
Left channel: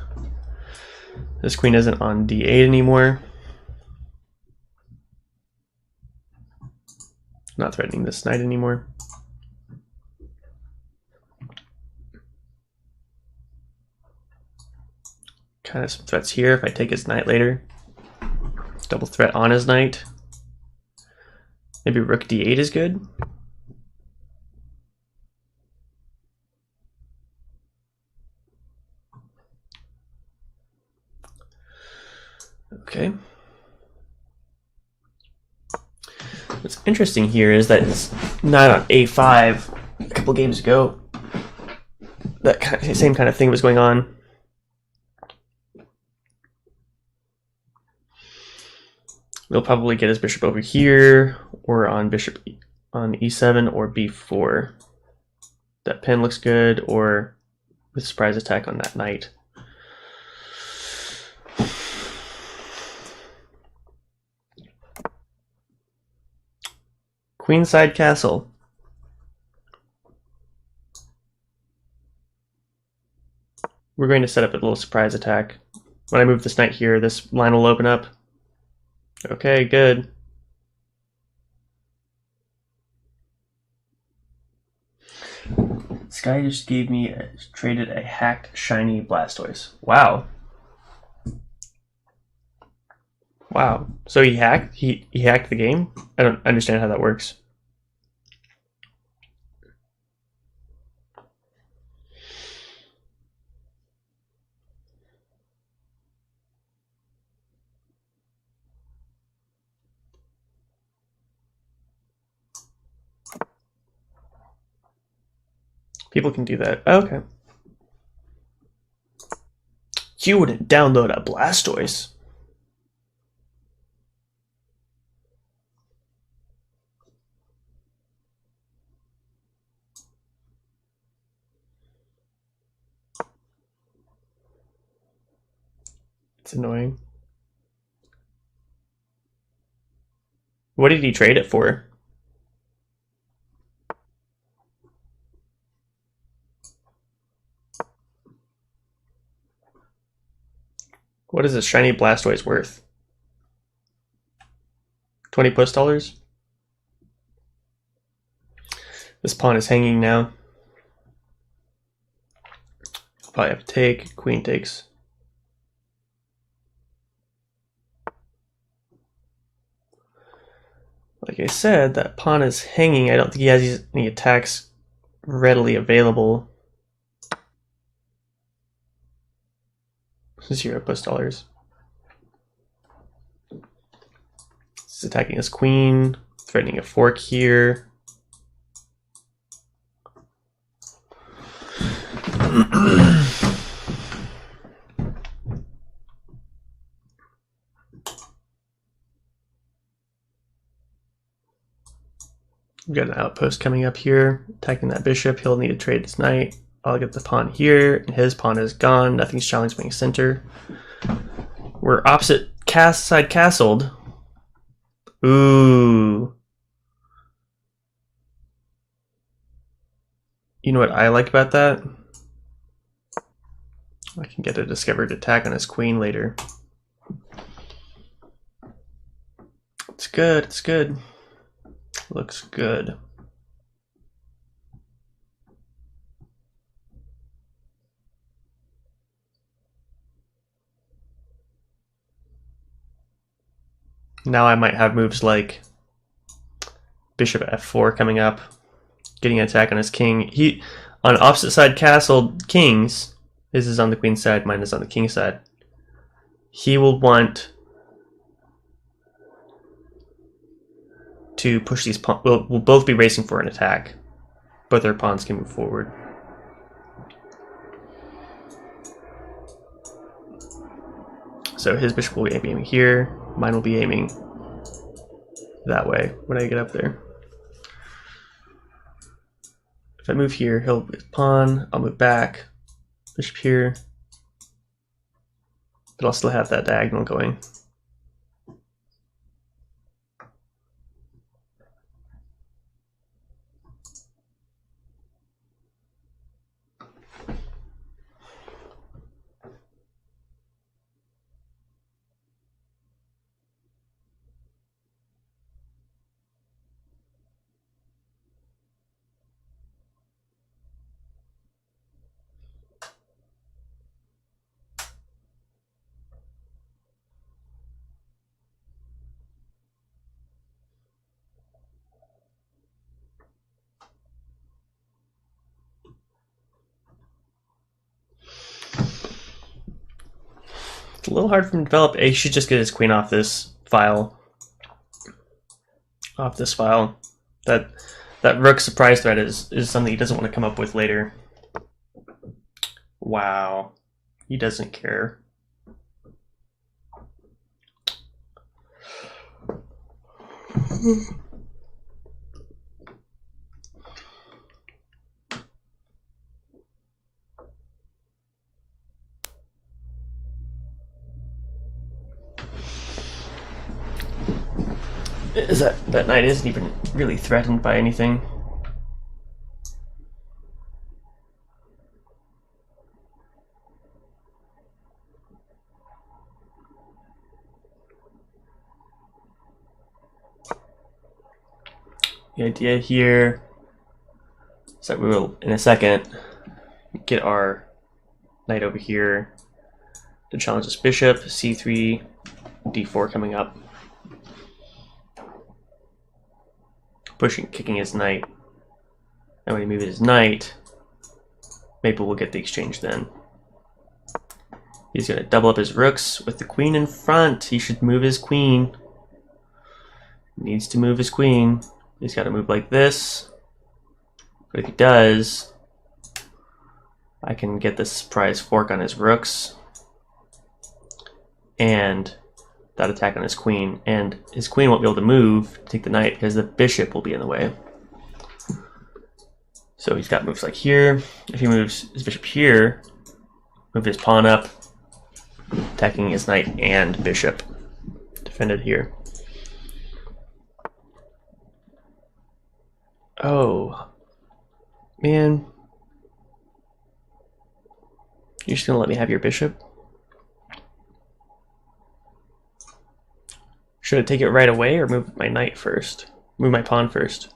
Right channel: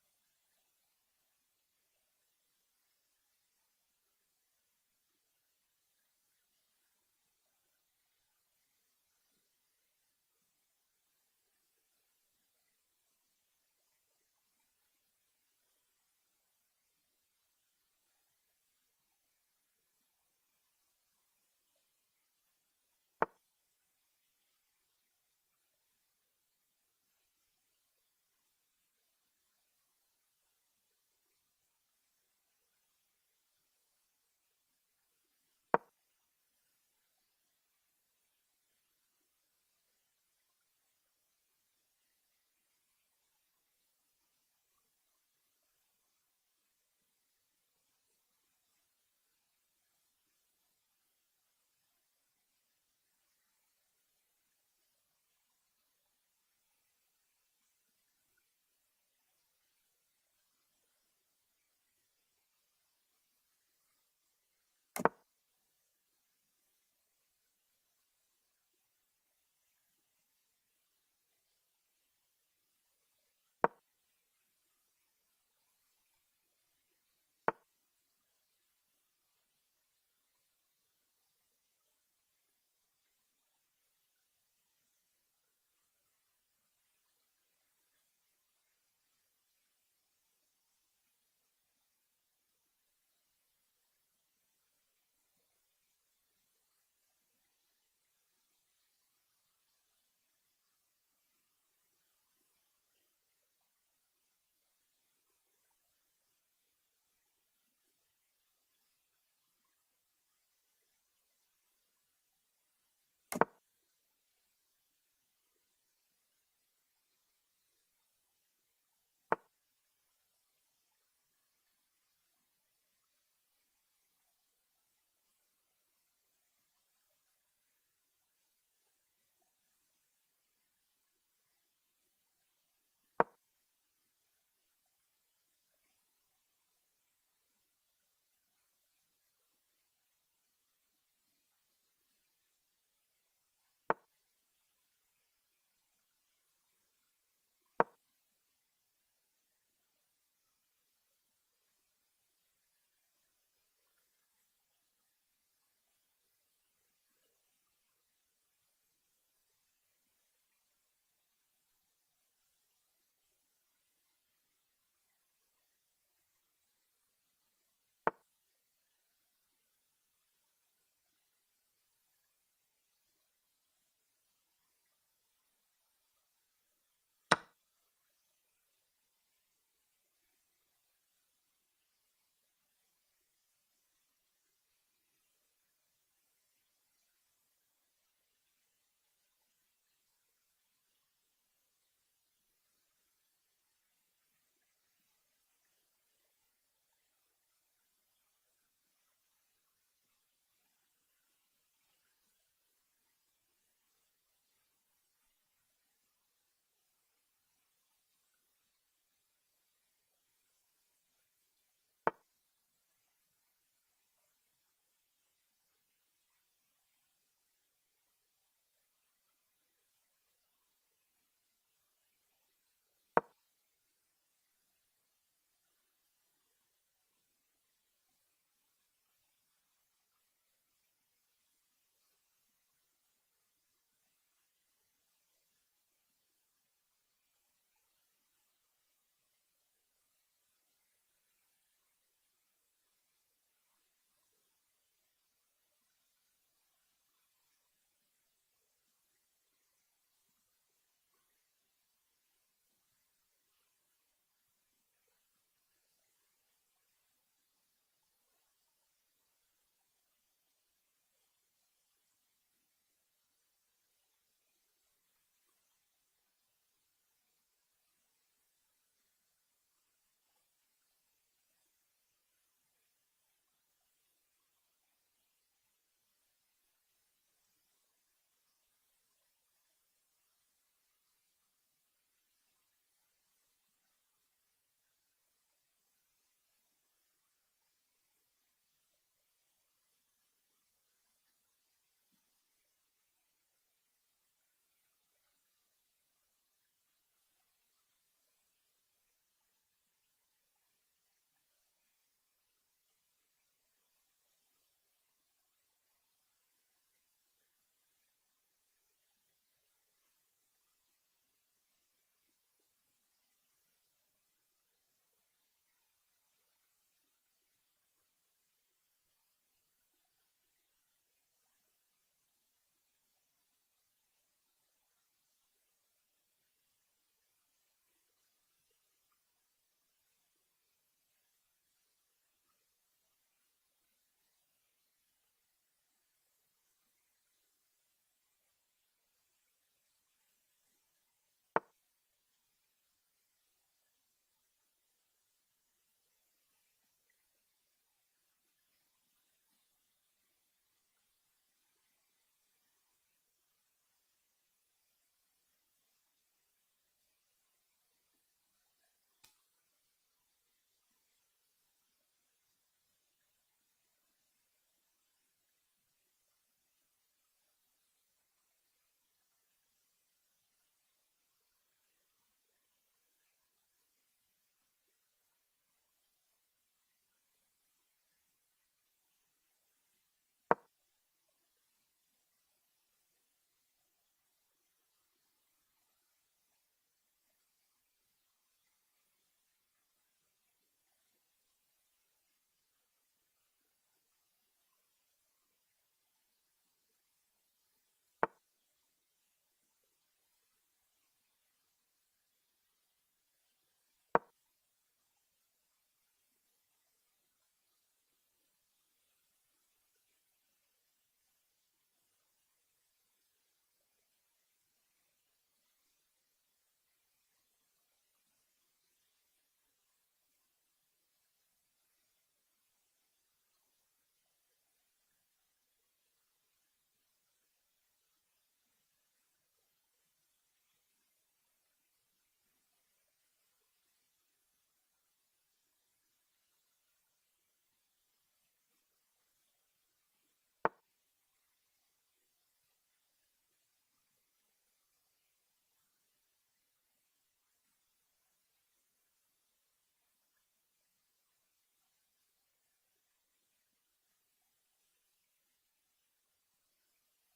This queen isn't on d8 anymore. Not threatening this knight anymore. Kind of some threats here if I take his knight later. Double threat on his knight. Maybe rook d8 is good. Okay. What's interesting here is that it's knight on a5 a couple games ago. That same kind of thing was going on. We'll probably get his bishop over here, or on bishop on e7 or b4. That pin looks good, or with surprise attack on that knight. Queenside castle. We're going to set up a little surprise attack. When I move this knight here, this line will open up. Okay, good. This guy just traded a hacked shiny Blastoise. Wow. Wow. So he hacked the game? I don't understand how that works. People can do that. Okay. You wouldn't download a Blastoise. It's annoying. What did he trade it for? What is this shiny Blastoise worth? 20 plus dollars? This pawn is hanging now. Probably have to take. Queen takes. Like I said, that pawn is hanging. I don't think he has any attacks readily available. 0 plus dollars. He's attacking his queen, threatening a fork here. We've got an outpost coming up here, attacking that bishop. He'll need to trade his knight. I'll get the pawn here, and his pawn is gone. Nothing's challenging center. We're opposite side castled. Ooh. You know what I like about that? I can get a discovered attack on his queen later. It's good, it's good. Looks good. Now I might have moves like bishop f4 coming up. getting an attack on his king. He on opposite side castle kings. His is on the queen side, mine is on the king side. He will want to push these pawns. We'll both be racing for an attack. Both our pawns can move forward. So his bishop will be aiming here. Mine will be aiming that way when I get up there. If I move here, he'll move pawn. I'll move back. Bishop here. But I'll still have that diagonal going. It's a little hard for him to develop. He should just get his queen off this file. That rook surprise threat is something he doesn't want to come up with later. Wow. He doesn't care. Is that knight isn't even really threatened by anything. The idea here is that we will, in a second, get our knight over here to challenge this bishop, c3, d4 coming up. Kicking his knight. And when he moves his knight, maybe we'll get the exchange then. He's going to double up his rooks with the queen in front. He should move his queen. He needs to move his queen. He's got to move like this. But if he does, I can get the surprise fork on his rooks. And that attack on his queen, and his queen won't be able to move to take the knight because the bishop will be in the way. So he's got moves like here. If he moves his bishop here, move his pawn up, attacking his knight and bishop. Defended here. Oh, man. You're just gonna let me have your bishop? Should I take it right away or move my knight first? Move my pawn first.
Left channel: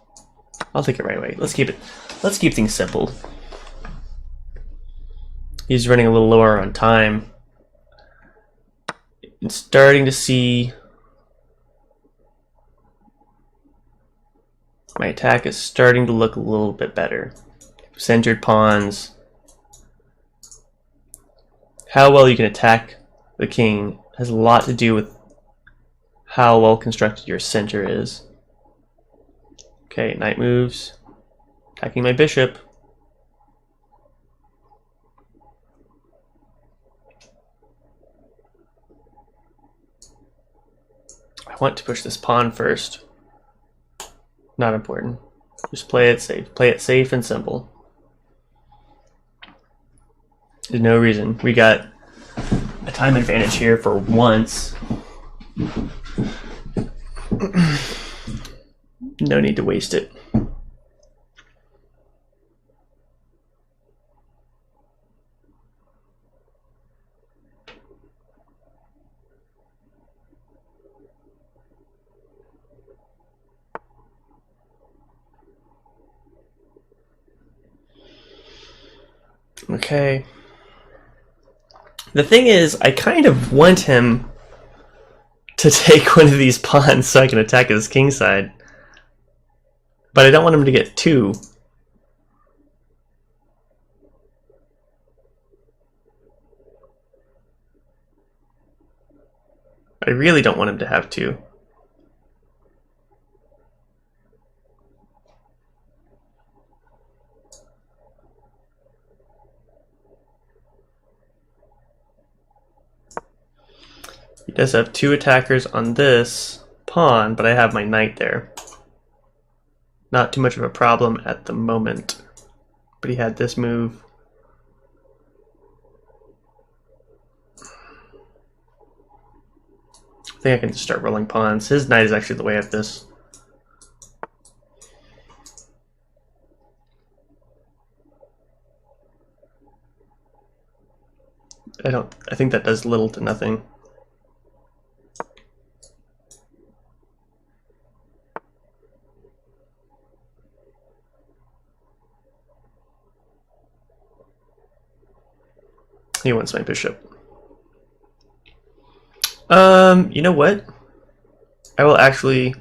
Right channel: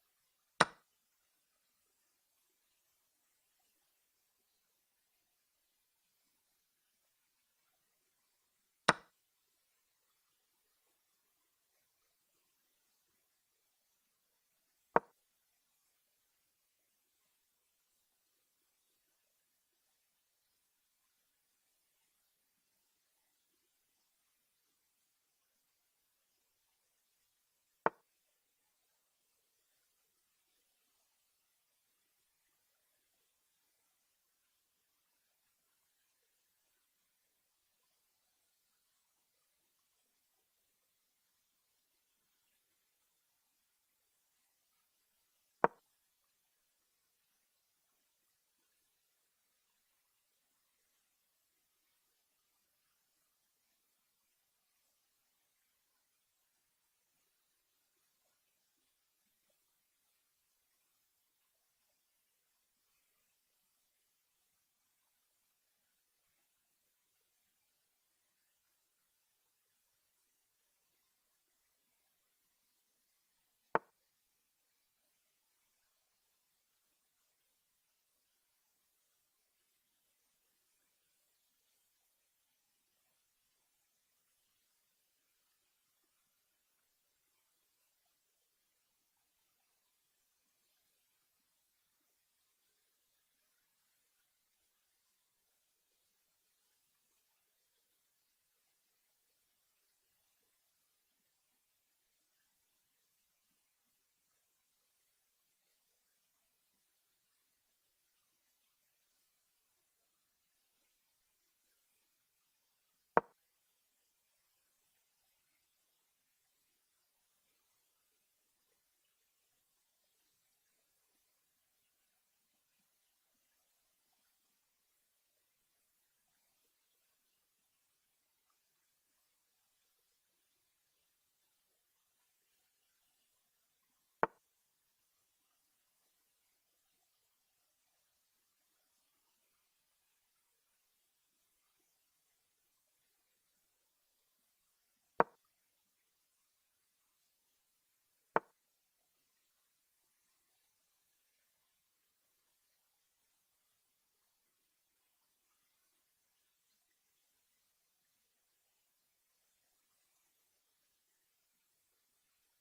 I'll take it right away. Let's keep things simple. He's running a little lower on time. I'm starting to see my attack is starting to look a little bit better. Centered pawns. How well you can attack the king has a lot to do with how well constructed your center is. Okay, knight moves. Attacking my bishop. I want to push this pawn first. Not important. Just play it safe. Play it safe and simple. There's no reason. We got a time advantage here for once. No need to waste it. Okay. The thing is, I kind of want him to take one of these pawns so I can attack his king side. But I don't want him to get two. I really don't want him to have two. He does have two attackers on this pawn, but I have my knight there. Not too much of a problem at the moment. But he had this move. I think I can just start rolling pawns. His knight is actually the way of this. I think that does little to nothing. He wants my bishop. You know what? I will actually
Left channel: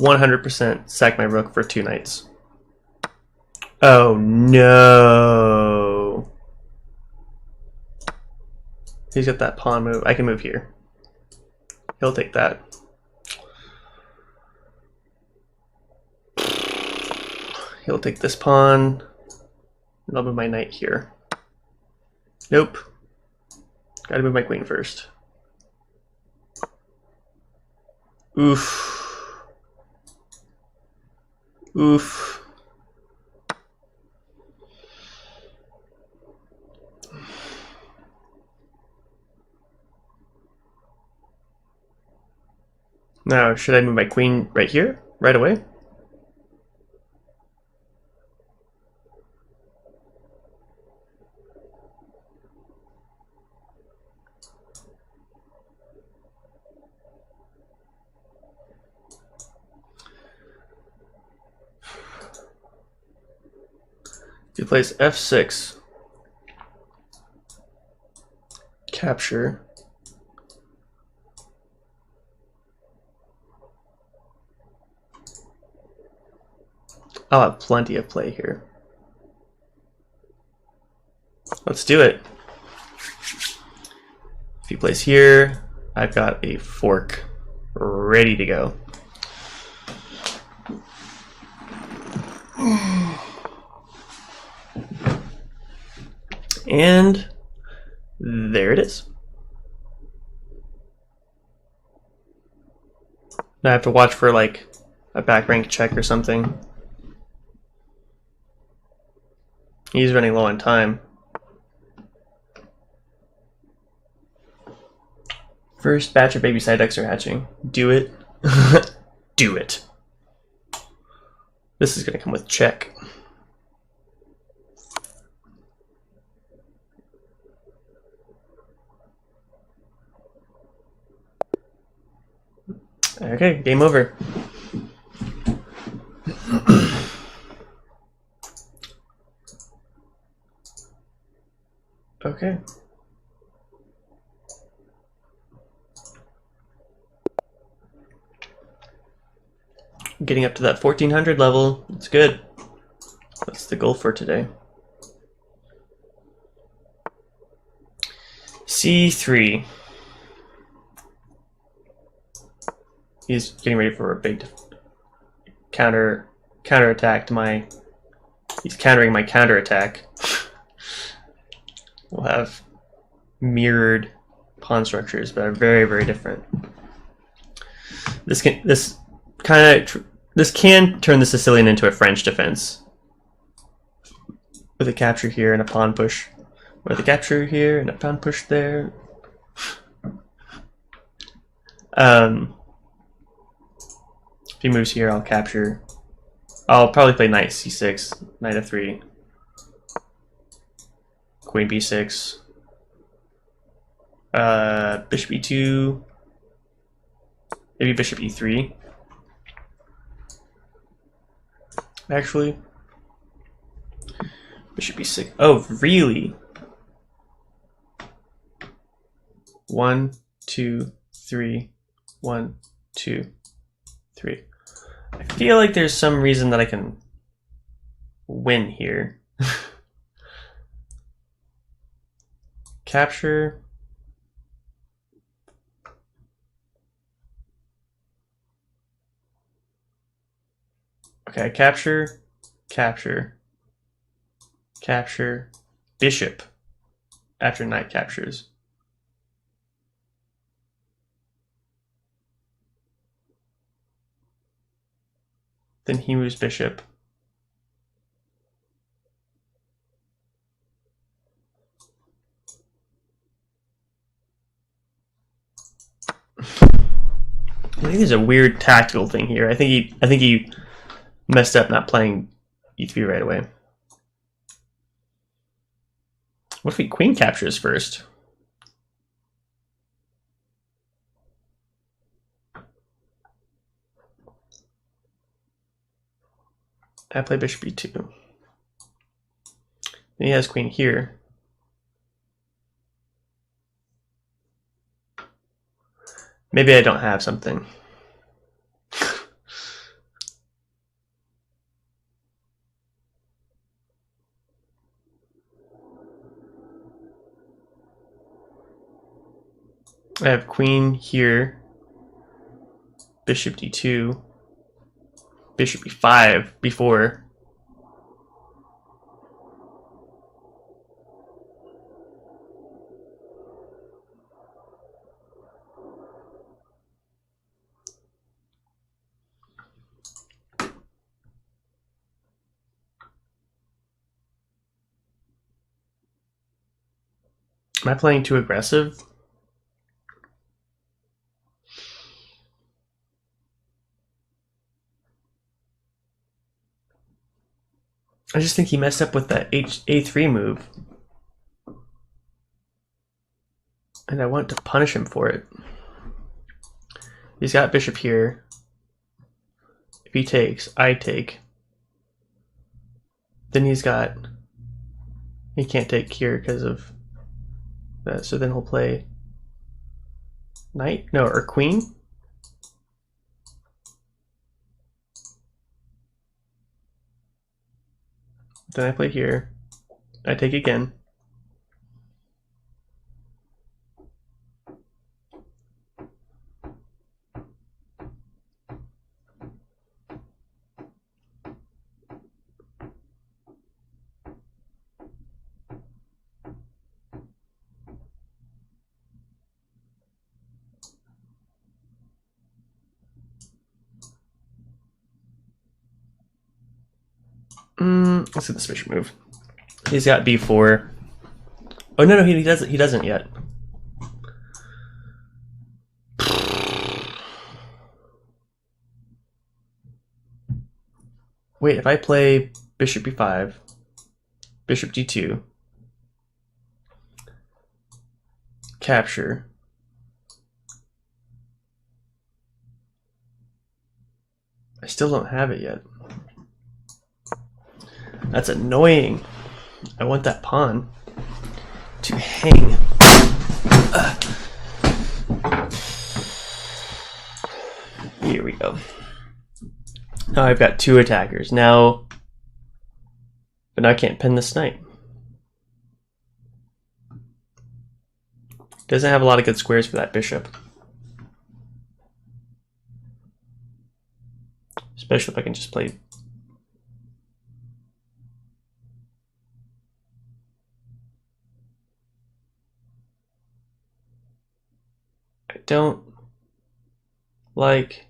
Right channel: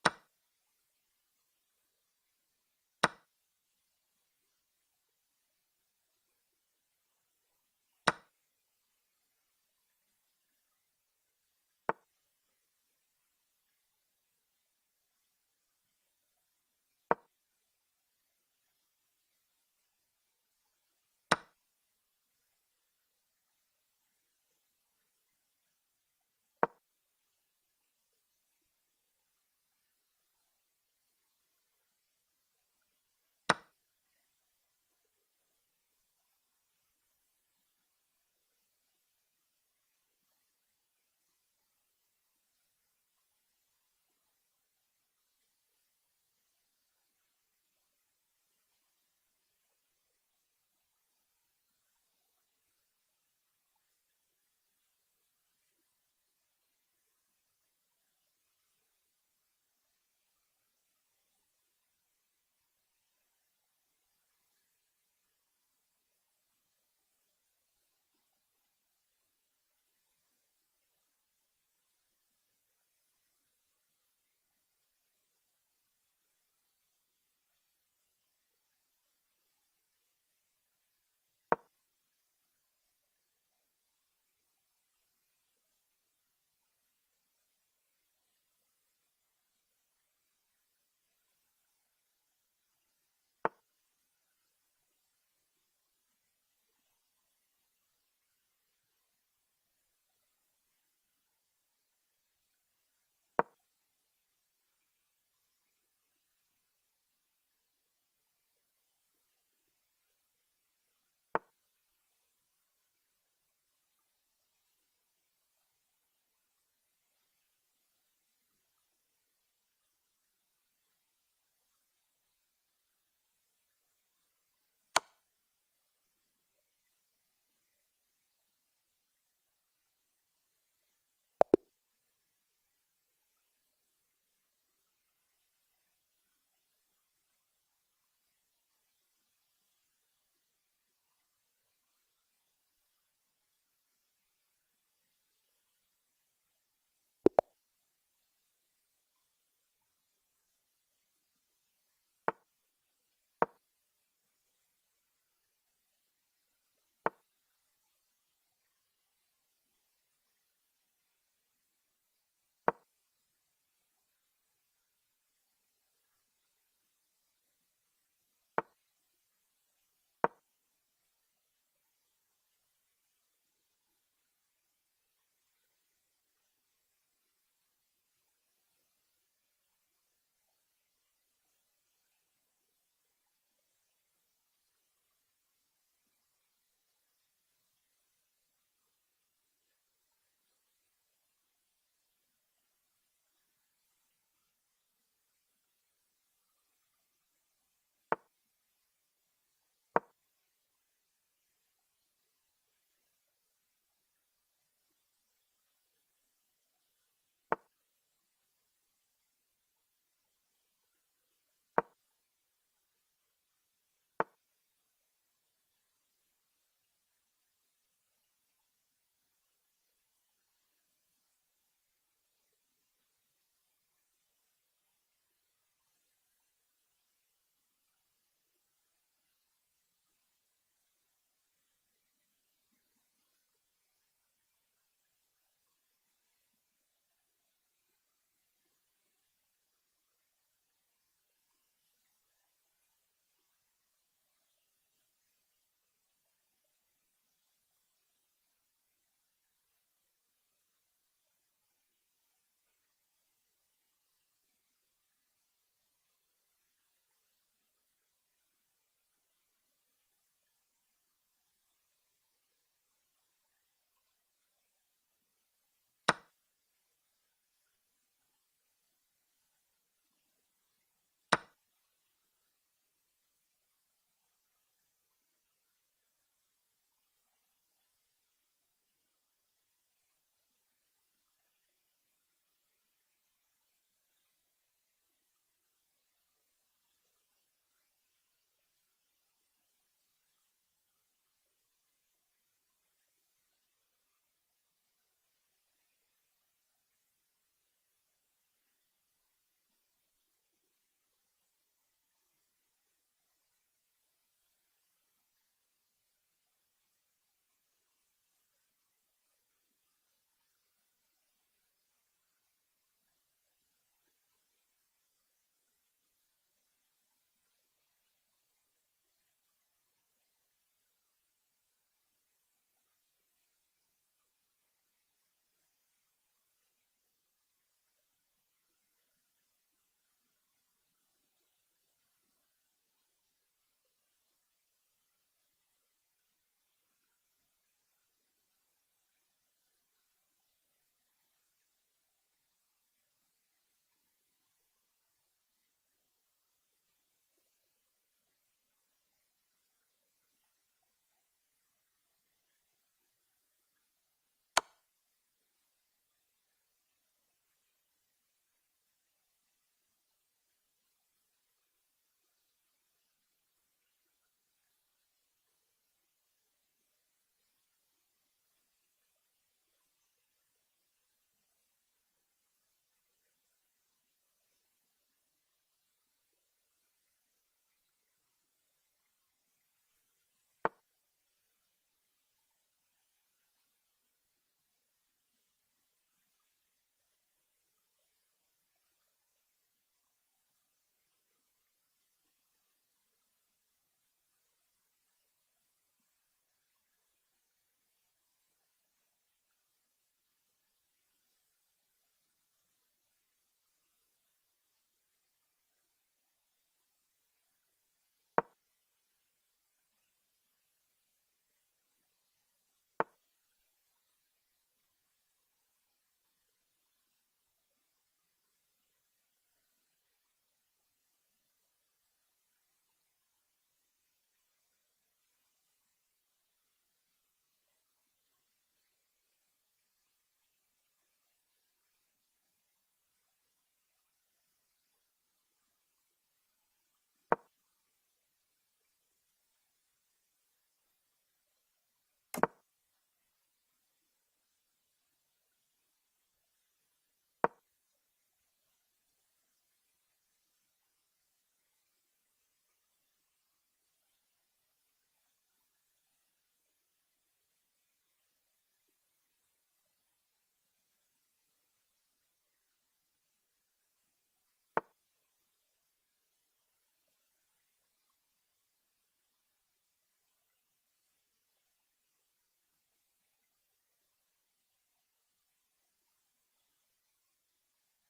100% sack my rook for two knights. Oh no. He's got that pawn move. I can move here. He'll take that. He'll take this pawn. And I'll move my knight here. Nope. Gotta move my queen first. Oof. Oof. Now, should I move my queen right here, right away? If he plays f6, capture. I'll have plenty of play here. Let's do it. If he plays here, I've got a fork ready to go. And there it is. Now I have to watch for like a back rank check or something. He's running low on time. First batch of baby side decks are hatching. Do it. Do it. This is going to come with check. Okay, game over. Okay. Getting up to that 1400 level. It's good. That's the goal for today. C3. He's getting ready for a big counter attack to my. He's countering my counter attack. We'll have mirrored pawn structures, but are very, very different. This can turn the Sicilian into a French defense with a capture here and a pawn push, with a capture here and a pawn push there. If he moves here, I'll capture. I'll probably play knight c6, knight f3, queen b6, bishop e2, maybe bishop e3. Actually, bishop e6. Oh, really? 1, 2, 3, 1, 2, 3. I feel like there's some reason that I can win here. capture. Okay, capture, capture, capture, bishop after knight captures. Then he moves bishop. I think there's a weird tactical thing here. I think he messed up not playing e3 right away. What if he queen captures first? I play bishop e2. Then he has queen here. Maybe I don't have something. I have queen here, bishop d2, bishop e5 before. Am I playing too aggressive? I just think he messed up with that a3 move. And I want to punish him for it. He's got bishop here. If he takes, I take. Then he can't take here because of that. So then he'll play knight? No, or queen? Then I play here. I take again. Let's see this bishop move. He's got b4. Oh no, he doesn't. He doesn't yet. Wait, if I play bishop b5, bishop d2, capture. I still don't have it yet. That's annoying. I want that pawn to hang. Here we go. Now I've got two attackers. But now I can't pin this knight. Doesn't have a lot of good squares for that bishop. Especially if I can just play. I don't like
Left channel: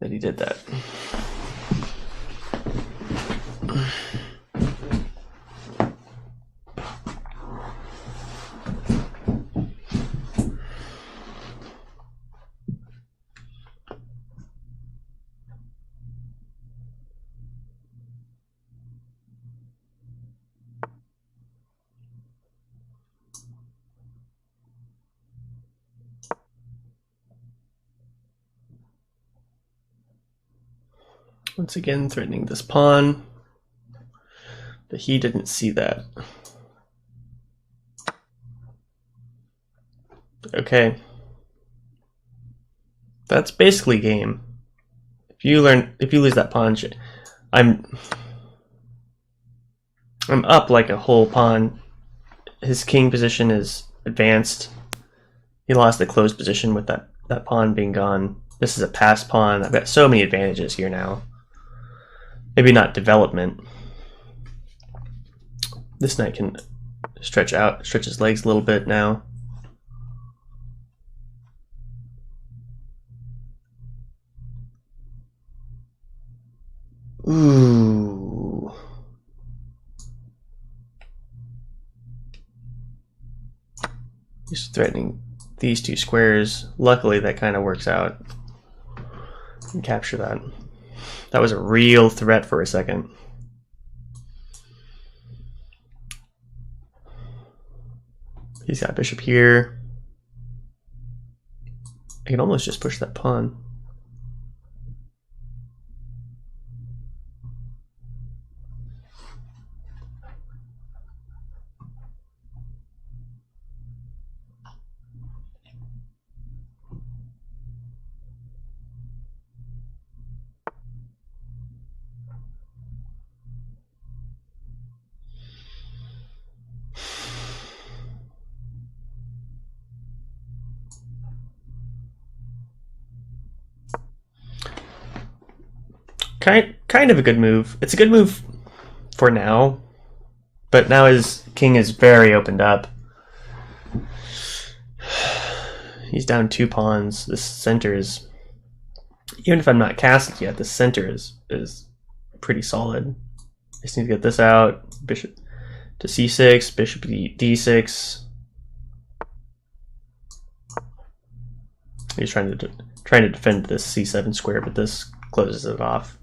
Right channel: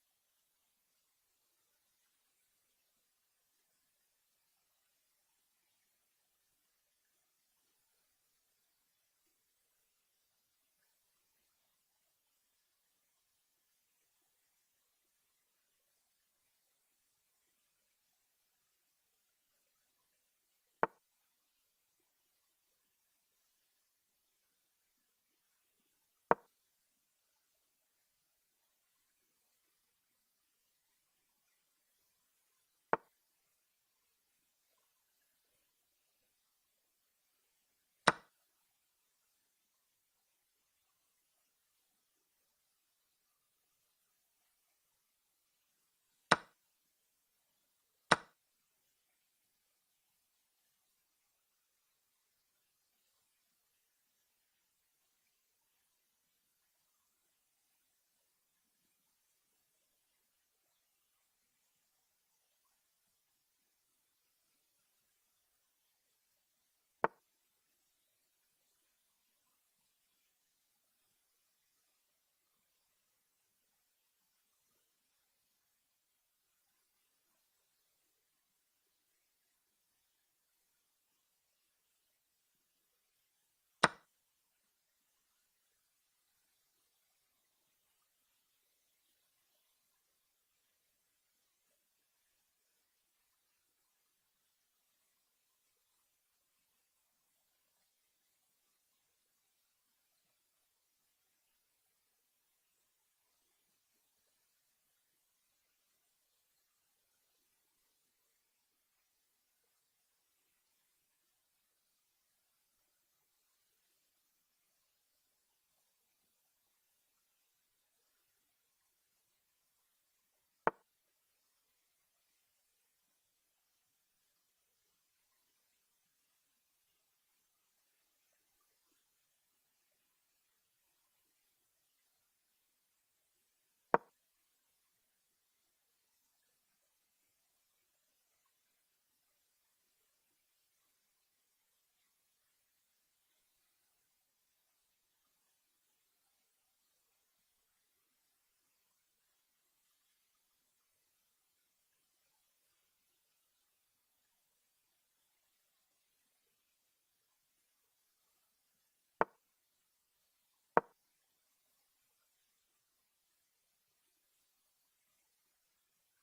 that he did that. Once again, threatening this pawn, but he didn't see that. Okay. That's basically game. If you lose that pawn, I'm up like a whole pawn his king position is advanced. He lost the closed position with that pawn being gone. This is a passed pawn. I've got so many advantages here now. Maybe not development. This knight can stretch his legs a little bit now. Ooh. He's threatening these two squares. Luckily, that kind of works out. Can capture that. That was a real threat for a second. He's got bishop here. I can almost just push that pawn. Kind of a good move. It's a good move for now, but now his king is very opened up. He's down 2 pawns. This center is, even if I'm not castled yet, the center is pretty solid. I just need to get this out. Bishop to c6, bishop d6. He's trying to defend this c7 square, but this closes it off.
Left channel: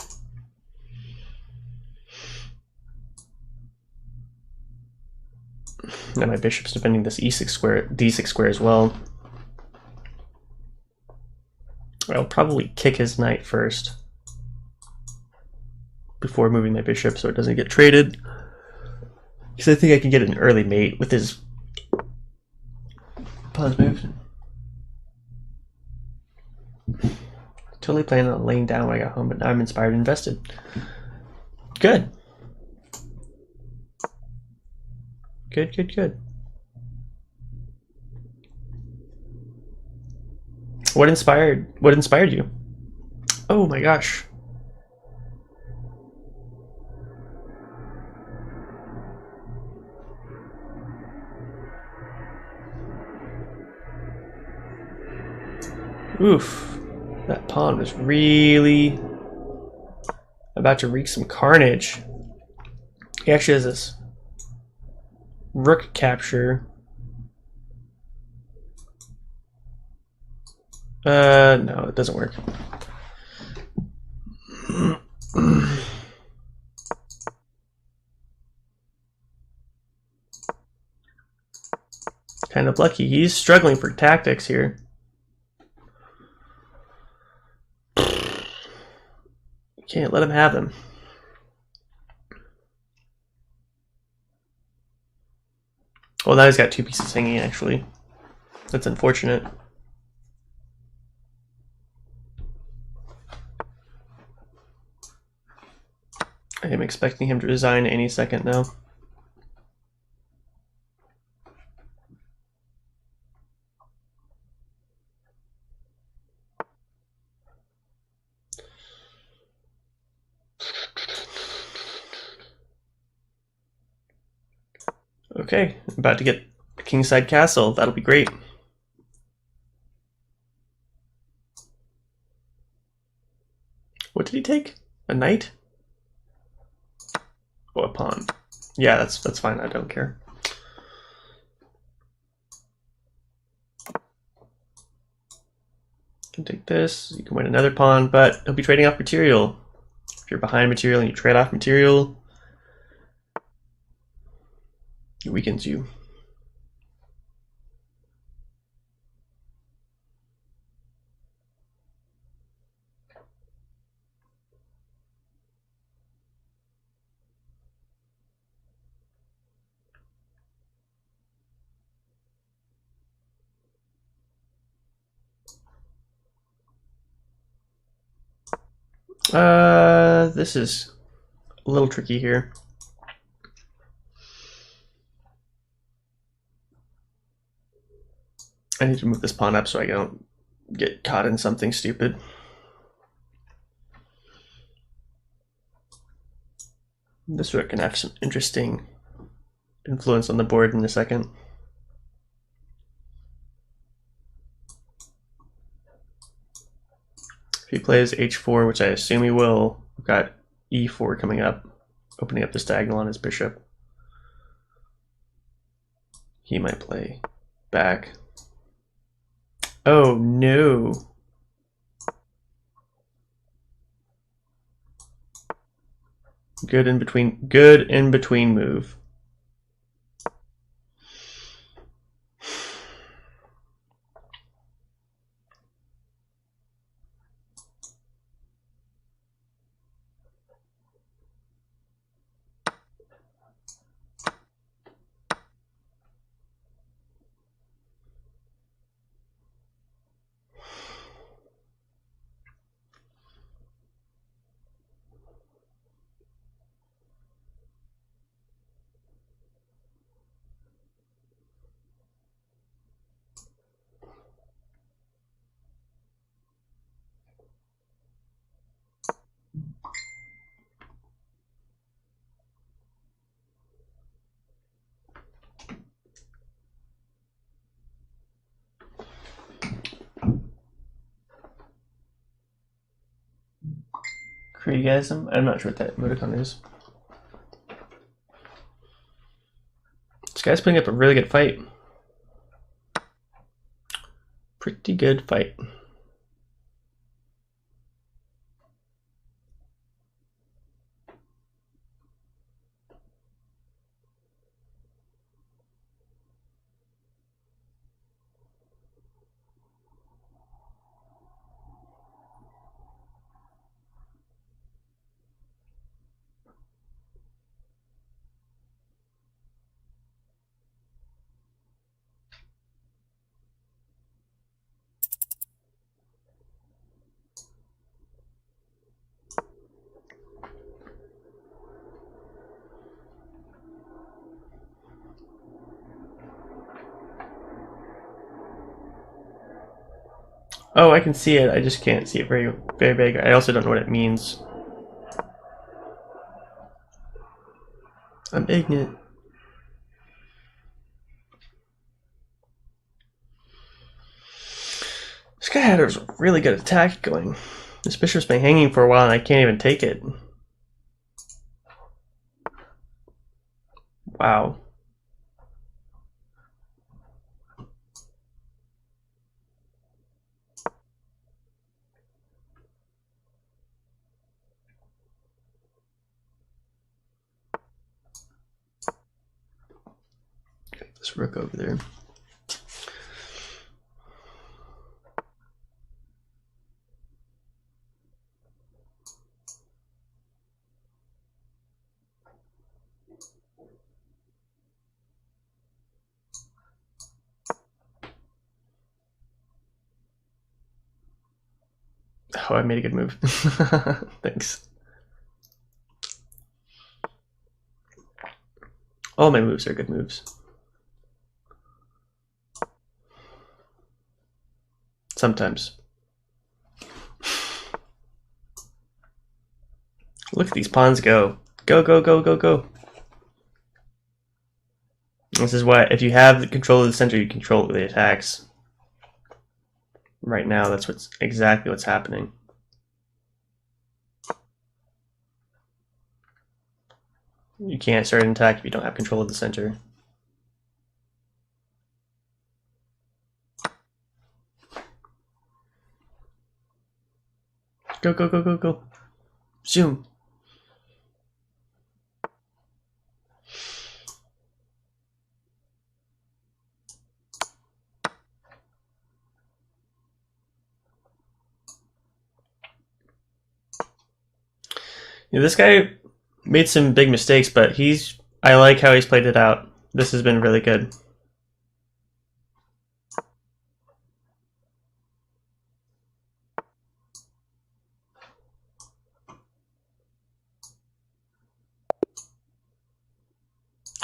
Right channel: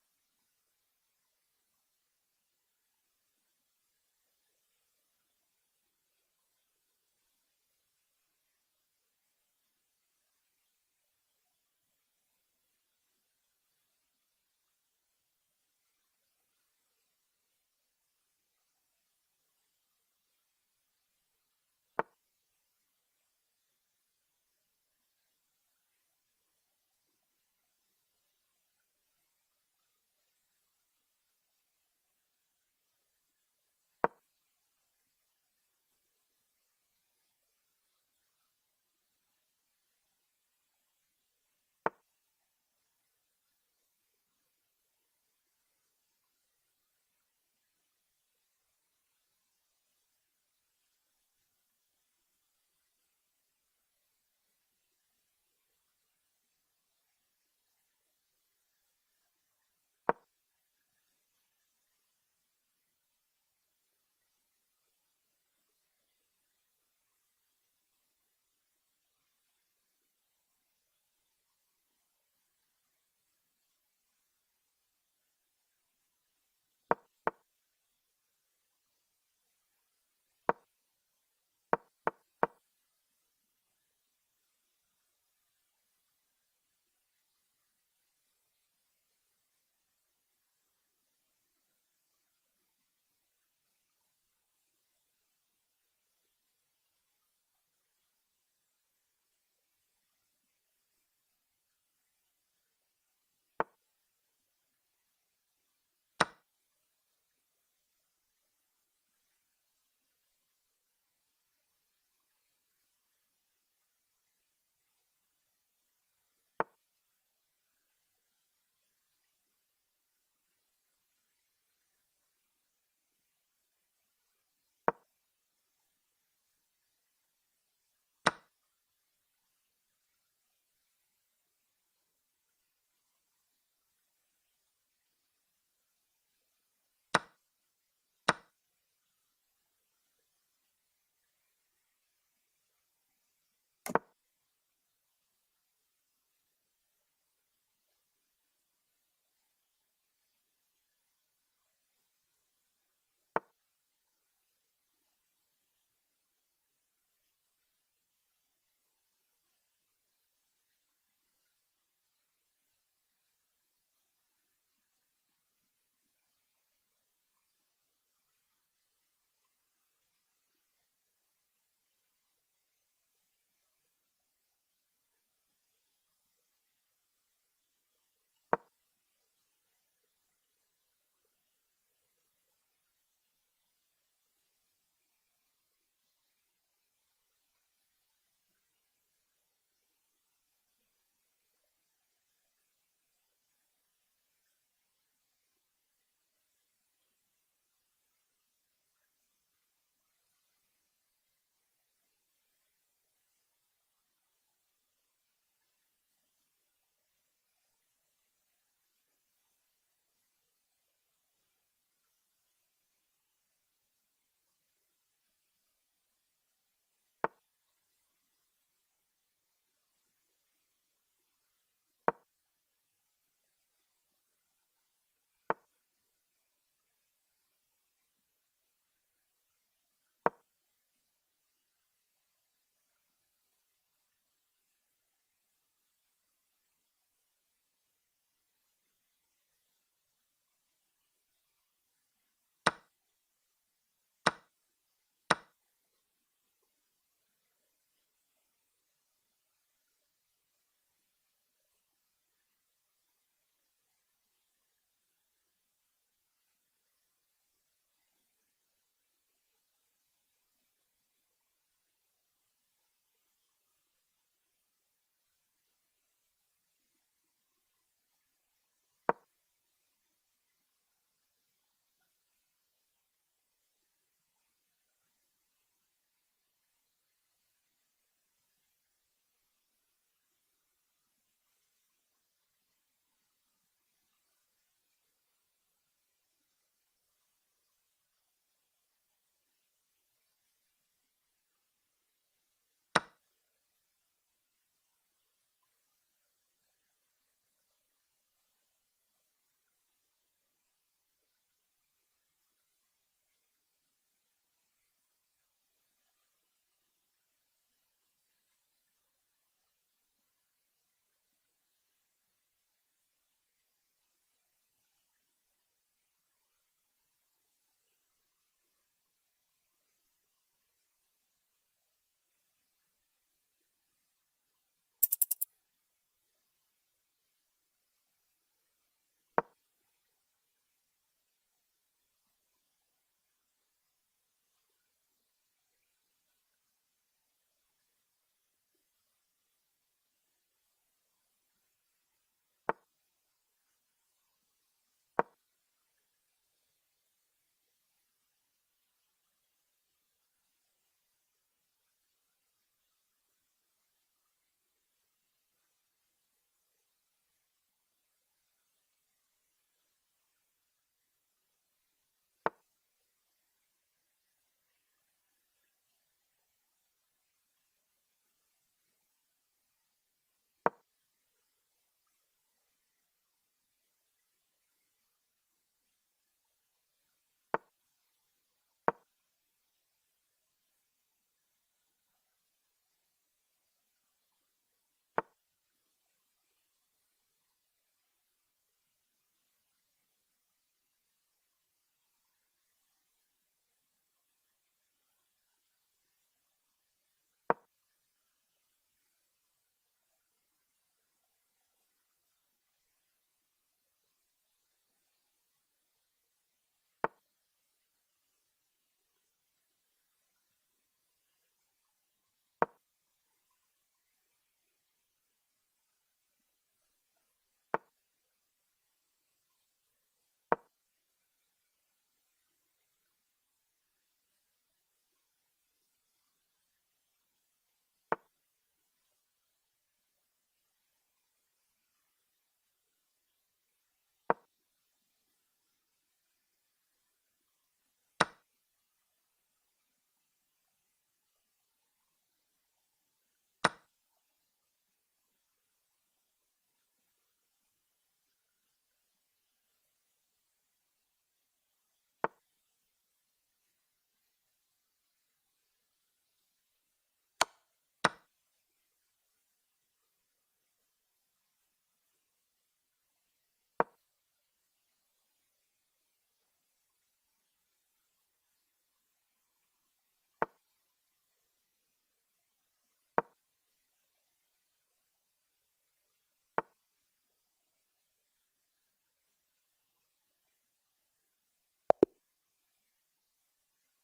And my bishop's defending this e6 square, d6 square as well. I'll probably kick his knight first before moving my bishop so it doesn't get traded. Because I think I can get an early mate with his pawn's moves. Totally planning on laying down when I got home, but now I'm inspired and invested. Good. Good. What inspired you? Oh my gosh. Oof. That pawn was really about to wreak some carnage. He actually has this rook capture. No, it doesn't work. Kind of lucky. He's struggling for tactics here. Can't let him have them. Well, now he's got 2 pieces hanging, actually. That's unfortunate. I am expecting him to resign any second now. Okay, I'm about to get a kingside castle. That'll be great. What did he take? A knight? Oh, a pawn. Yeah, that's fine. I don't care. You can take this. You can win another pawn, but he'll be trading off material. If you're behind material and you trade off material, it weakens you. This is a little tricky here. I need to move this pawn up so I don't get caught in something stupid. This rook can have some interesting influence on the board in a second. If he plays h4, which I assume he will, we've got e4 coming up, opening up this diagonal on his bishop. He might play back. Oh no. Good in between move. Kriegasm? I'm not sure what that emoticon is. This guy's putting up a really good fight. Pretty good fight. Oh, I can see it. I just can't see it very big. I also don't know what it means. I'm ignorant. This guy had a really good attack going. This bishop's been hanging for a while and I can't even take it. Wow. Get this rook over there. Oh, I made a good move. Thanks. All my moves are good moves. Sometimes. Look at these pawns go. Go, go, go, go, go. This is why, if you have the control of the center, you control the attacks. Right now, that's exactly what's happening. You can't start an attack if you don't have control of the center. Go, go, go, go, go. Zoom. You know, this guy made some big mistakes, but I like how he's played it out. This has been really good.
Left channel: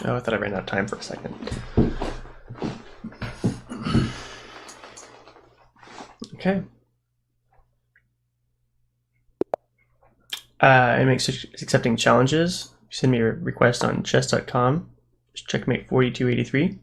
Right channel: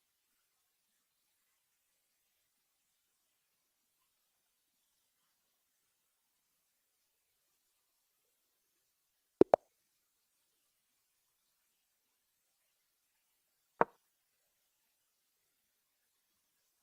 Oh, I thought I ran out of time for a second. Okay. I'm accepting challenges. Send me a request on chess.com. Checkmate 4283.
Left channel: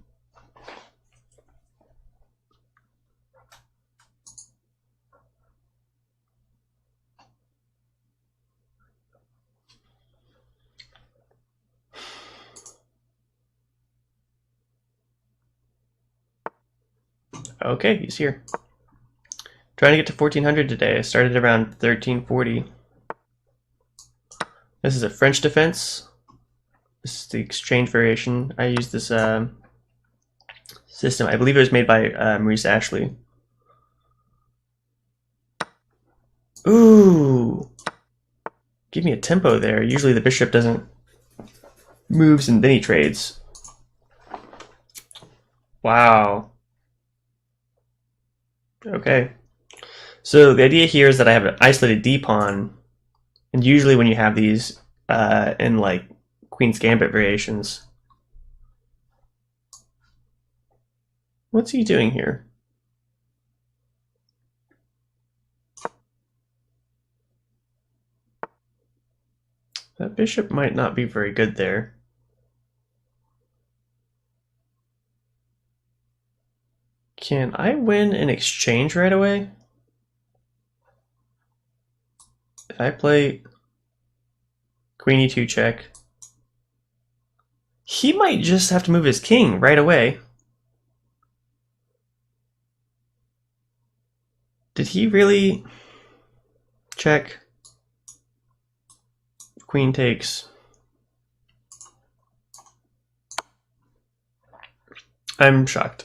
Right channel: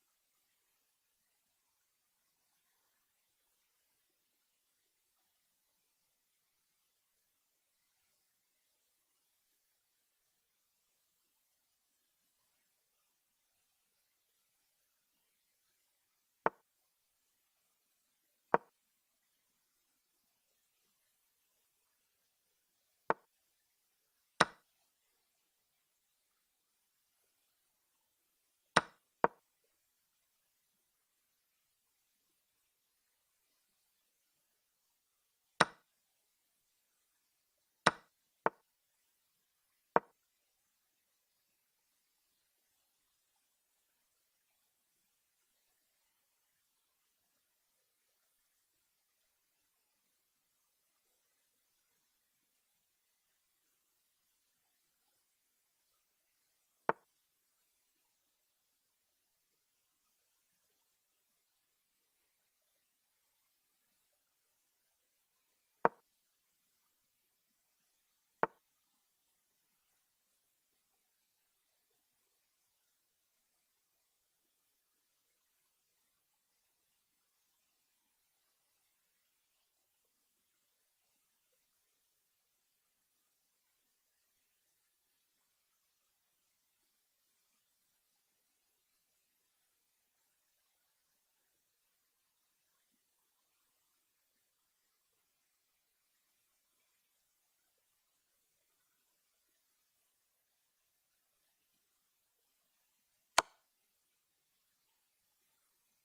Okay, he's here. Trying to get to 1400 today. I started around 1340. This is a French defense. This is the exchange variation. I use this system. I believe it was made by Maurice Ashley. Ooh! Give me a tempo there. Usually the bishop doesn't moves and then he trades. Wow. Okay. So the idea here is that I have an isolated D pawn, and usually when you have these in like Queen's Gambit variations, what's he doing here? That bishop might not be very good there. Can I win an exchange right away? If I play Queen E2 check, he might just have to move his king right away. Did he really check? Queen takes. I'm shocked.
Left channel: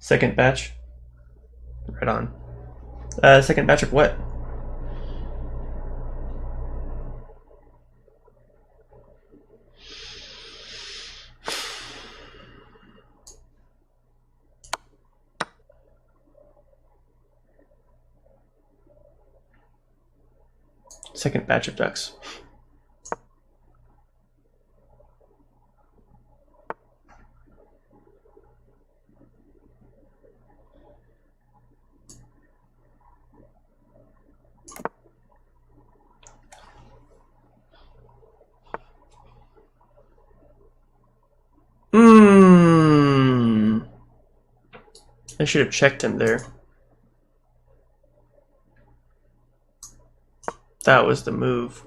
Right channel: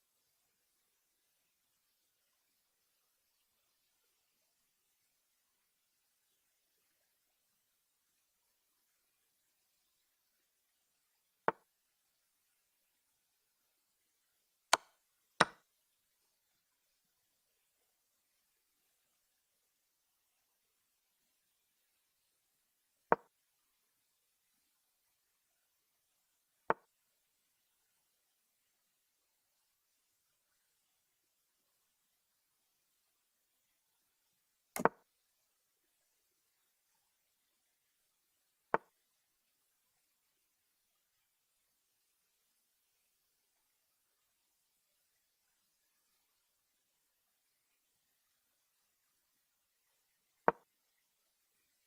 Second batch. Right on. Second batch of what? Second batch of ducks. I should have checked him there. That was the move.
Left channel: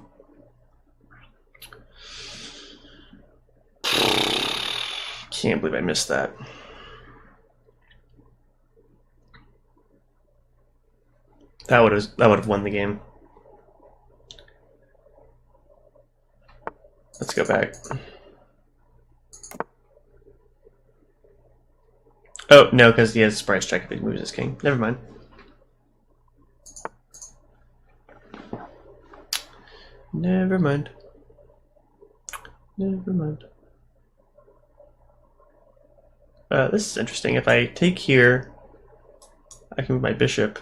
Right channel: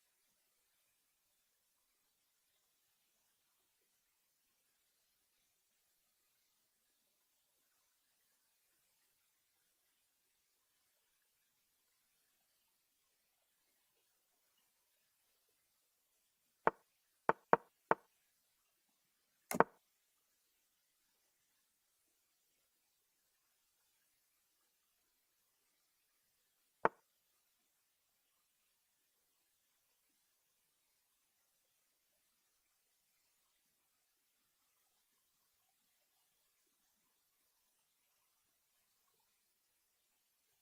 Can't believe I missed that. That would have won the game. Let's go back. Oh, no, because he has surprise check if he moves his king. Never mind. Never mind. Never mind. This is interesting. If I take here, I can move my bishop.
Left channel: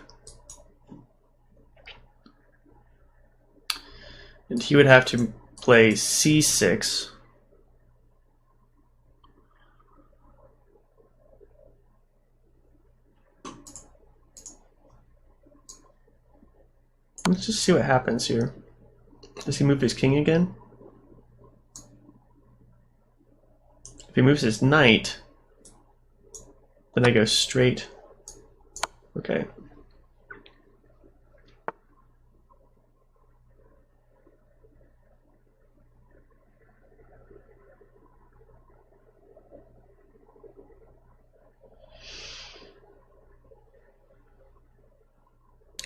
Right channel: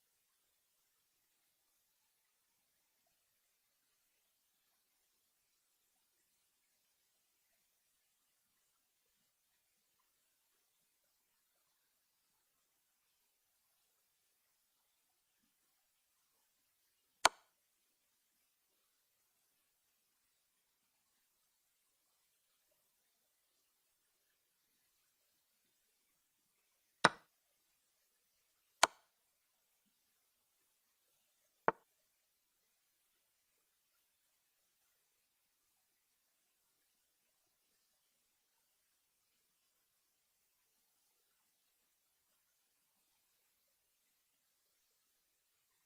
And he would have to play c6. Let's just see what happens here. Does he move his king again? If he moves his knight, then I go straight. Okay.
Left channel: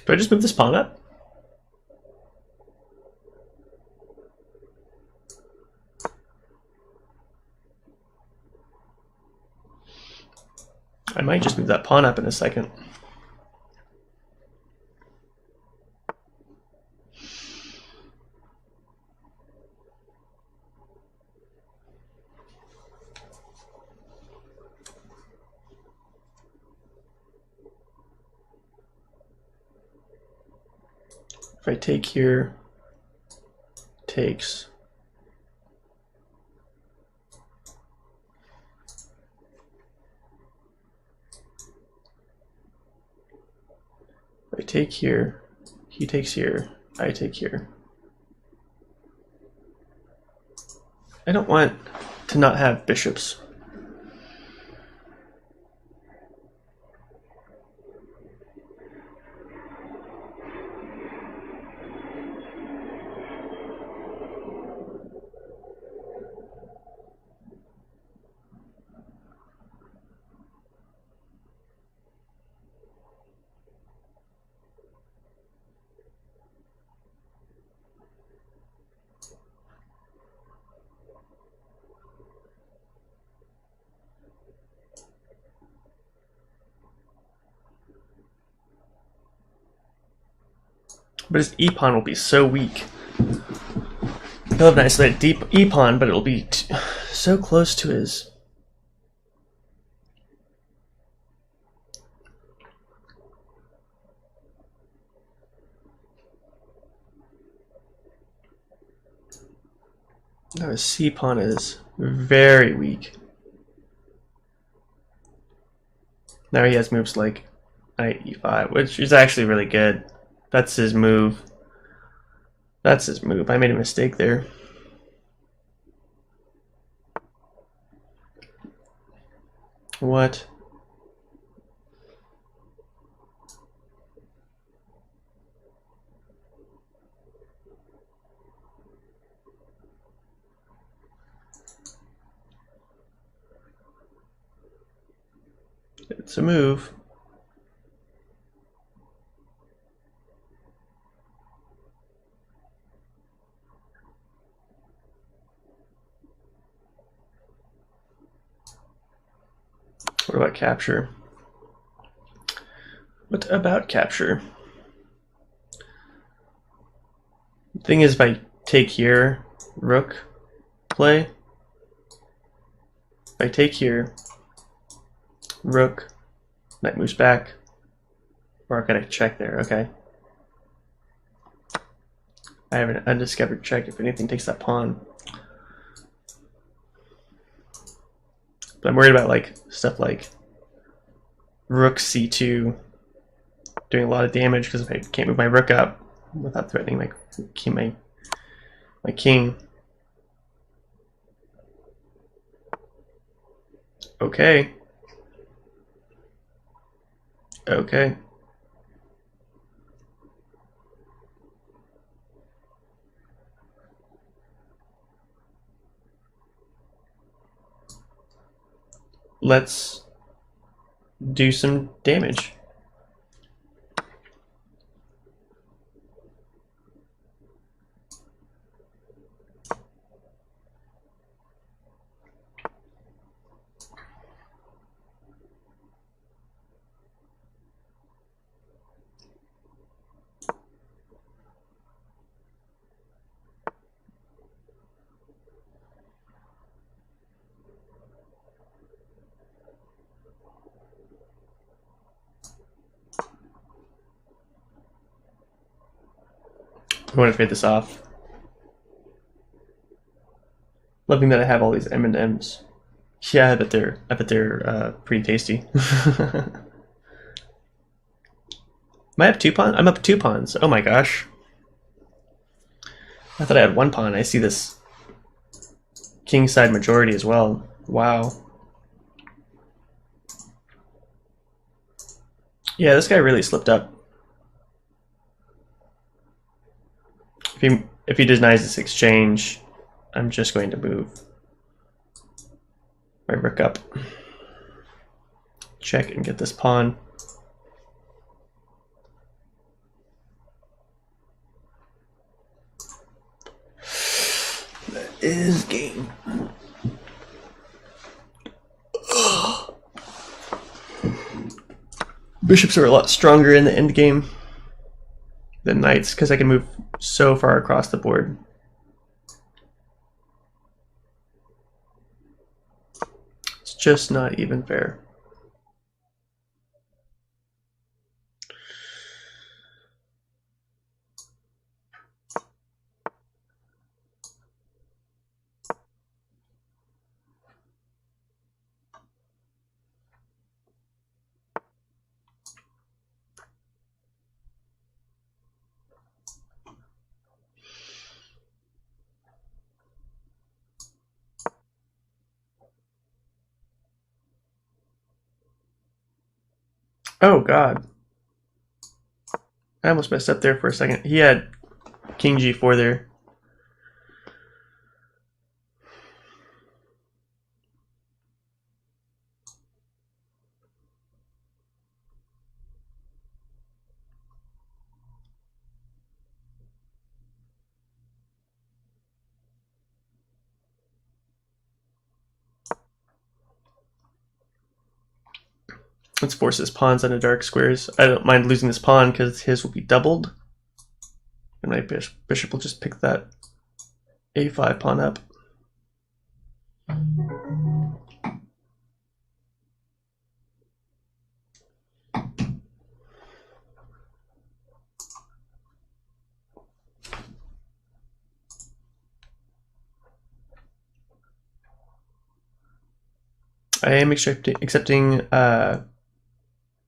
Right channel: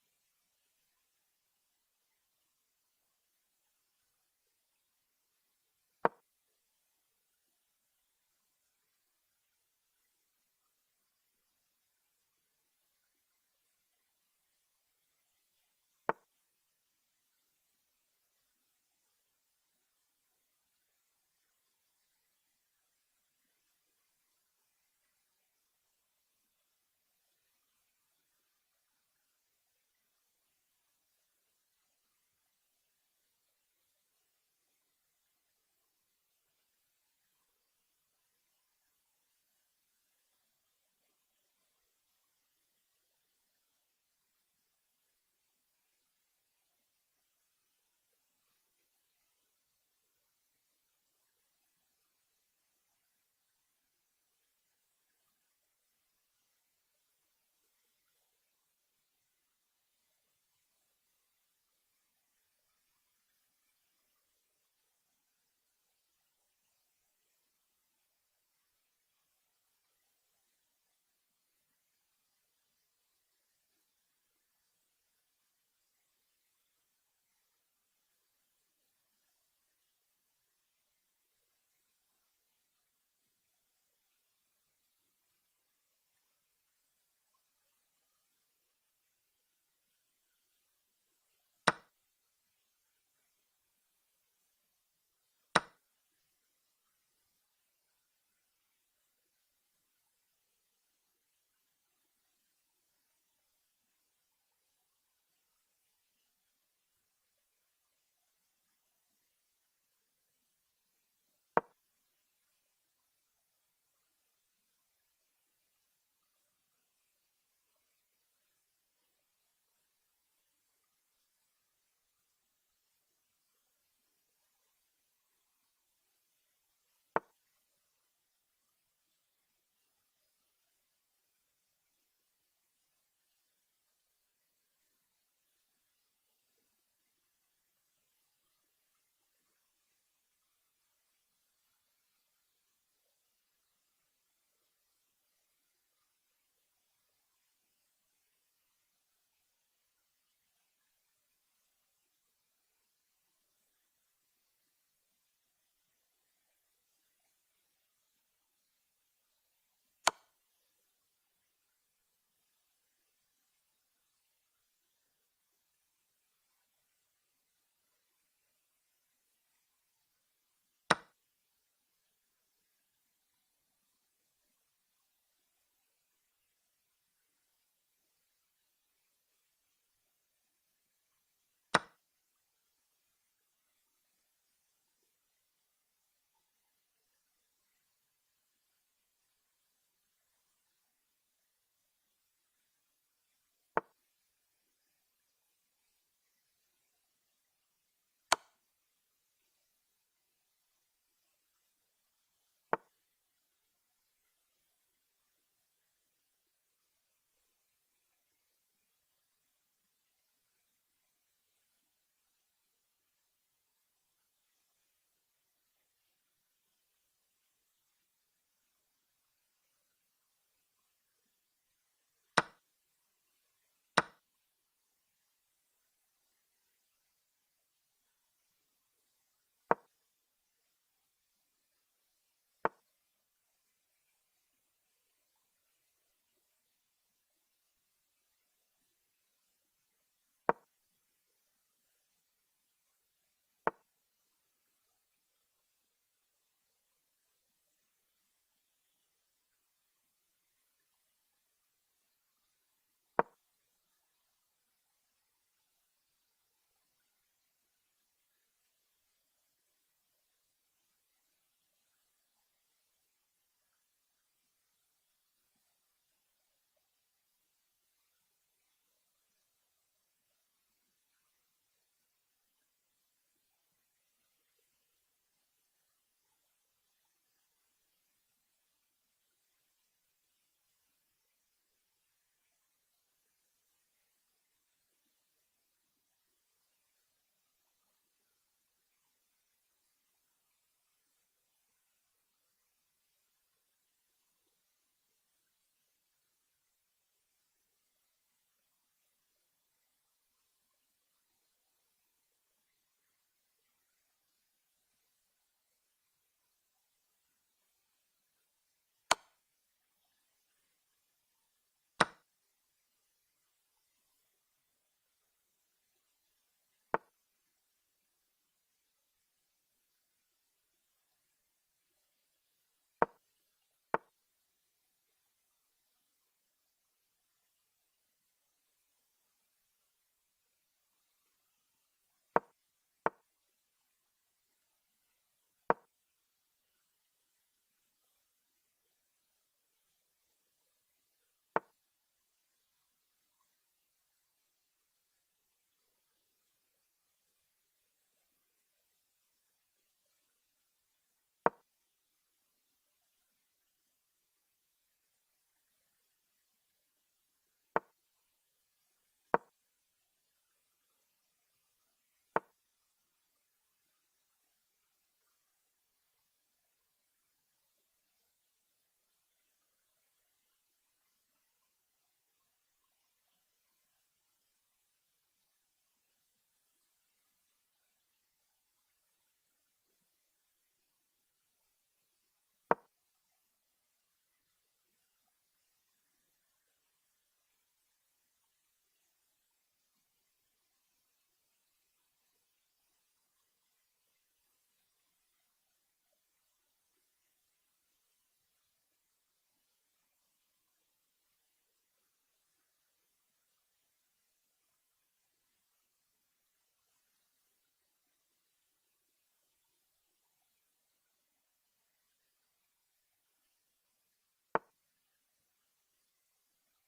Do I just move this pawn up? I might just move that pawn up in a second. If I take here, takes. I take here, he takes here, I take here. I don't want to not have bishops. But his e-pawn will be so weak. He'll have an isolated deep e-pawn, but it'll be so close to his. No, his c-pawn is very weak. Now he has moves like knight e5, which is actually really good. That's his move. That's his move. I made a mistake there. What? It's a move. What about capture? What about capture? The thing is, if I take here, rook, play. If I take here, rook, knight moves back. Or I gotta check there, okay. I have an undiscovered check if anything takes that pawn. But I'm worried about like stuff like rook c2 doing a lot of damage because I can't move my rook up without threatening my king. Okay. Okay. Let's do some damage. I want to trade this off. Loving that I have all these M&Ms. Yeah, I bet they're pretty tasty. Am I up 2 pawns? I'm up 2 pawns. Oh my gosh. I thought I had 1 pawn. I see this king side majority as well. Wow. Yeah, this guy really slipped up. If he denies this exchange, I'm just going to move my rook up. Check and get this pawn. That is game. Bishops are a lot stronger in the end game than knights because I can move so far across the board. It's just not even fair. Oh god. I almost messed up there for a second. He had king g4 there. Let's force his pawns onto dark squares. I don't mind losing this pawn because his will be doubled. And my bishop will just pick that a5 pawn up. I am accepting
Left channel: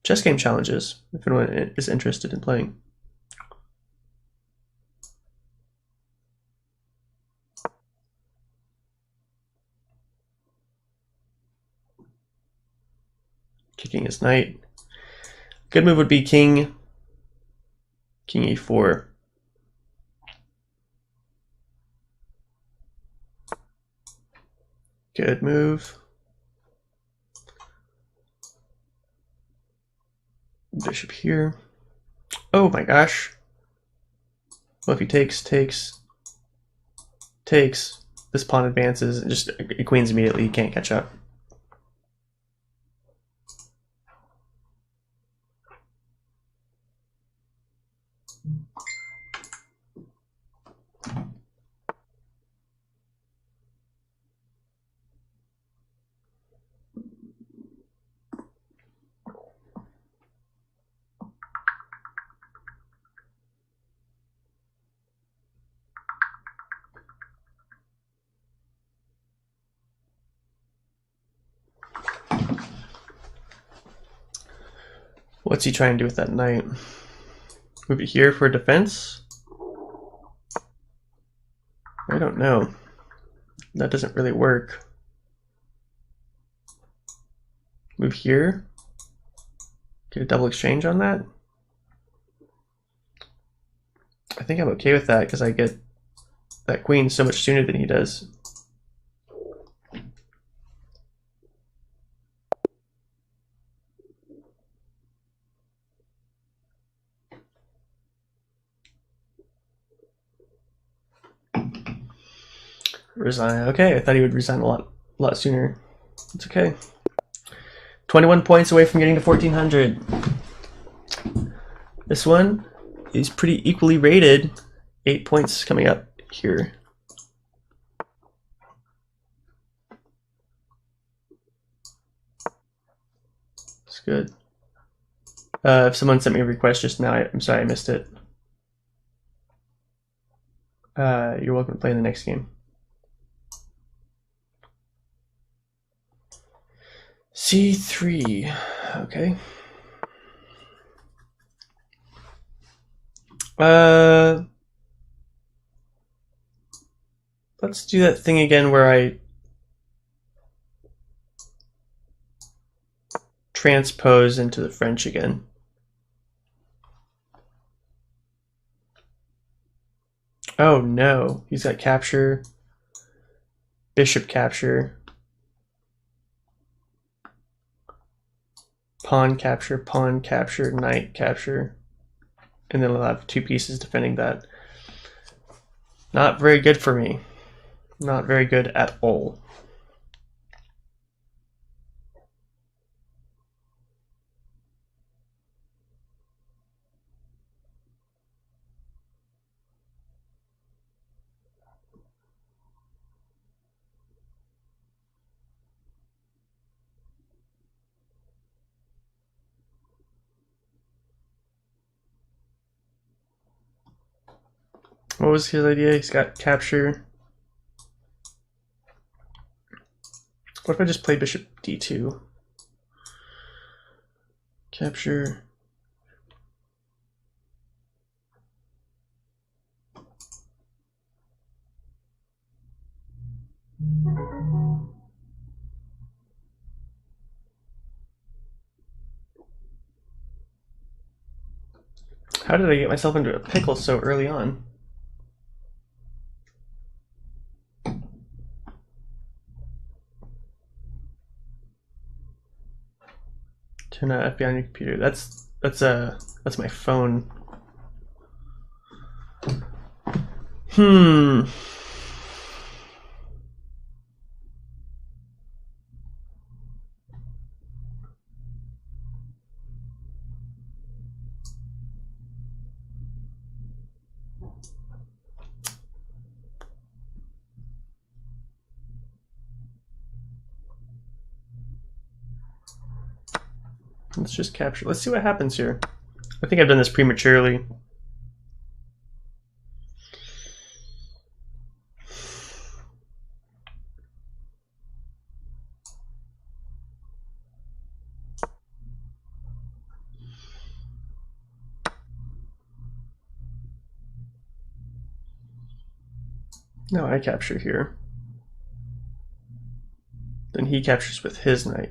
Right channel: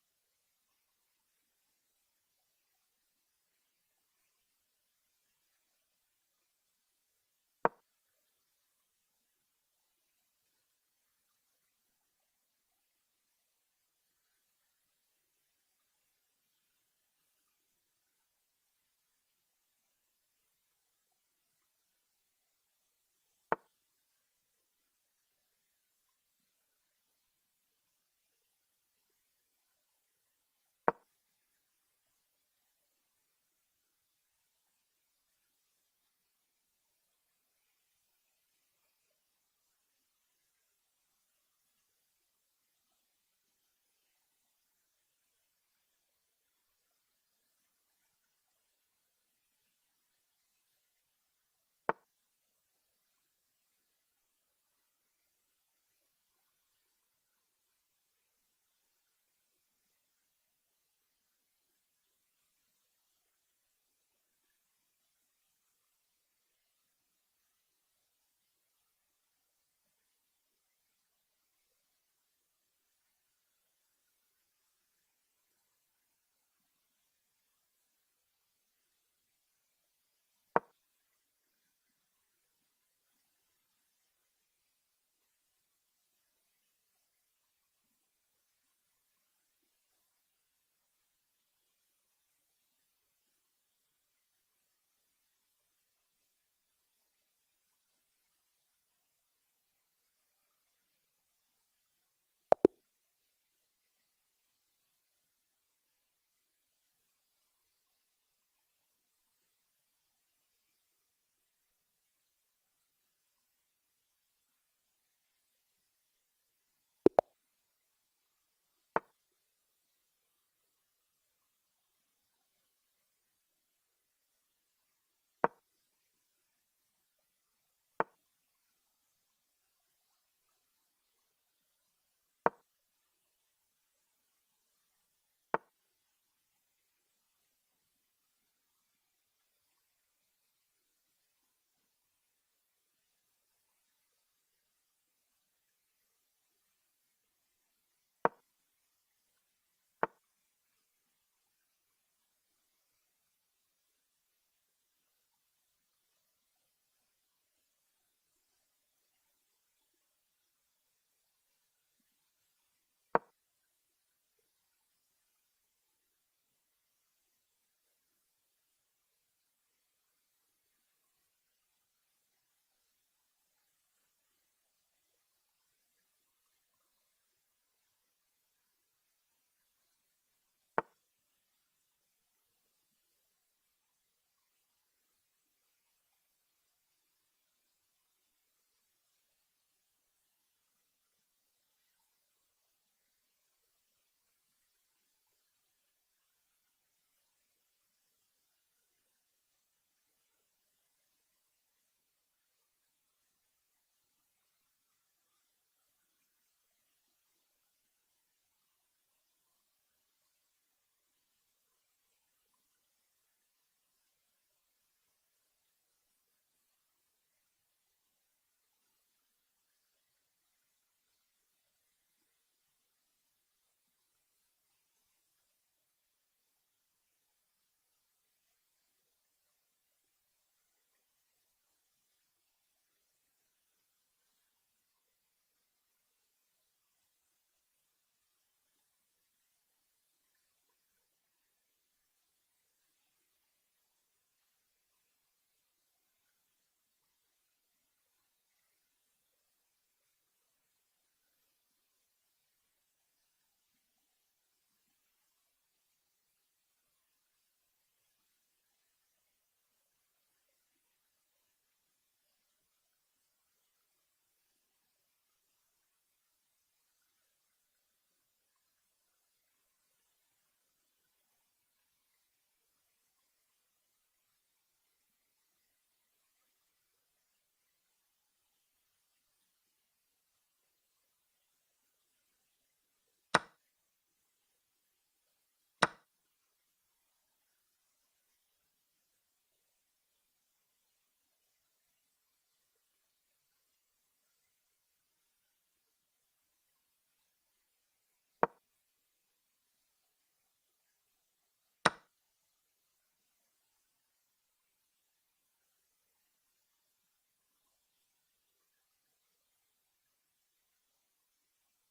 chess game challenges if anyone is interested in playing. Kicking his knight. Good move would be king e4. Good move. Bishop here. Oh my gosh. Well, if he takes, this pawn advances and just it queens immediately. You can't catch up. What's he trying to do with that knight? Move it here for defense? I don't know. That doesn't really work. Move here. Get a double exchange on that. I think I'm okay with that because I get that queen so much sooner than he does. Resign. Okay, I thought he would resign a lot sooner. It's okay. 21 points away from getting to 1400. This one is pretty equally rated. 8 points coming up here. It's good. If someone sent me a request just now, I'm sorry I missed it. You're welcome to play in the next game. C3, okay. Let's do that thing again where I transpose into the French again. Oh no, he's got capture, bishop capture, pawn capture, knight capture, and then we'll have two pieces defending that. Not very good for me. Not very good at all. What was his idea? He's got capture. What if I just play bishop d2? Capture. How did I get myself into a pickle so early on? Turn FBI on your computer. That's my phone. Let's just capture. Let's see what happens here. I think I've done this prematurely. No, I capture here. Then he captures with his knight.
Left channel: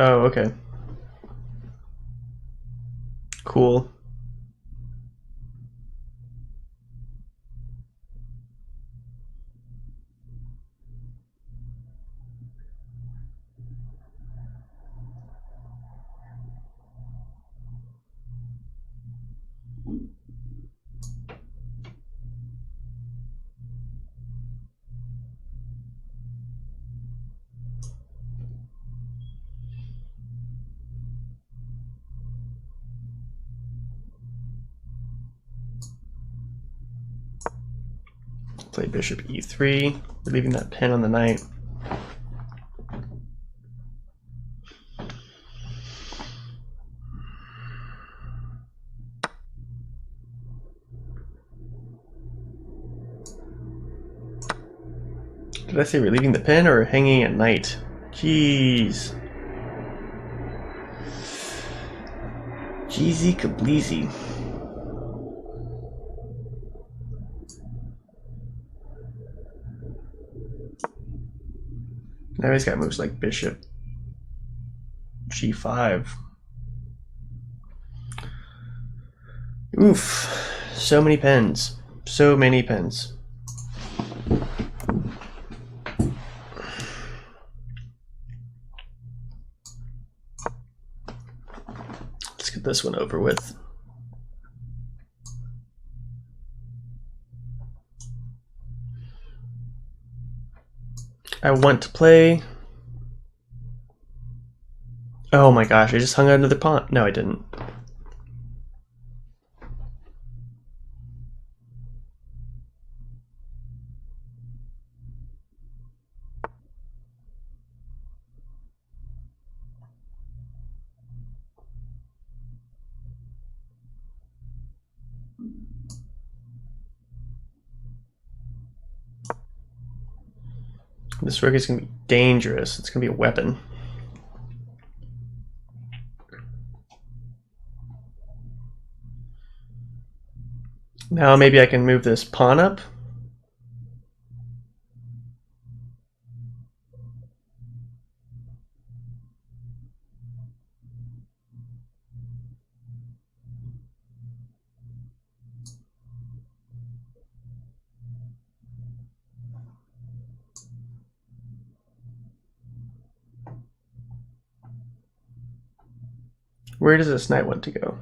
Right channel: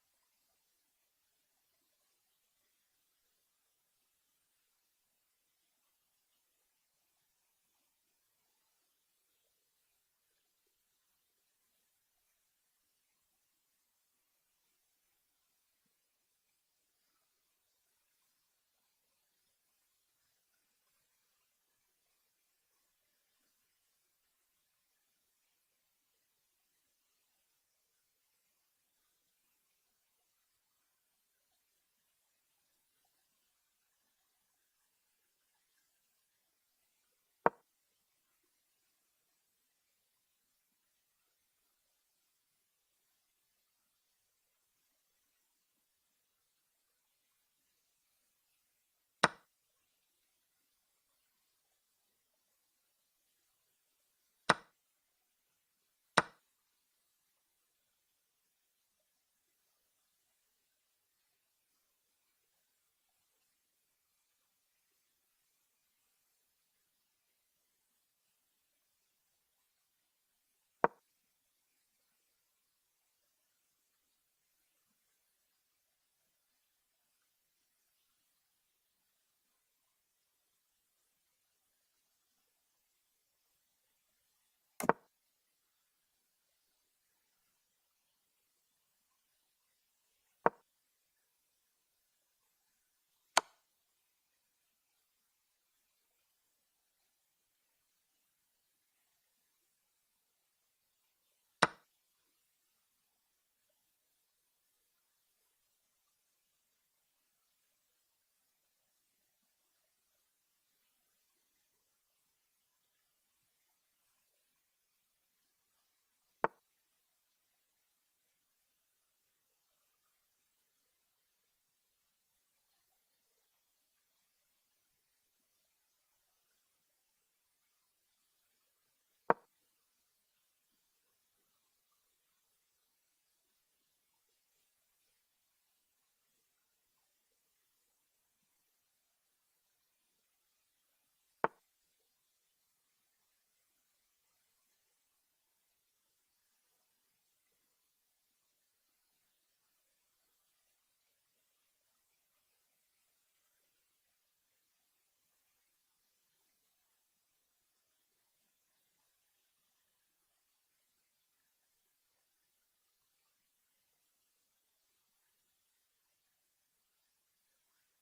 Oh, okay. Cool. Play bishop e3, leaving that pin on the knight. Did I say relieving the pin or hanging at knight? Jeez. Jeezy Kableezy. Now he's got moves like bishop g5. Oof. So many pens. So many pens. Let's get this one over with. I want to play. Oh my gosh, I just hung out another pawn. No, I didn't. This rook is going to be dangerous. It's going to be a weapon. Now maybe I can move this pawn up. Where does this knight want to go?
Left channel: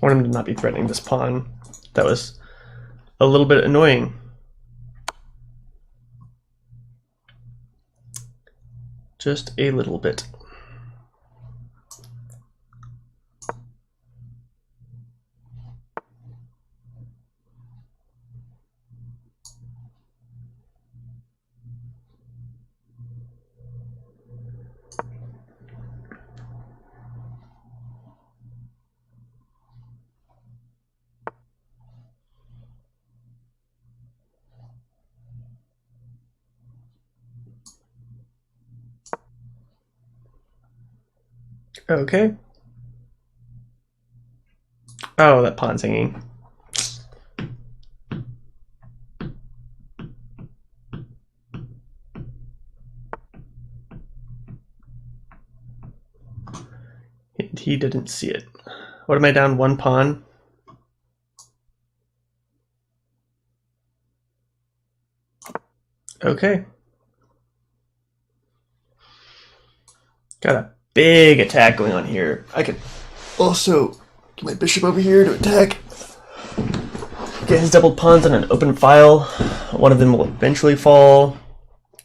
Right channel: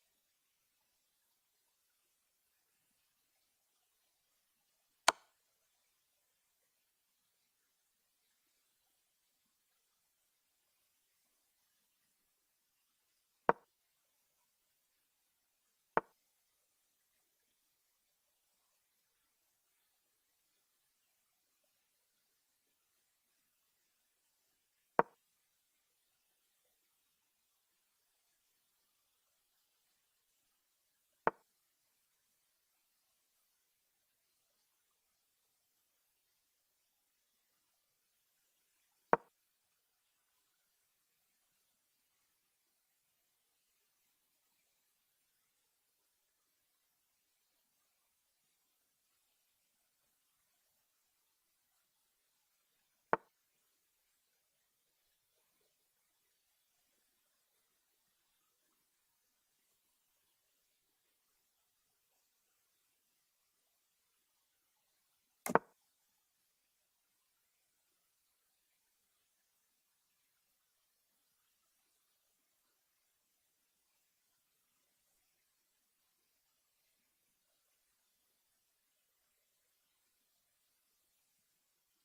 I want him to not be threatening this pawn. That was a little bit annoying. Just a little bit. Okay. Oh, that pawn's hanging. He didn't see it. What am I down? One pawn? Okay. Got a big attack going on here. I can also get my bishop over here to attack. Get his doubled pawns on an open file. One of them will eventually fall.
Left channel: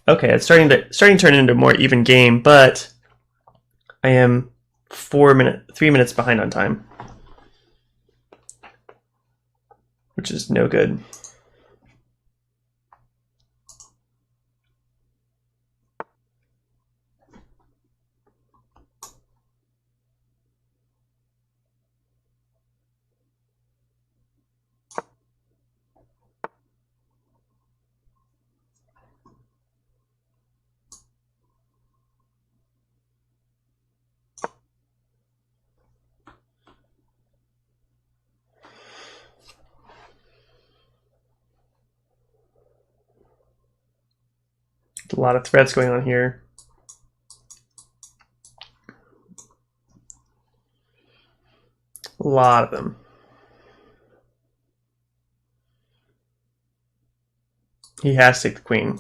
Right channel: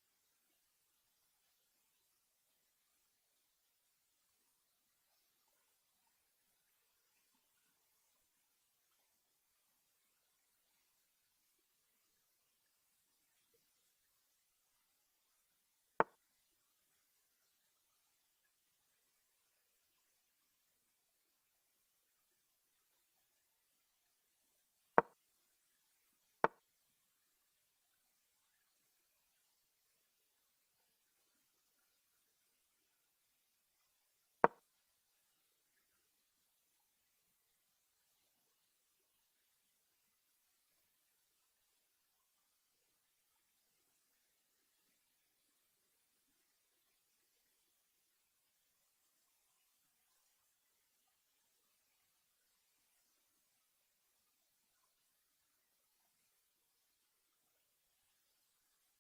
Okay, it's starting to turn into a more even game, but I am 3 minutes behind on time, which is no good. A lot of threats going on here. A lot of them. He has to take the queen.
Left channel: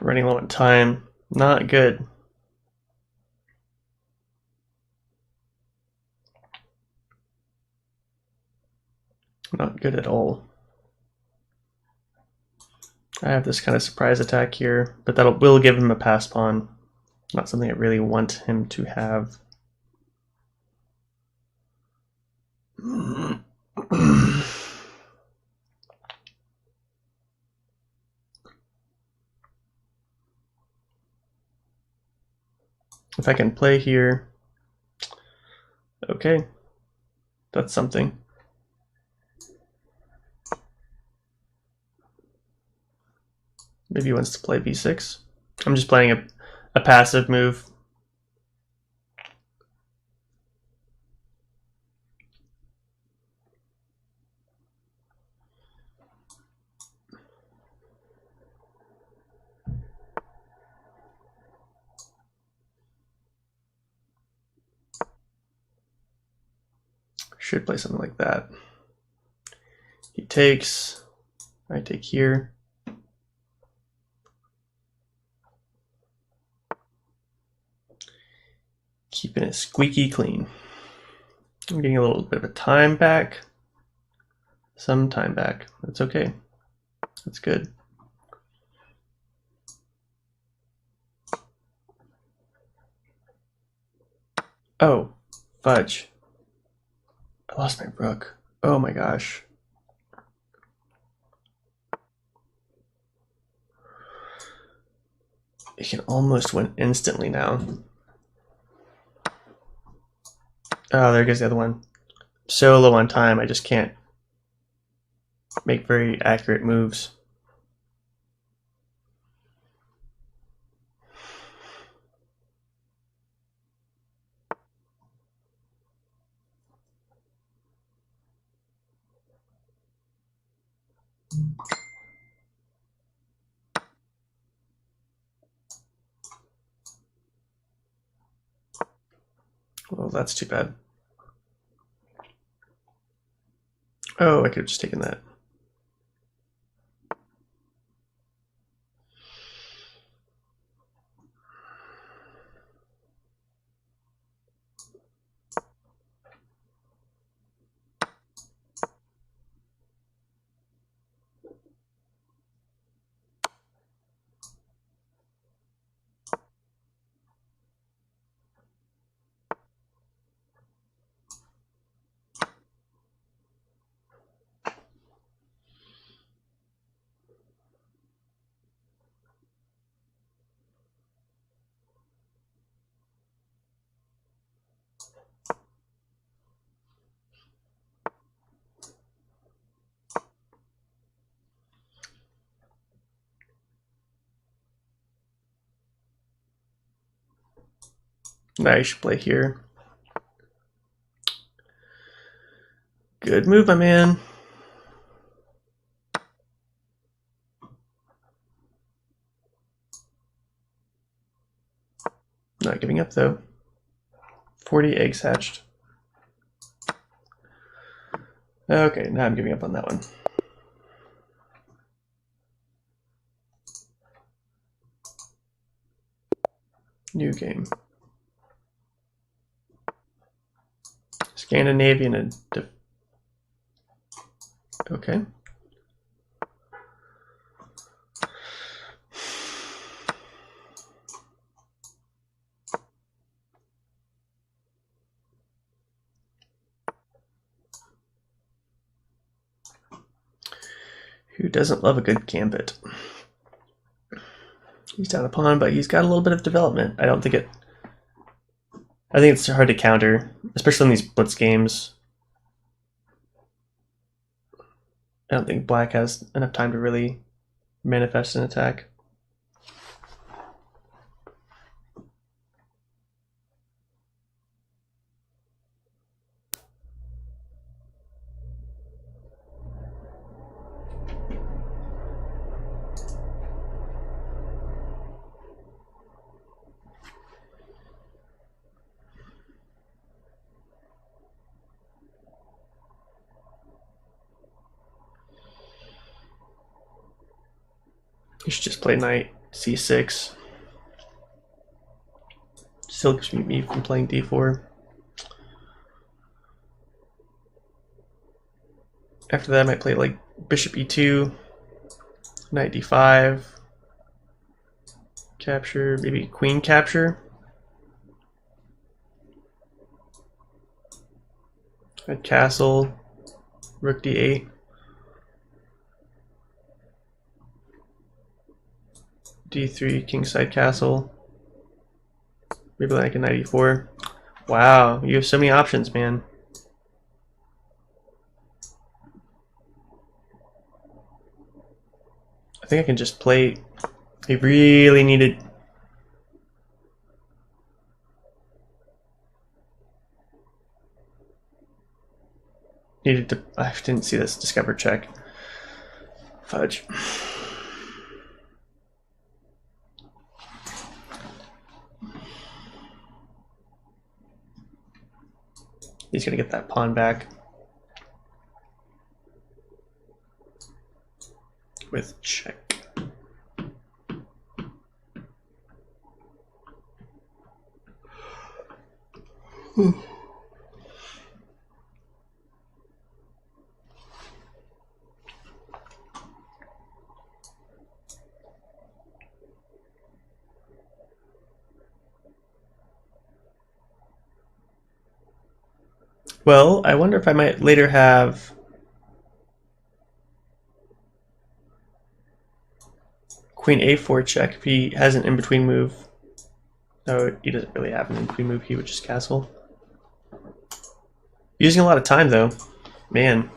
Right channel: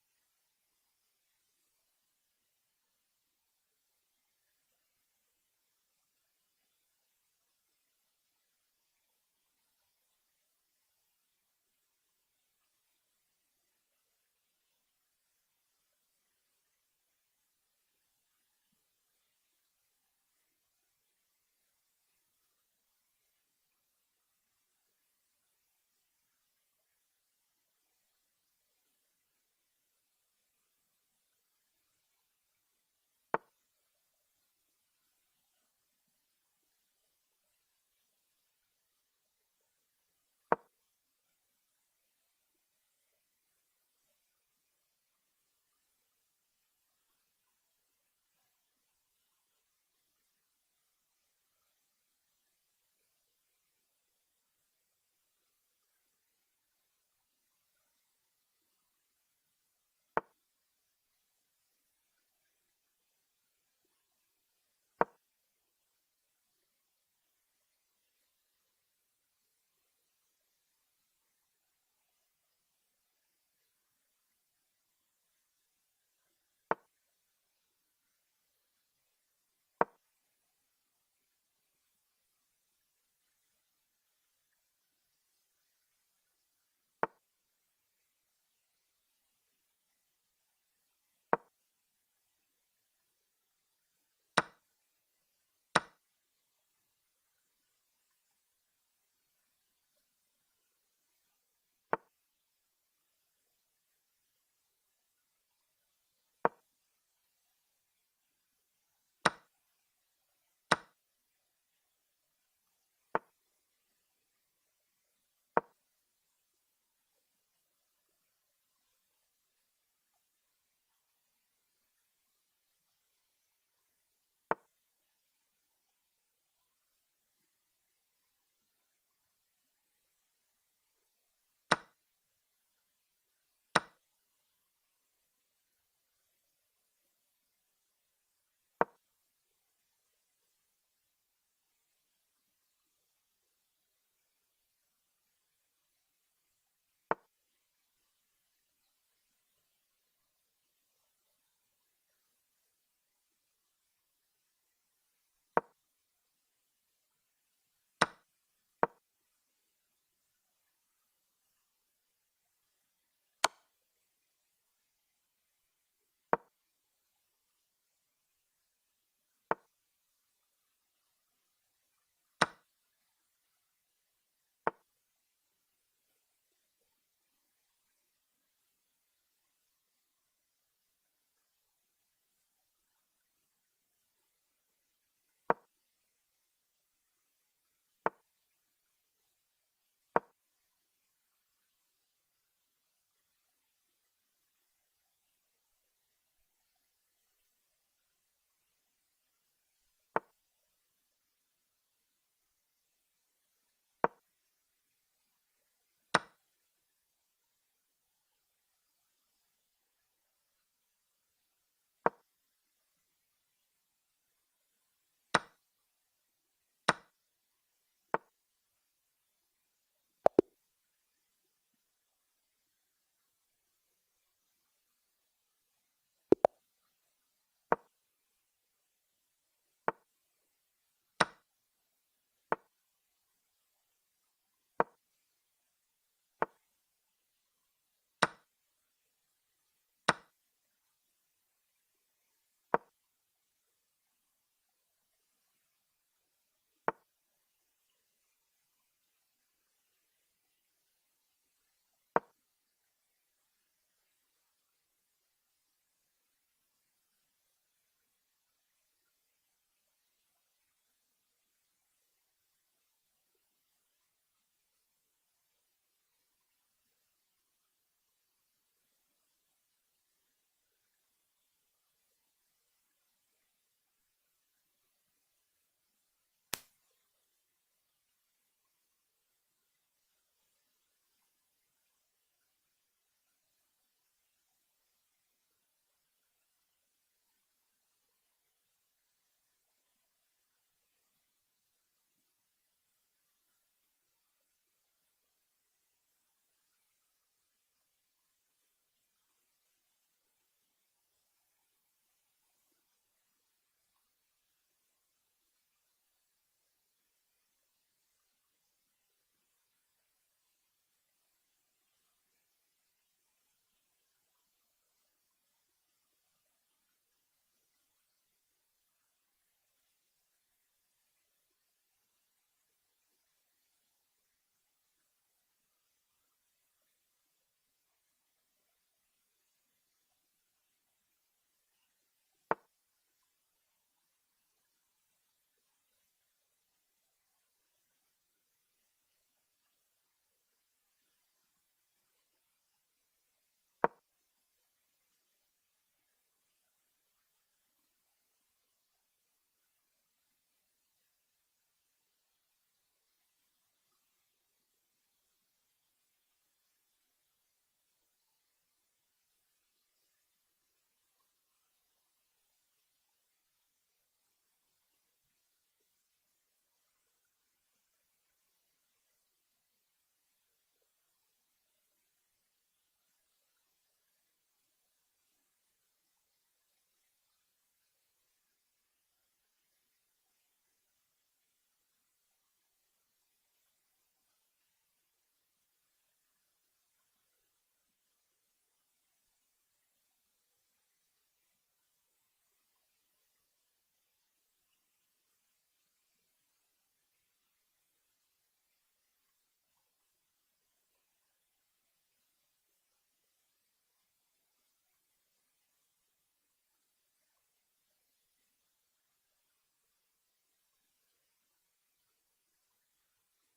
Running low on time. Not good. Not good at all. I have this kind of surprise attack here, but that will give him a pass pawn. Not something I really want him to have. If I can play here, okay, that's something. Maybe he wants to play b6. I'm just playing a passive move. Should play something like that. He takes, I take here. Keeping it squeaky clean. I'm getting a little bit of a time back. Some time back. That's okay. That's good. Oh, fudge. I lost my rook. Oh my gosh. It can almost win instantly now. Oh, there goes the other one. So low on time, I just can't make very accurate moves. Well, that's too bad. Oh, I could have just taken that. Now you should play here. Good move, my man. Not giving up though. 40 eggs hatched. Okay, now I'm giving up on that one. New game. Scandinavian and okay. Who doesn't love a good gambit? He's down a pawn, but he's got a little bit of development. I think it's hard to counter, especially in these blitz games. I don't think black has enough time to really manifest an attack. You should just play knight c6. Still keeps me from playing d4. After that, I might play like bishop e2, knight d5, capture, maybe queen capture. A castle, rook d8. d3, kingside castle. Maybe like a knight e4. Wow, you have so many options, man. I think I can just play. I really needed. I didn't see this discover check. Fudge. He's gonna get that pawn back with check. Well, I wonder if I might later have queen a4 check if he has an in-between move. No, he doesn't really have an in-between move. He would just castle. Using a lot of time though, man.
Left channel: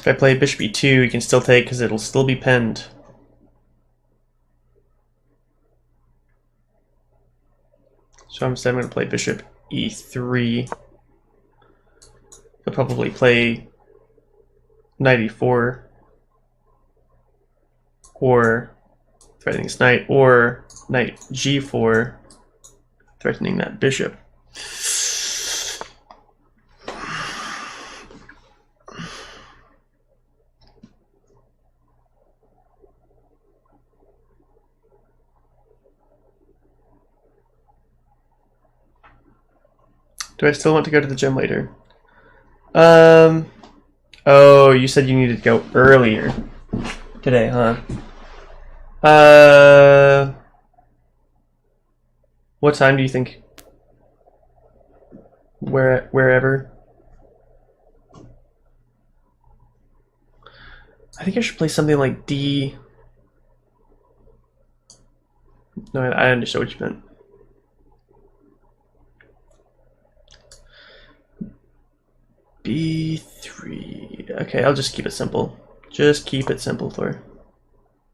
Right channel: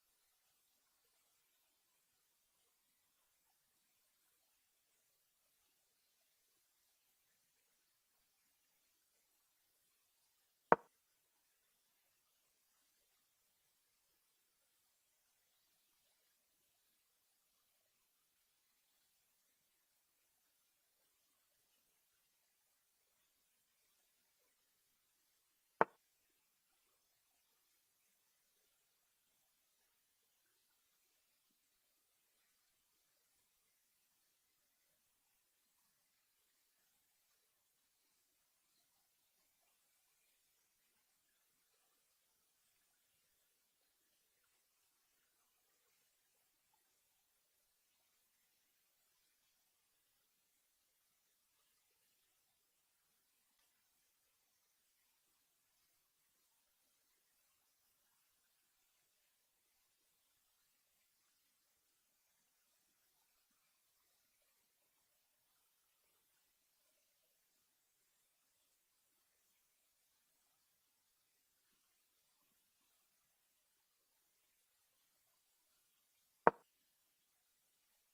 If I play bishop e2, he can still take because it'll still be pinned. So instead I'm going to play bishop e3. He'll probably play knight e4 or threatening his knight, or knight g4 threatening that bishop. Do I still want to go to the gym later? Oh, you said you needed to go earlier today, huh? What time do you think? Wherever. I think I should play something like D. No, I understood what you meant. B3. Okay, I'll just keep it simple. Just keep it simple, Thor.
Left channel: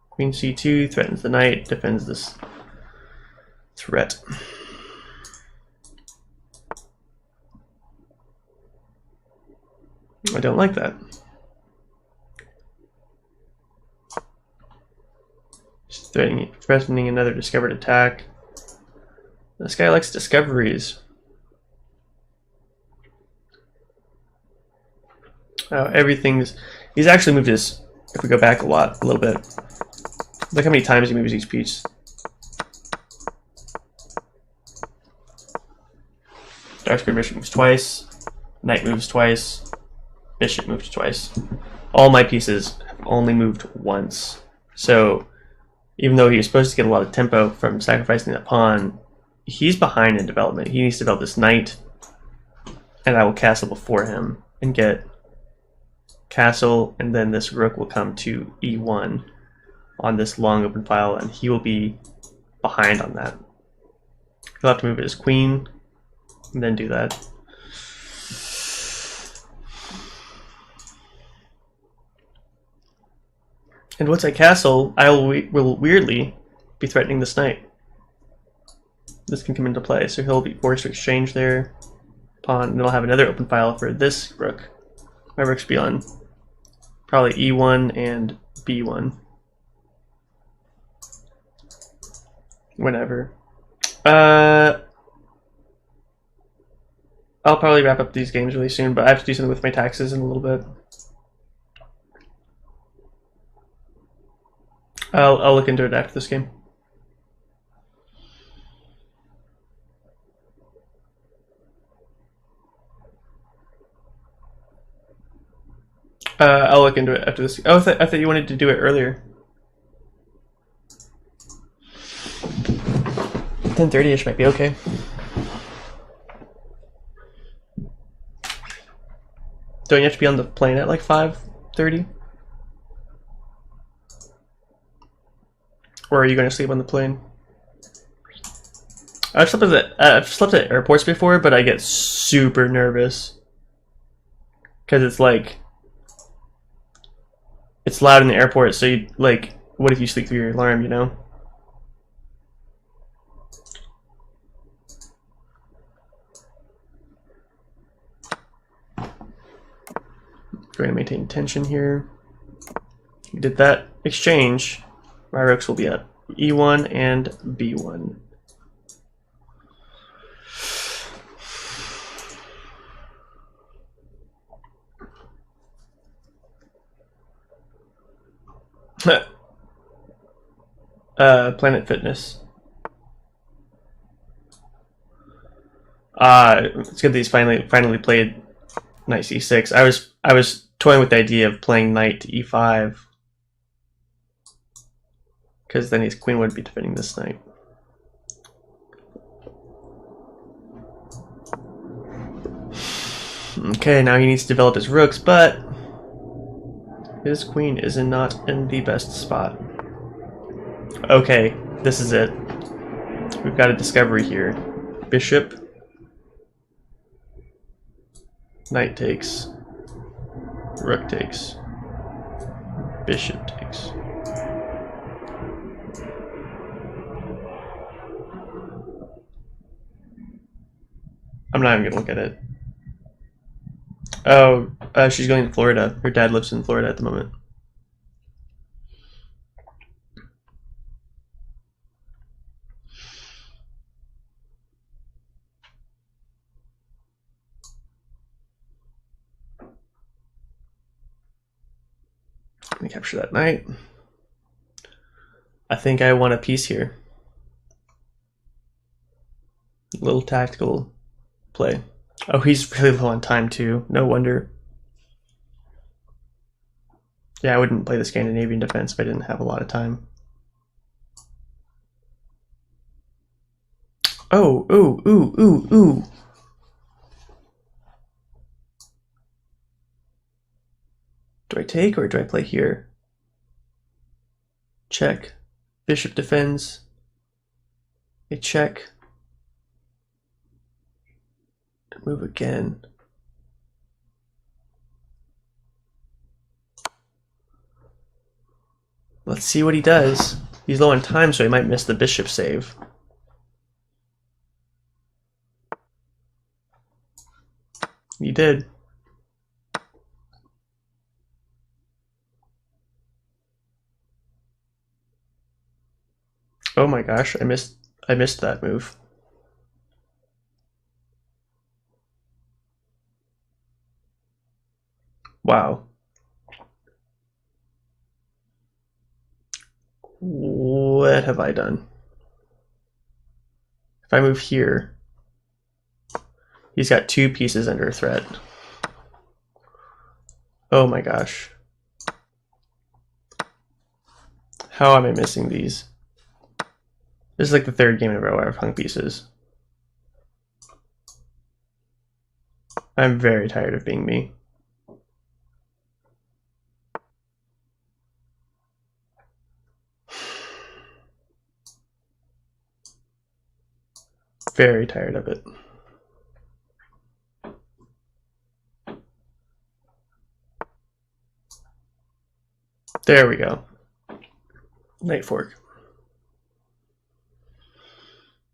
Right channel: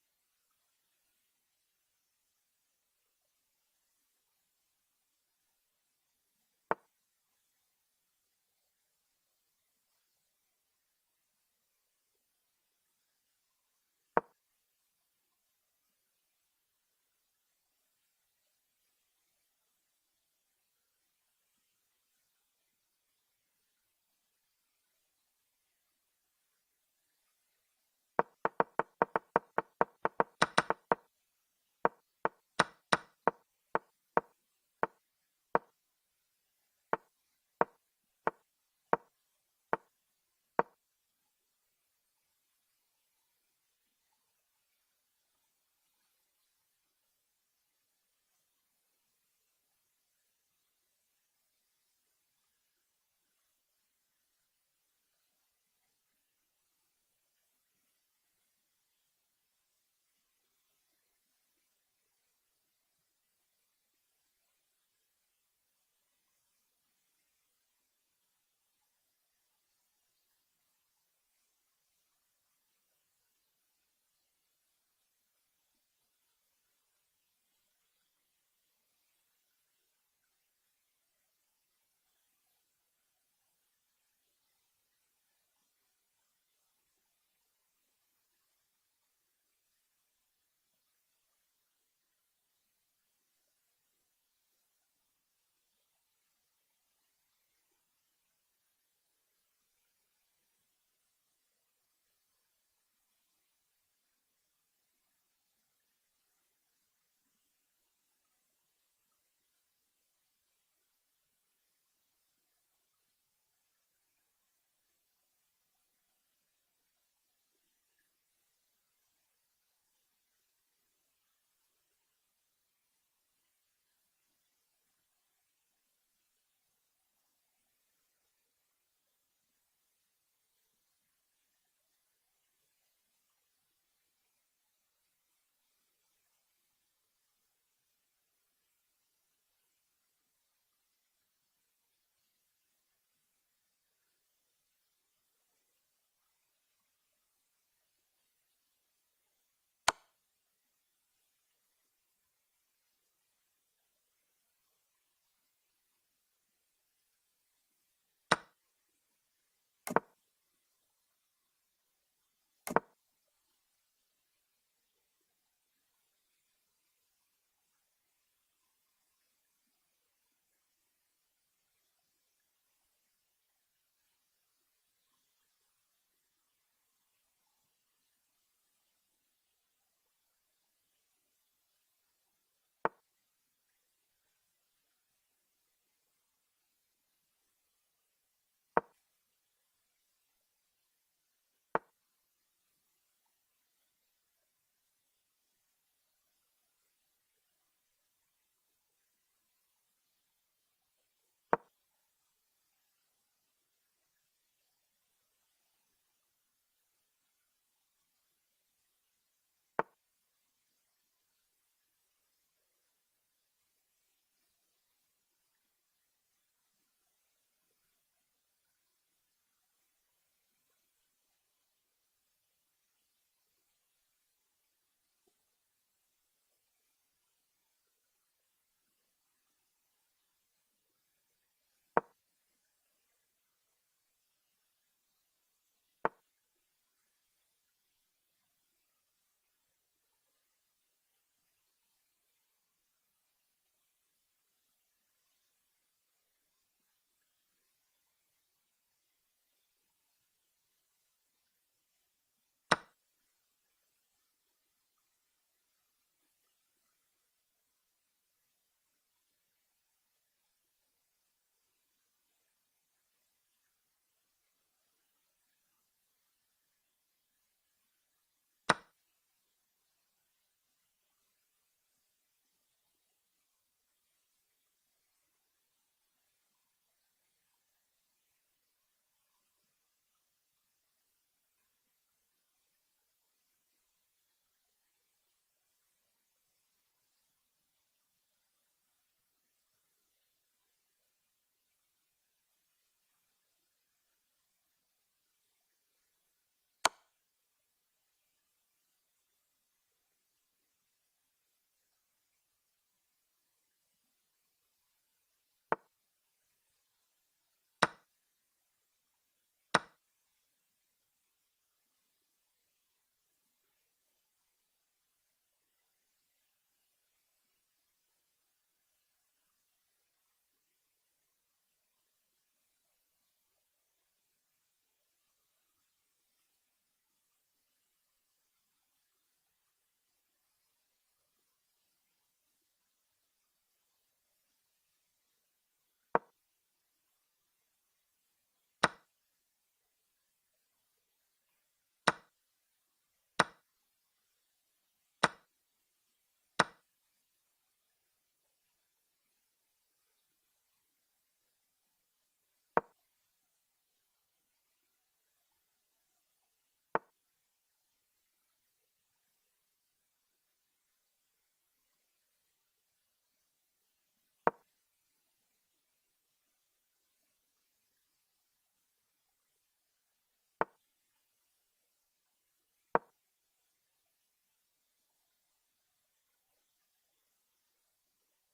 Queen C2 threatens the knight, defends this threat. I don't like that. Just threatening another discovered attack. This guy likes discoveries. Oh, everything's... He's actually moved his... If we go back a little bit. Look how many times he moves each piece. Dark square bishop moves twice. Knight moves twice. Bishop moves twice. All my pieces have only moved once. So, even though he was supposed to get a lot of tempo from sacrificing that pawn, he's behind in development. He needs to develop this knight, and I will castle before him and get castle, and then this rook will come to e1 on this long open file, and he will be behind on that. He'll have to move his queen and then do that. And once I castle, I will weirdly be threatening this knight. This can come into play, so he'll be forced to exchange their pawn, and then I'll have another open file for this rook. My rook's be on probably e1 and b1. Whenever. I'll probably wrap up these games really soon, but I have to do something with my taxes in a little bit. I'll look into it after this game. I'll look into it after this. Oh, I thought you wanted to do it earlier. 10:30ish might be okay. Don't you have to be on the plane at like 5:30? Or are you going to sleep on the plane? I've slept at airports before, but I get super nervous. Because it's like... It's loud in the airport, so you, like, what if you sleep through your alarm, you know? Going to maintain tension here. We did that exchange. My rooks will be at e1 and b1. Planet Fitness. It's good that he's finally played knight c6. I was toying with the idea of playing knight to e5, because then his queen would be defending this knight. Okay, now he needs to develop his rooks, but his queen is not in the best spot. Okay, this is it. We've got a discovery here. Bishop. Knight takes. Rook takes. Bishop takes. I'm not even gonna look at it. Oh, she's going to Florida. Her dad lives in Florida at the moment. Let me capture that knight. I think I want a piece here. A little tactical play. Oh, he's really low on time too. No wonder. Yeah, I wouldn't play the Scandinavian defense if I didn't have a lot of time. Oh, ooh, ooh, ooh, ooh. Do I take or do I play here? Check. Bishop defends. A check. Move again. Let's see what he does. He's low on time, so he might miss the bishop save. He did. Oh my gosh, I missed that move. Wow. What have I done? If I move here, he's got 2 pieces under threat. Oh my gosh. How am I missing these? This is like the 3rd game in a row where I've hung pieces. I'm very tired of being me. Very tired of it. There we go. Knight fork.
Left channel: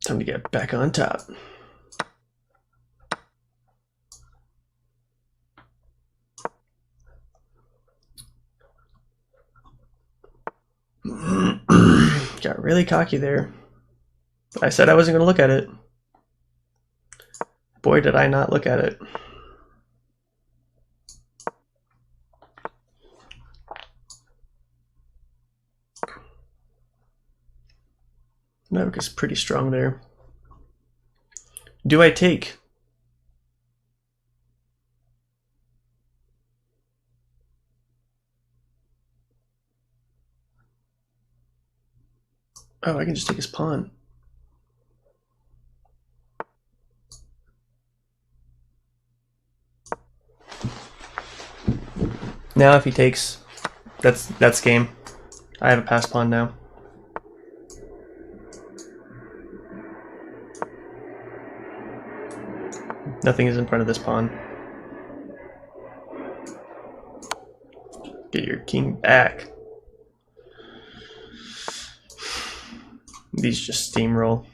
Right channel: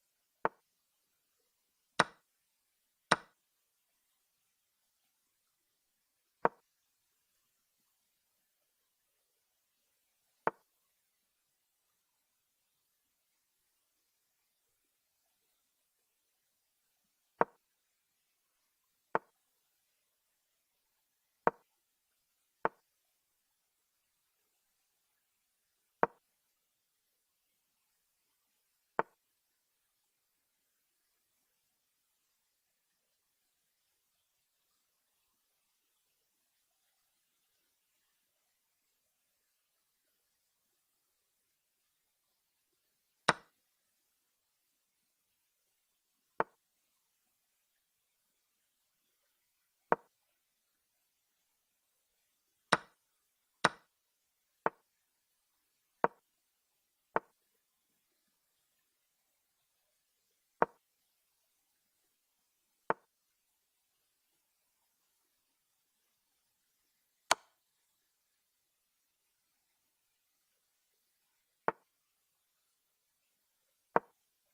Time to get back on top. Got really cocky there. I said I wasn't going to look at it. Boy, did I not look at it. Maverick is pretty strong there. Do I take? Oh, I can just take his pawn. Now if he takes, that's game. I have a pass pawn now. Nothing is in front of this pawn. Get your king back. These just steamroll.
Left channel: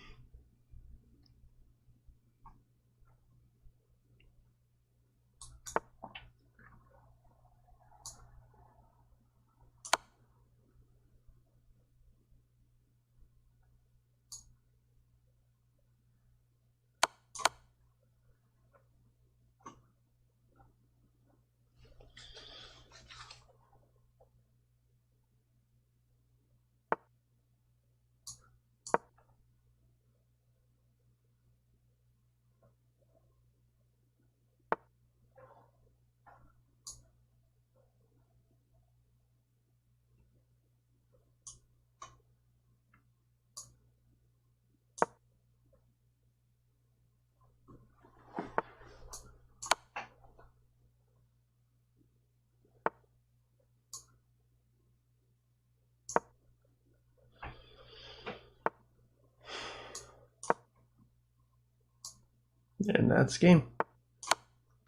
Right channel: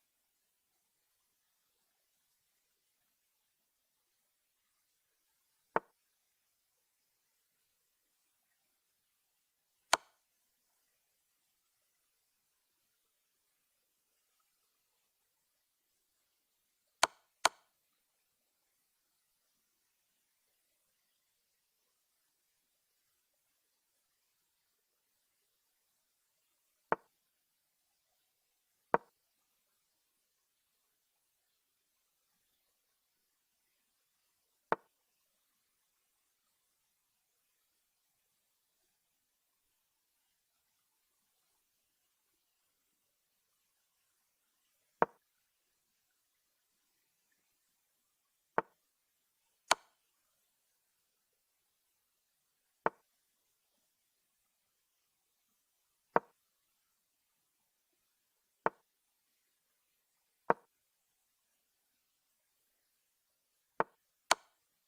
And that's game.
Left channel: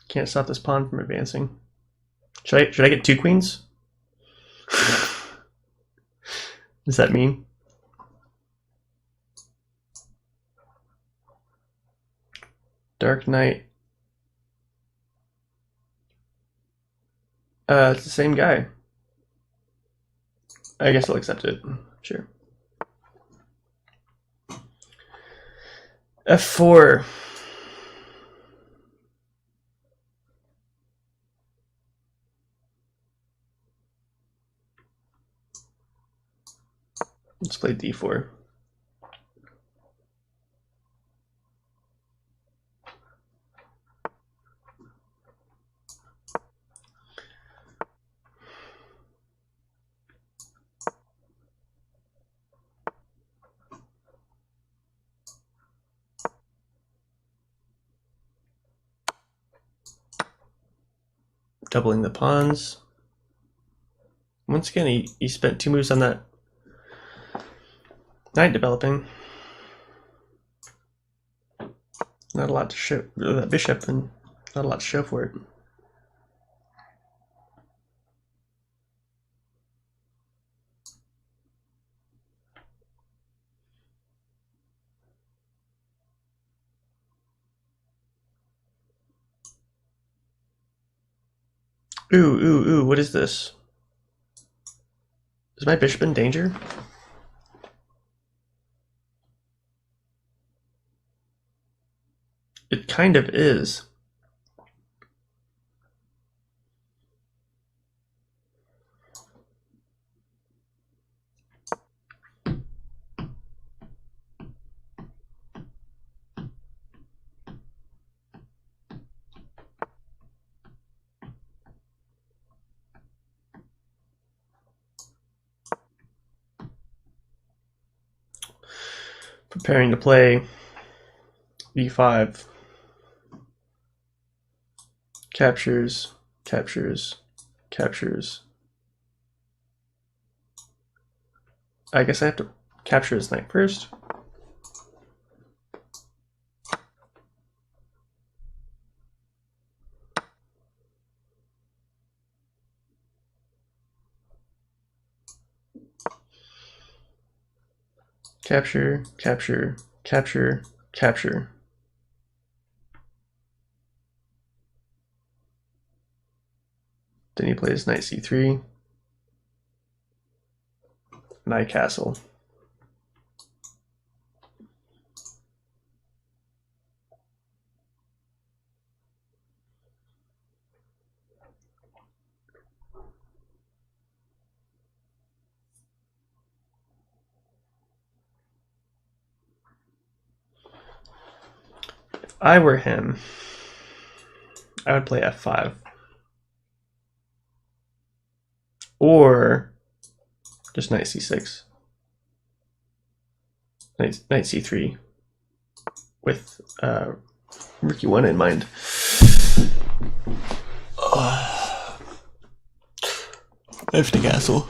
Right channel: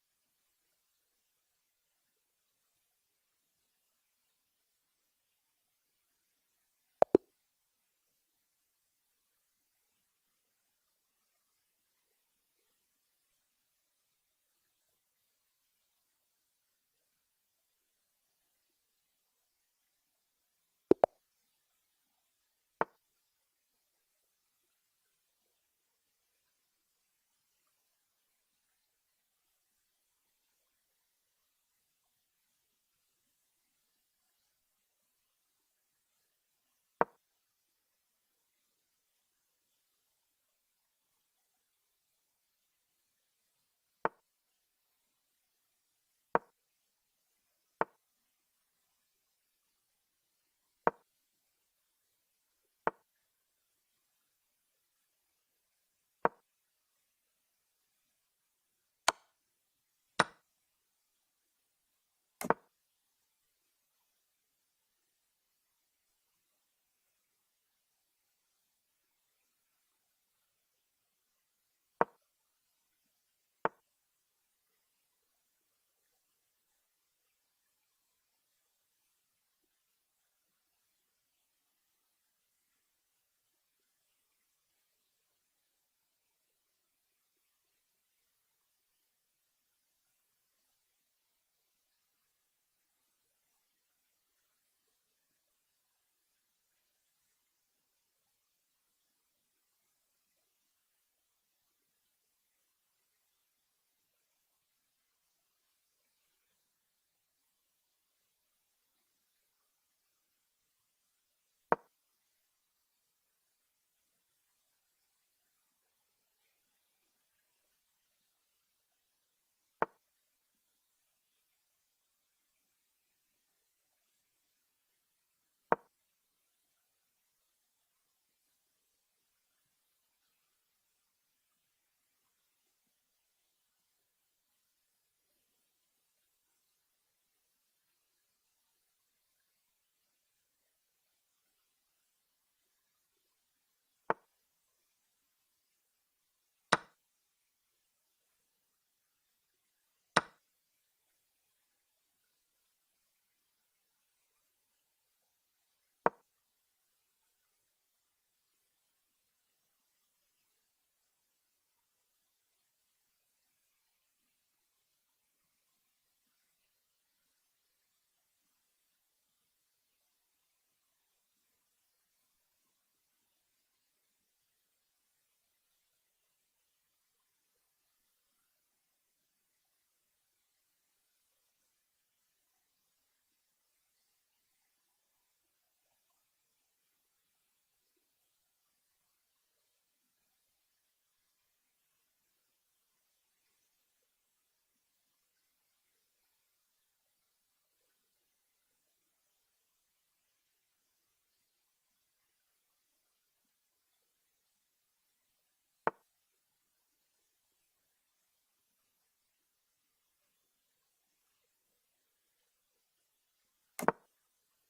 Can't stop this pawn from advancing. Should I get 2 queens? Does that mean? Dark Knight. It's the same guy. I guess I'll accept it. Sure. F4. Let's play D4. Doubling the pawns. Once again, he spent 2 moves on that knight developing. Not a lot to show. That bishop, and not a lot to show for it. Ooh, what is this? Is my bishop in danger? It kind of is. Preparing to play b5. Captures, captures, captures. I guess I have to capture his knight first. Capture, capture, capture, capture. Then he plays knight c3. Knight castle. If I were him, I would play f5. Or just knight c6. Knight c3 with Rookie 1 in mind. Knight to castle.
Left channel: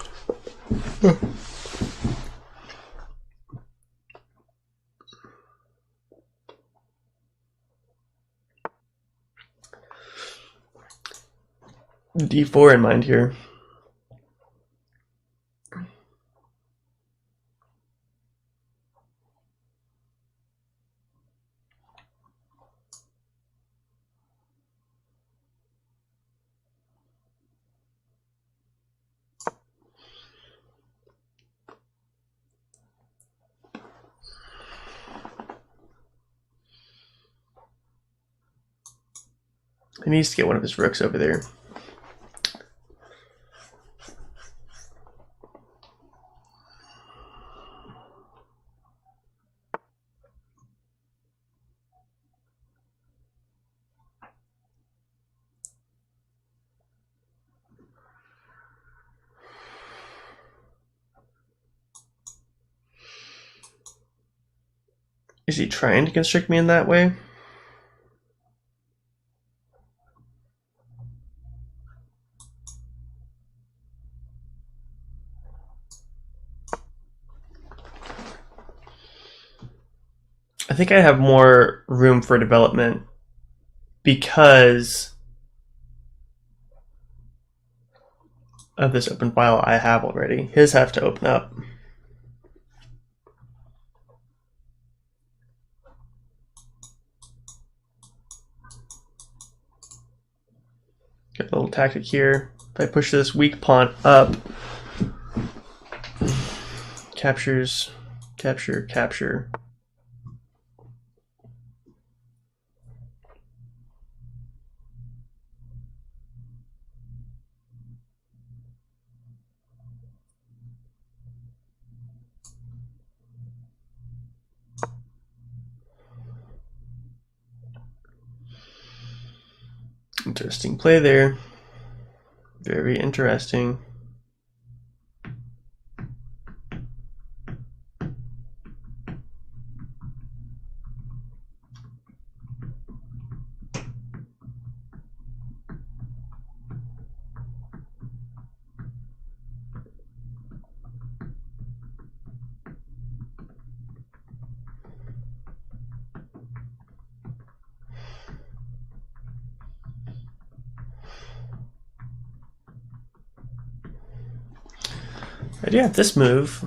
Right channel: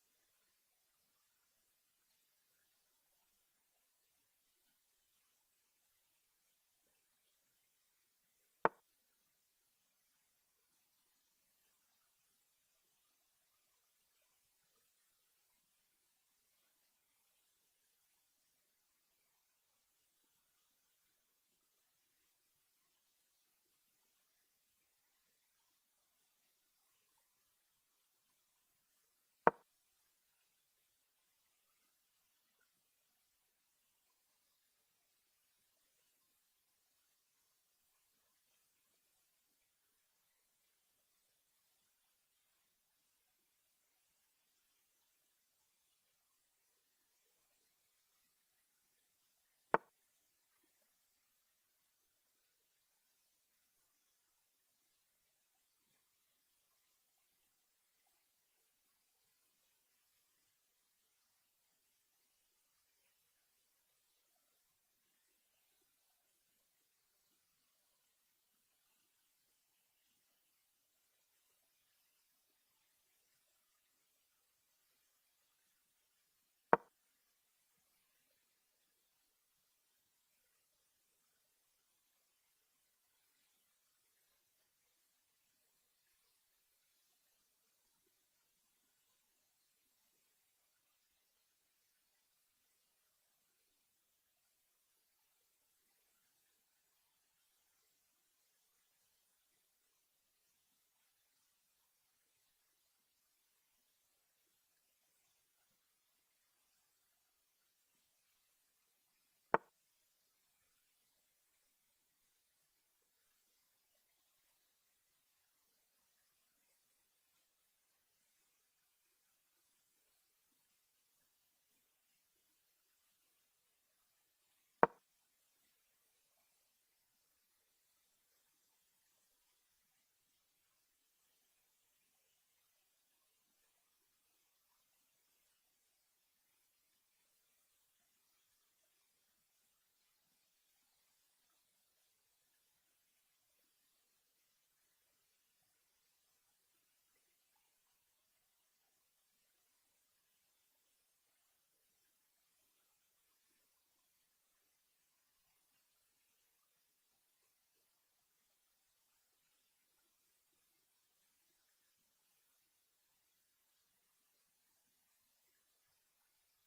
D4 in mind here. He needs to get one of his rooks over there. Is he trying to constrict me in that way? I think I have more room for development because of this open file I have already. His have to open up. A little tactic here. If I push this weak pawn up, captures, capture, capture. Interesting play there. Very interesting. I do have this move.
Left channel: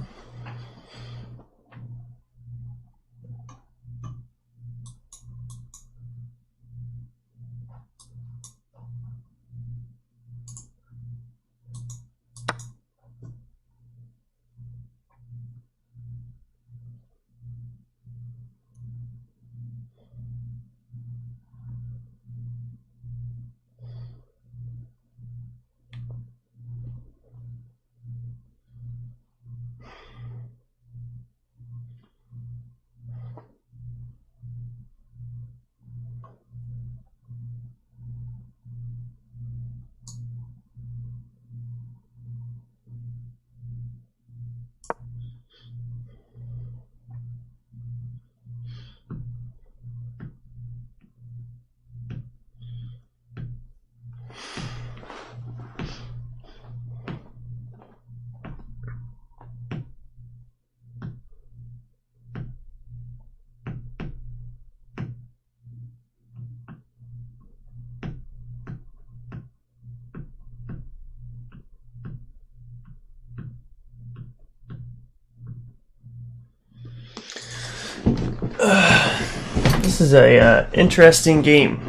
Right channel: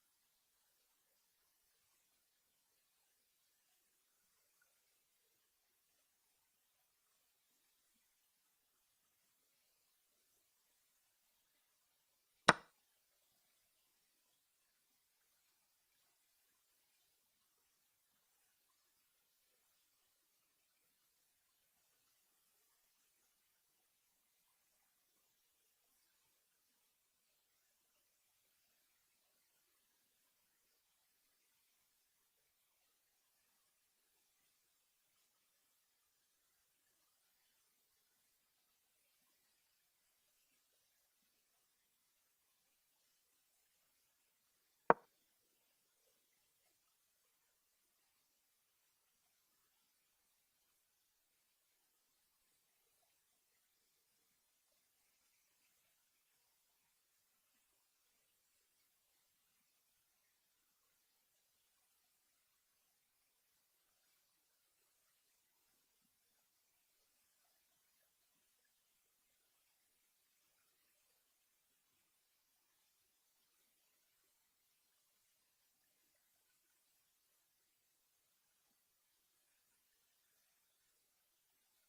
This is a interesting game.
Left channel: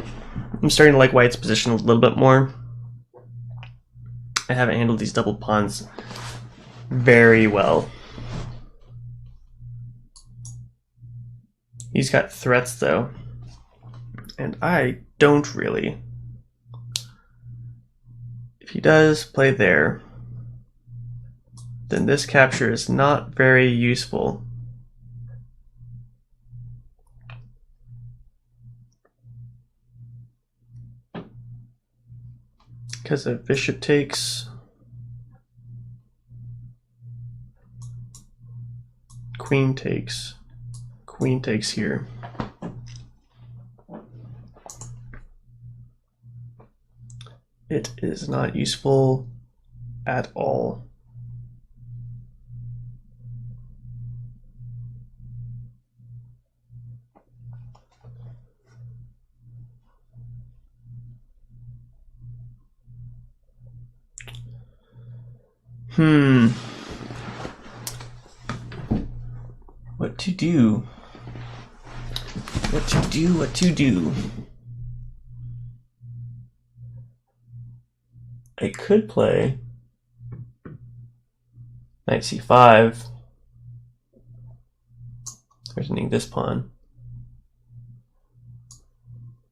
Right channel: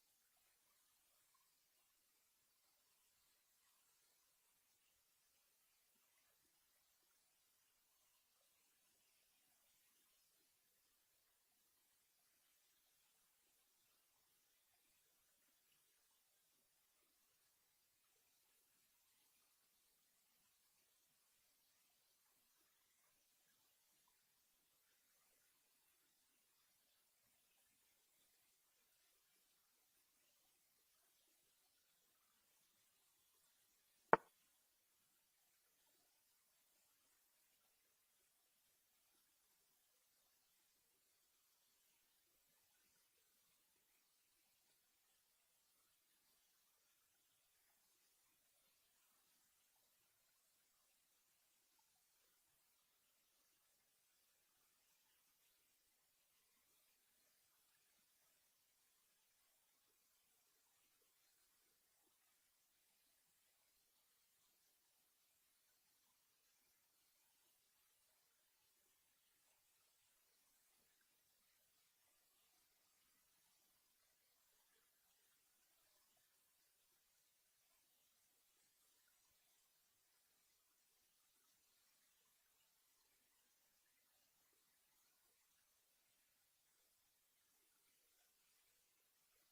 I'm starting to like White's position a little bit more. I haven't handled these double pawns very well. He's got threats though, and I don't really. If he does play there, then this capture is not very useful. Because if bishop takes, queen takes here. It is not useful at all. What to do? What to do? What to do? I could play knight c5, threatening this pawn.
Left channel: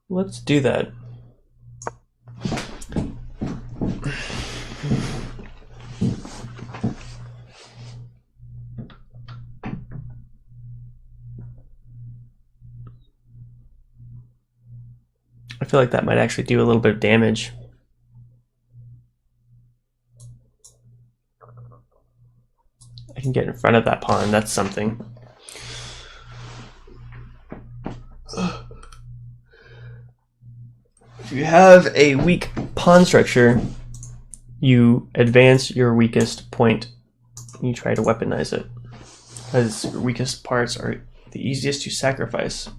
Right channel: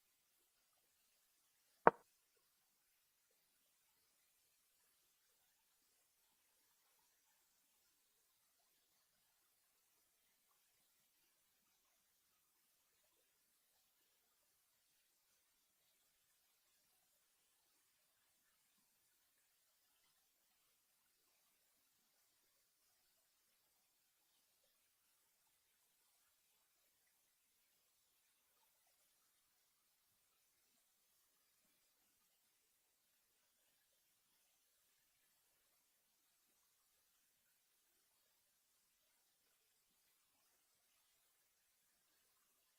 Let's do that. I feel like that might actually do a little bit of damage. I can get in front of that pawn, that's something. If you have a weak pawn structure, you advance your weakest point and you try to weaponize it, because your weakest parts are the easiest to sacrifice.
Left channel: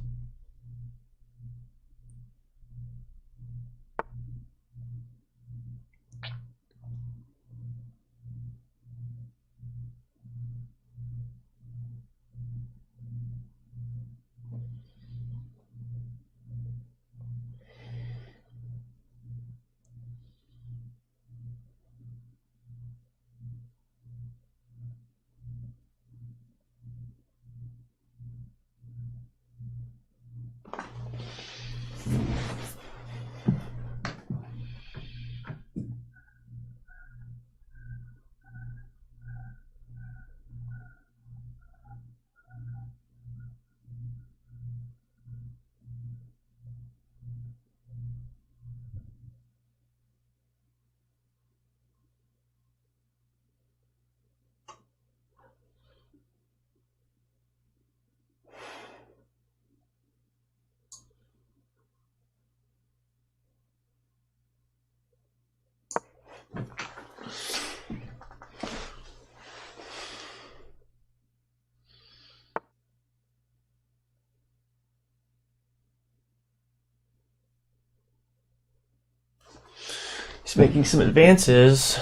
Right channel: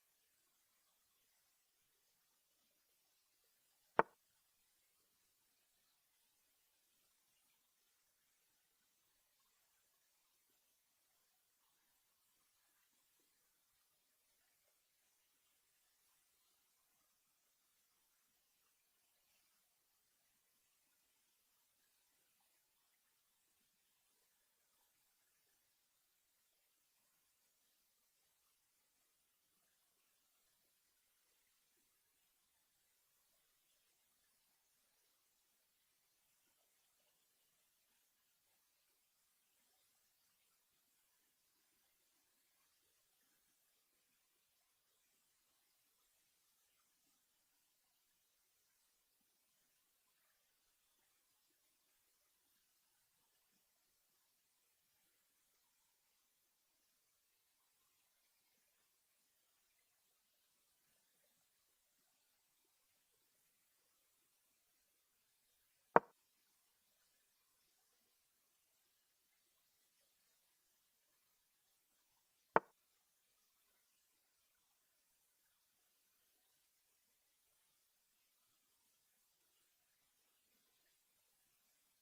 It's making some advances.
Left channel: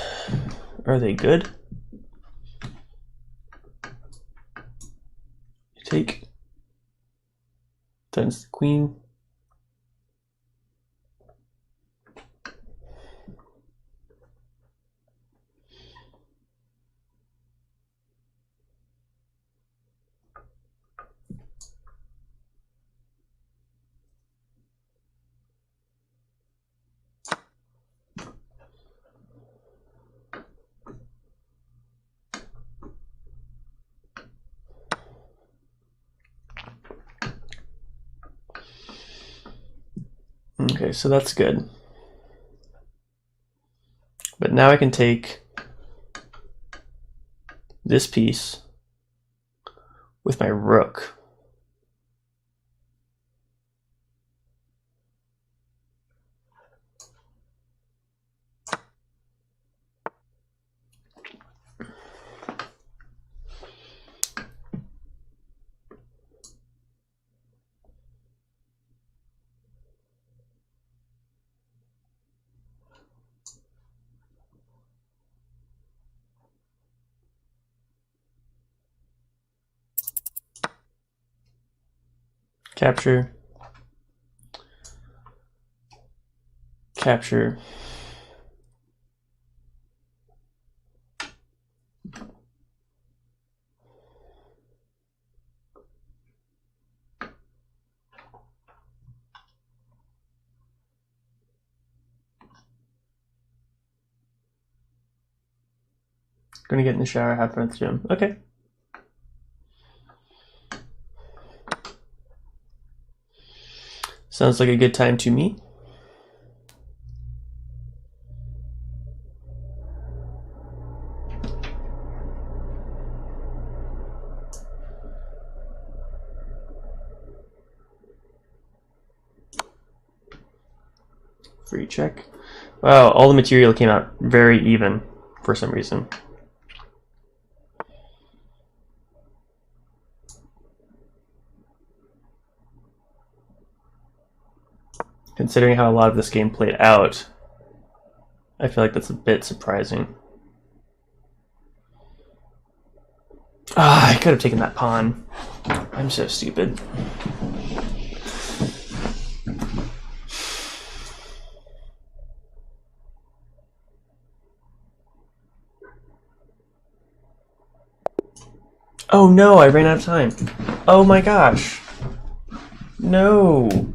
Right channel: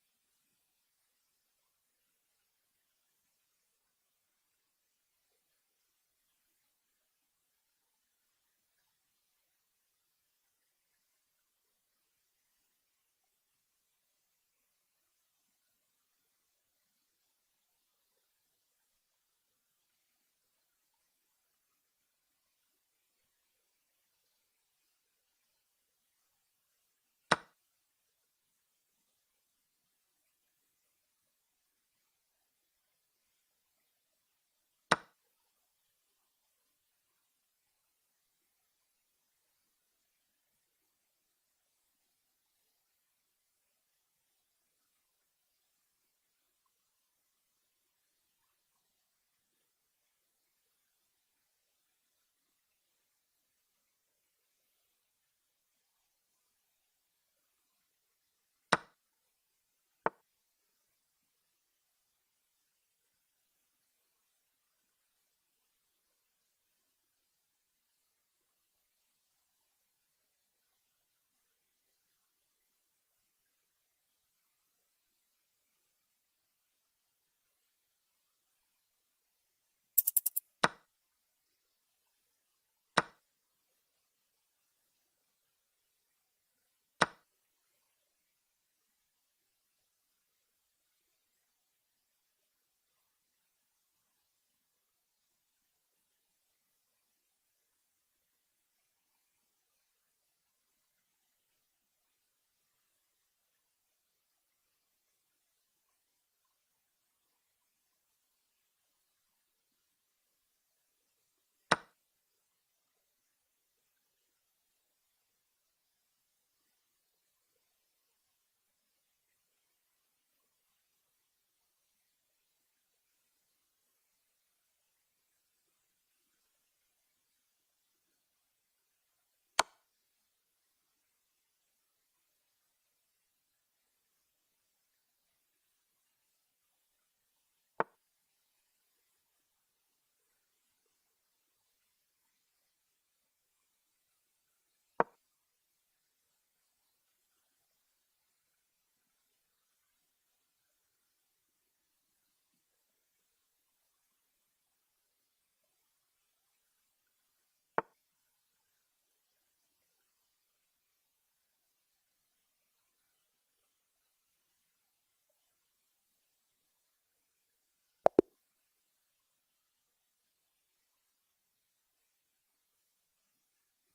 Are they good? Take. Times the queen. Okay, so that's good. But now I can take this piece with my rook. Capture. Capture. Gonna get in the shower, have fun at the gym. Okay. Sounds like a good time to me. Free check. Wow, all the material came out very even for some reason. Considering how a lot of this game played out, I feel like that's a bit surprising. Ah, I could have taken that pawn. I'm so stupid. Oh no, I ran out of time. Oh my gosh. No.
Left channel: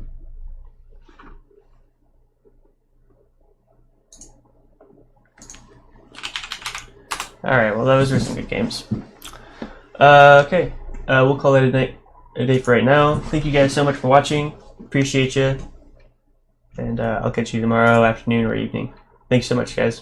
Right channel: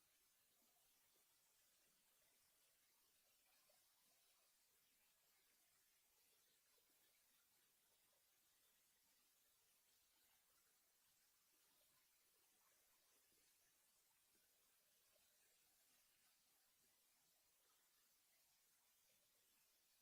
Alright, well those were some good games. Okay, we'll call it a day for right now. Thank you guys so much for watching. Appreciate you. And I'll catch you tomorrow afternoon or evening. Thanks so much, guys.